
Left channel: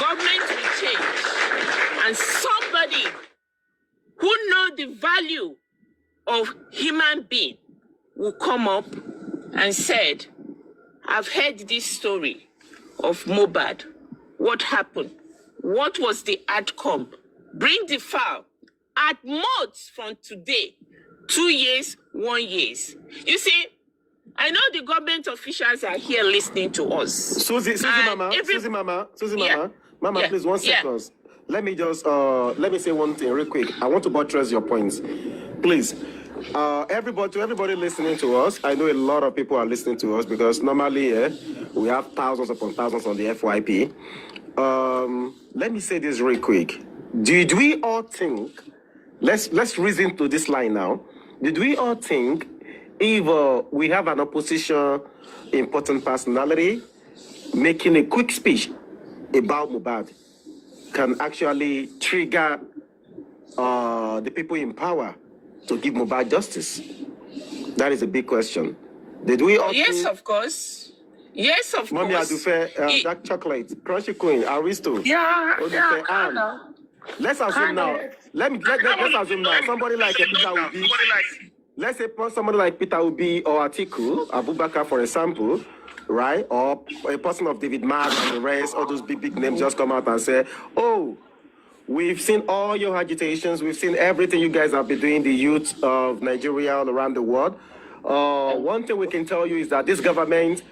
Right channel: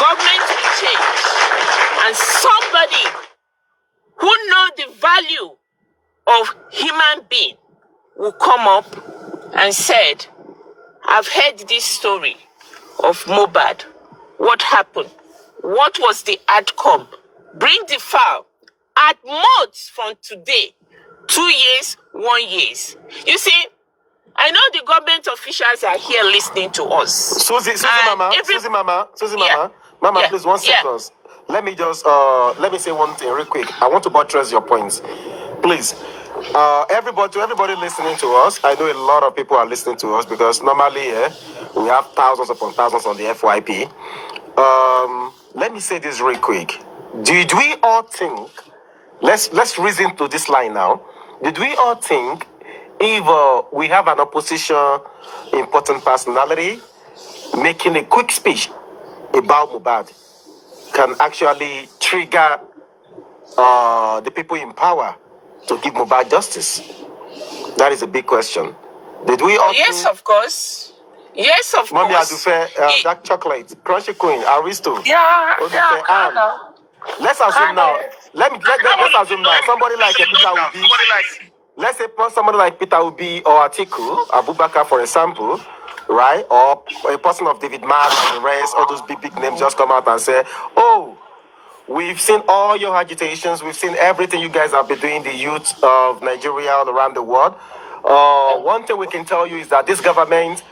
government will change. And somebody who knows the value of human being will come up and said, I've heard this story of Mohbad. What happened? What was the outcome? Bring the file. At most from today, 2 years, 1 year. You see, I know the government officials are here listening to us. Susie Mama, please 1 second. Let me just let me say one thing real quick. I want to buttress your points, please. Everybody listening to us, I know a lot of people are listening to us because normally we have thousands upon thousands on the FYP. Let me say this real quick. Did we all think? Let's reason to this line now. Did we all think if we have an opposition important personality making a quick speech about Mohbad can actually trigger the people in power to give Mohbad justice? That is a big question. Did we all Yes, of course. Yes, of Mommy course. Adufe, Dark Chocolate, Crunchy Queen, Aristo. Yeah, Let's assume now. Let's assume now. Somebody like Peter Obi. Let's say somebody like Peter Obi or Atiku, Abubakar, for example, right? Or a person of David Mark and the rest, all those big names just come out and say, oh, we've seen all your agitations. We've seen everything you guys have been doing, the youth of Nigeria all around the world. One thing we can tell you is that this government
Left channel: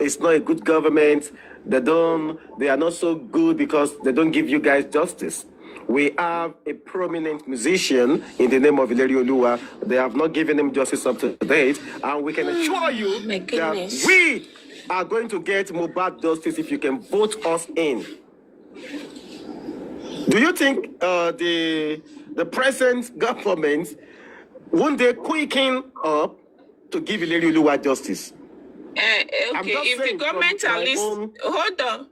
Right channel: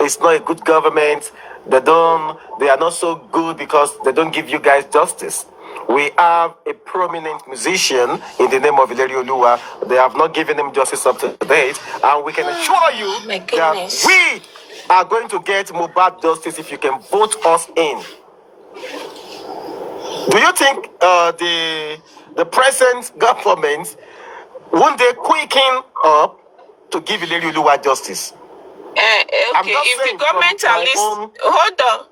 is not a good government. They are not so good because they don't give you guys justice. We have a prominent musician in the name of Ileri Oluwa. They have not given him justice up to date. And we can assure you that we are going to get Mohbad justice if you can vote us in. Do you think the present government won't they quicken up to give Ileri Oluwa justice? Okay, if the government are listening, hold on.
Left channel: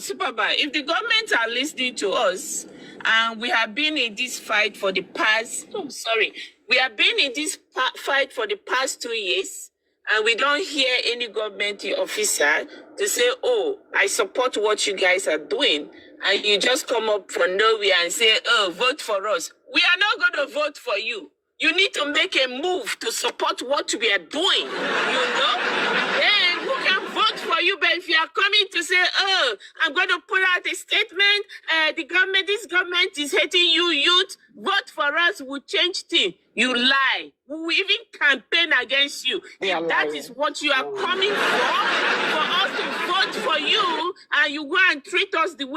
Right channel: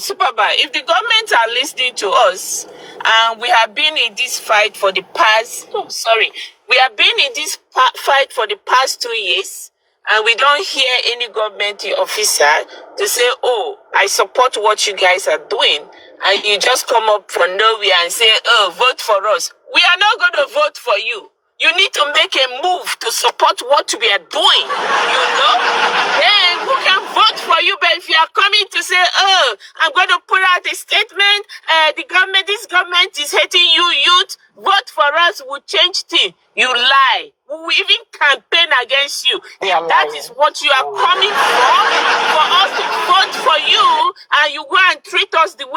Supervibez, if the government are listening to us, and we have been in this fight for the past, we have been in this fight for the past 2 years, and we don't hear any government officer to say, oh, I support what you guys are doing, and you just come up from nowhere and say, oh, vote for us. We are not going to vote for you. You need to make a move to support what we are doing, Then who can vote for you? But if you are coming to say, oh, I'm going to put out a statement, this government is hating you, youth, vote for us, we'll change things. You lie. We will even campaign against you. If that is what you are coming for us to vote for you, and you go and treat us the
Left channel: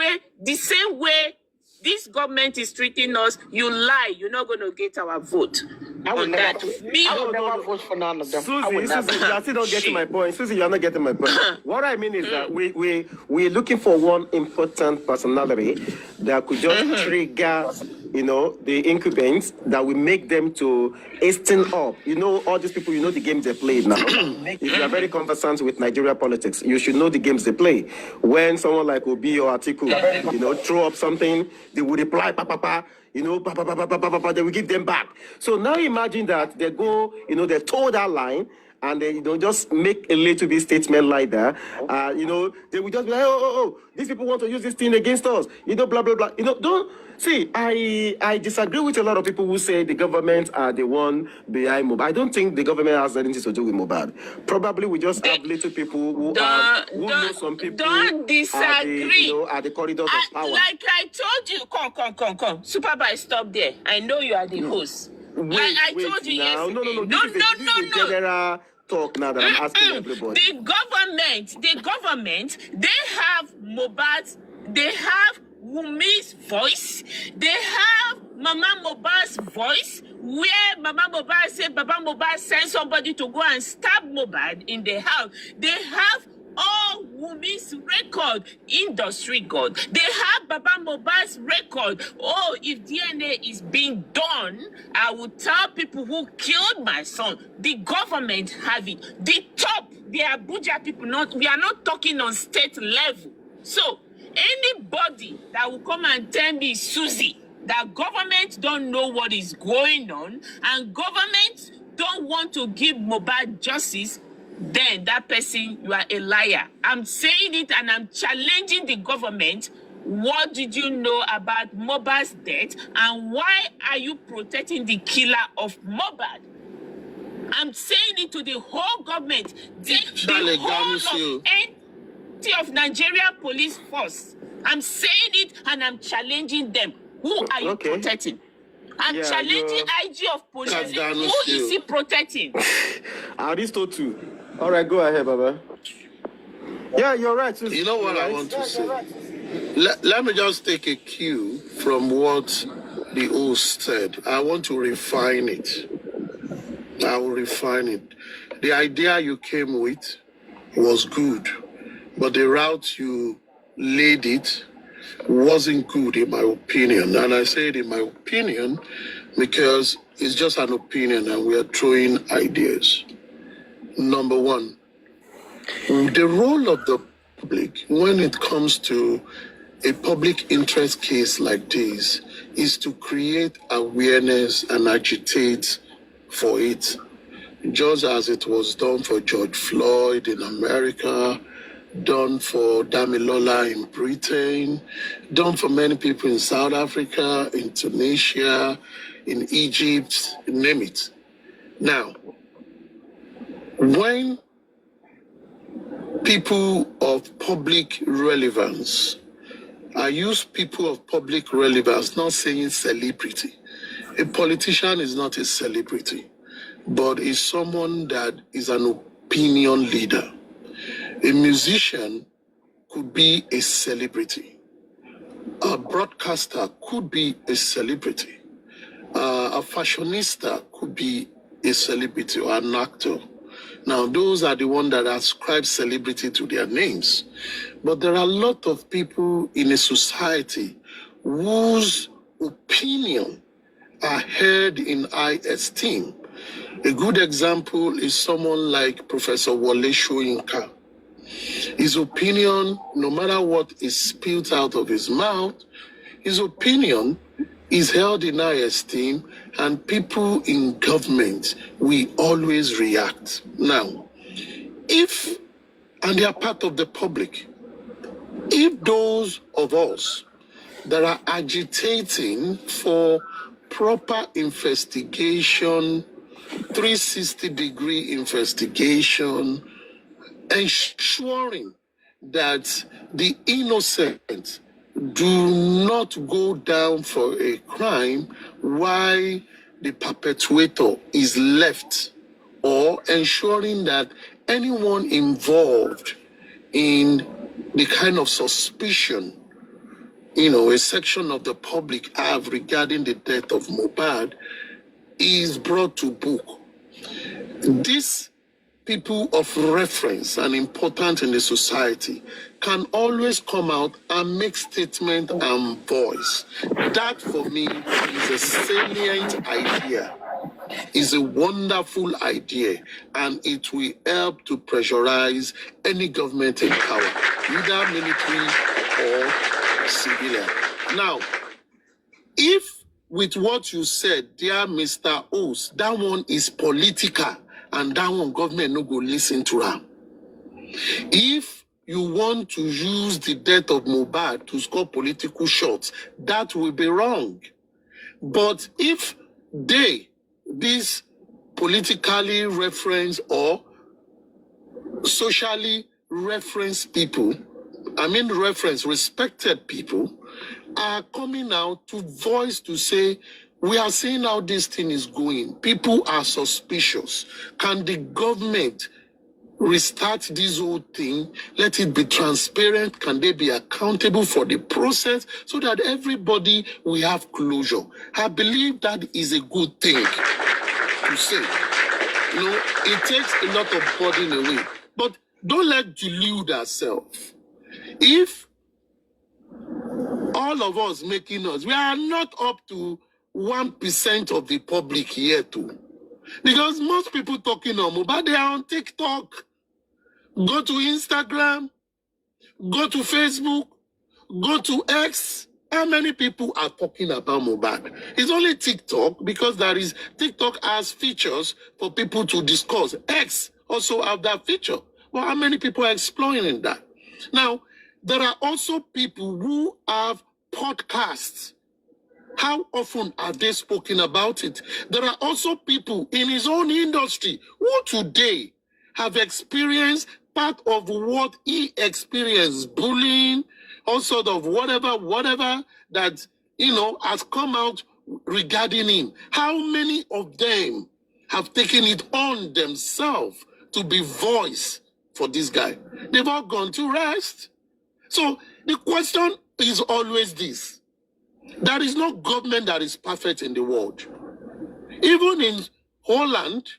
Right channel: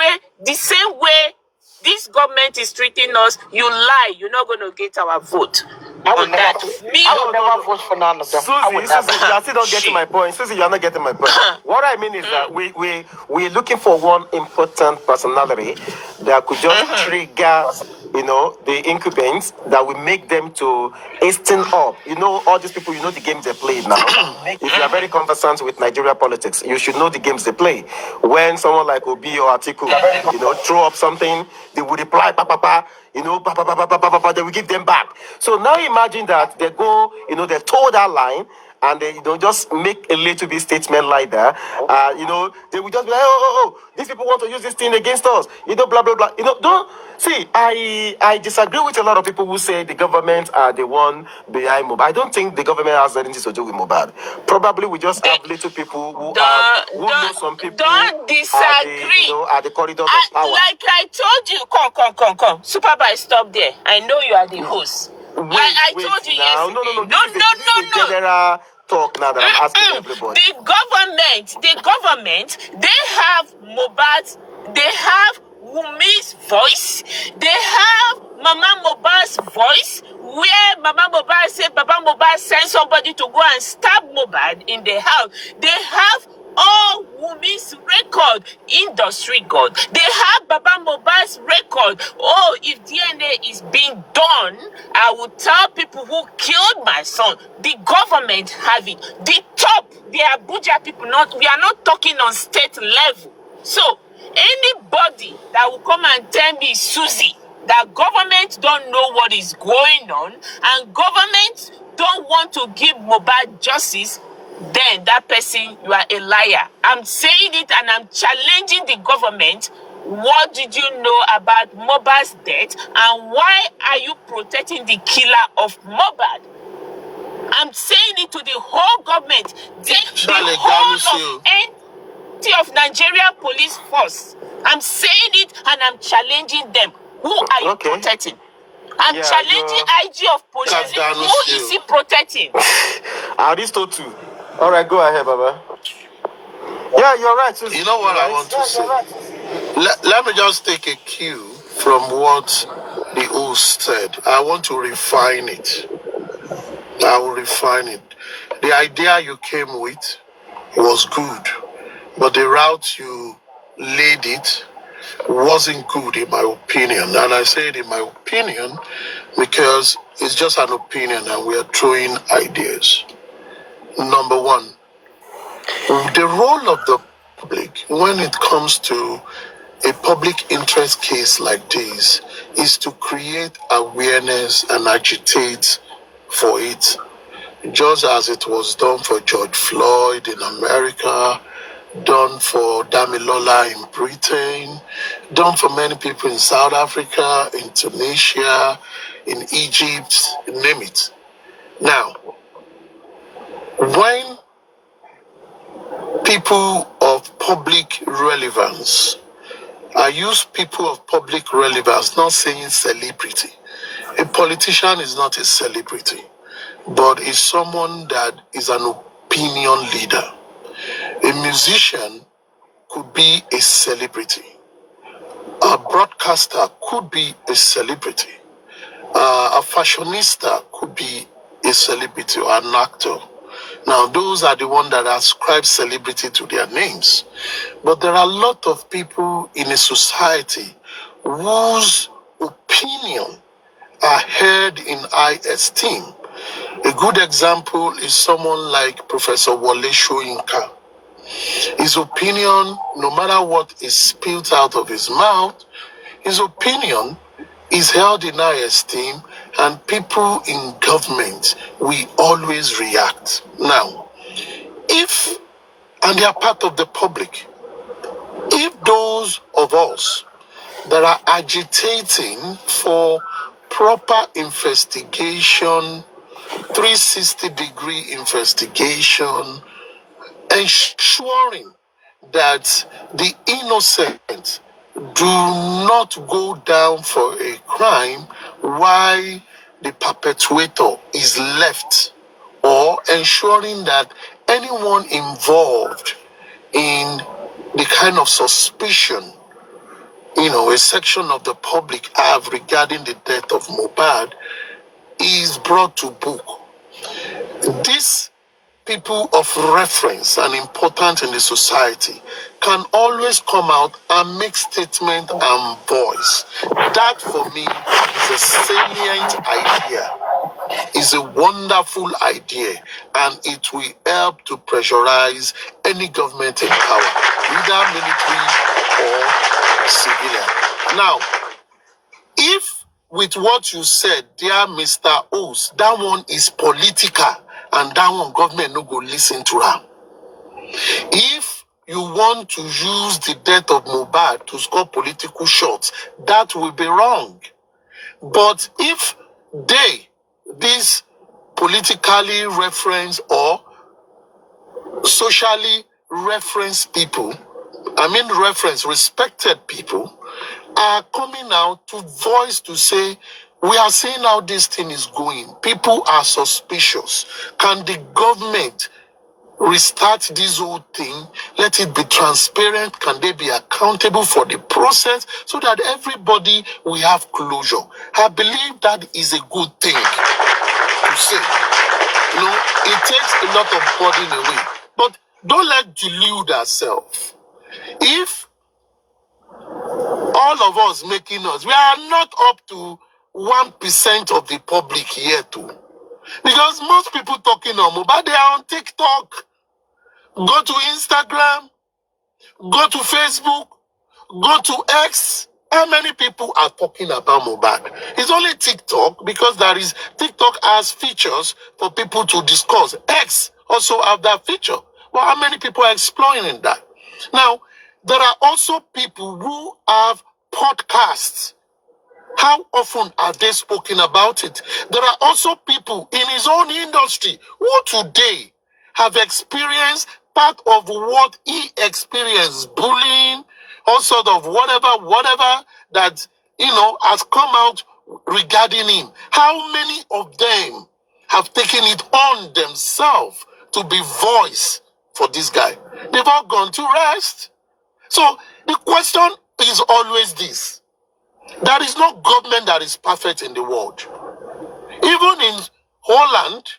same way this government is treating us, you lie. You're not going to get our vote. I would never vote for none of them. Susie, you are still not getting my point. Susie, you are not getting my point. What I mean is that we're looking for one important personality that could just trigger, the incumbents that will make them to hasten up. All these people, the games they play now. If you are very conversant with Nigeria politics, you should know the games they play. When someone like Obi or Atiku, throw up something, they will reply, they will give them back. So now imagine that they go, they toe that line, and they just make a little bit statement like that. They will just be like, these people want to use this thing against us. Blah blah blah. Don't see. I disagree with a lot of people who say the government are the one behind Mohbad. I don't think the government has anything to do with Mohbad. Probably we just have little people who know some people. Don't disagree. At the corridors of power. Like I told you, come. Supervibez, stop there. I know you are the host. I told you now. yesterday. No. This is a general talk now that I'm asking everybody. The government, they have Mohbad's, they have Wumi's voice, they have Mama Mohbad's voice, where Mama Mohbad said Baba Mohbad sent somebody to go and stab Mohbad in the house. They have all Wumi's record, industry god. They have Baba Mohbad's record. Oh, if DNA is being done, I will tell people who killed my son. The government have it. The top, the Abuja people, we are not talking on state level. So, anybody that will come and tell me, Susie, that government don't know what is going on and government don't want to give Mohbad justice, then that person, you are a liar. I'm saying it and I'm challenging the government. What did you know about Mohbad's death and why are you protecting the killer of Mohbad? I'm saying it to the whole government, the whole of Nigeria police force. I'm saying it and I'm challenging them. Who are you protecting? I'm challenging IG of police. Who is he protecting? Aristotle. All right, go ahead, Baba. Yeah, you're right. Susie. You know what I want to say? Let me just take a cue from what the host said. I want to refine it. I will refine it. The idea you came with was good, but the route you laid it wasn't good in my opinion. And I say it in my opinion because it's just an opinion and we are throwing ideas. Number one, the role of the public when it comes to a public interest case like this is to create awareness and agitate for it, just as it was done for George Floyd in America, done for Damilola in Britain, done for many people in South Africa, in Tunisia, in Egypt, name it. Now, when people of public relevance, I use people of public relevance, not saying celebrity. A politician is not a celebrity, but is someone that is an opinion leader. A musician could be a celebrity. A broadcaster could be a celebrity. A fashionista could be a celebrity or an actor. Now, those are the ones that ascribe celebrity to their names. But there are a lot of people in a society whose opinion are held in high esteem. A good example is someone like Professor Wole Soyinka. His opinion, no matter what is spilled out of his mouth, his opinion is held in high esteem, and people in government, we always react. Now, if, and they are part of the public, if those of us that are agitating for proper investigation, 360-degree investigation, ensuring that the innocent do not go down for a crime while the perpetrator is left, or ensuring that anyone involved in the kind of suspicion, a section of the public have regarding the death of Mohbad is brought to book. These people of reference and important in the society can always come out and make statement and voice. That for me is a salient idea, is a wonderful idea, and it will help to pressurize any government in power, either military or civilian. Now, if with what you said, dear Mr. O's, that one is political, and that one government no go listen to her. If you want to use the death of Mohbad to score political shots, that will be wrong. But if these politically referenced or socially referenced people, respected people, are coming out to voice to say, we are seeing how this thing is going. People are suspicious. Can the government restart this whole thing? Let it be transparent. Can they be accountable for the process so that everybody will have closure? I believe that is a good thing to say. You know, it takes a lot of burden away. But don't let delude ourselves. If all of us making us, we are not up to 1% of the public here too. Because most people talking on mobile, they are on TikTok. Go to Instagram, go to Facebook, go to X. How many people are talking about mobile? It's only TikTok because TikTok has features for people to discuss. X also have that feature. Well, how many people are exploring that? Now, there are also people who have podcasts. How often are they spoken about it? There are also people in his own industry who today have experienced part of what he experienced, bullying, all sort of whatever that, has come out regarding him. How many of them have taken it on themselves to be voice for this guy? They've all gone to rest. So the question is always this. There is no government that is perfect in the world. Even in Holland,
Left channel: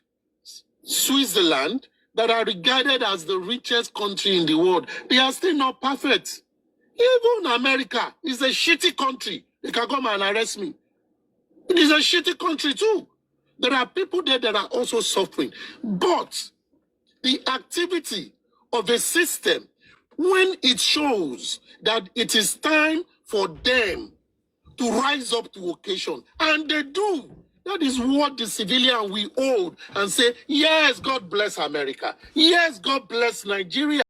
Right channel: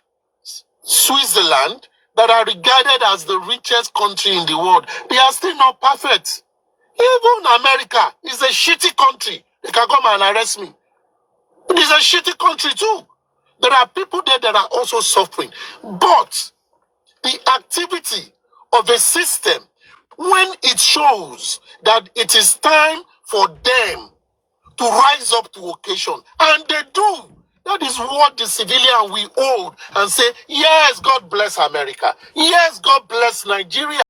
Switzerland, that are regarded as the richest country in the world, they are still not perfect. Even America is a shitty country. They can come and arrest me. It is a shitty country too. There are people there that are also suffering. But the activity of a system, when it shows that it is time for them to rise up to occasion, and they do. That is what the civilian will hold and say, yes, God bless America. Yes, God bless Nigeria.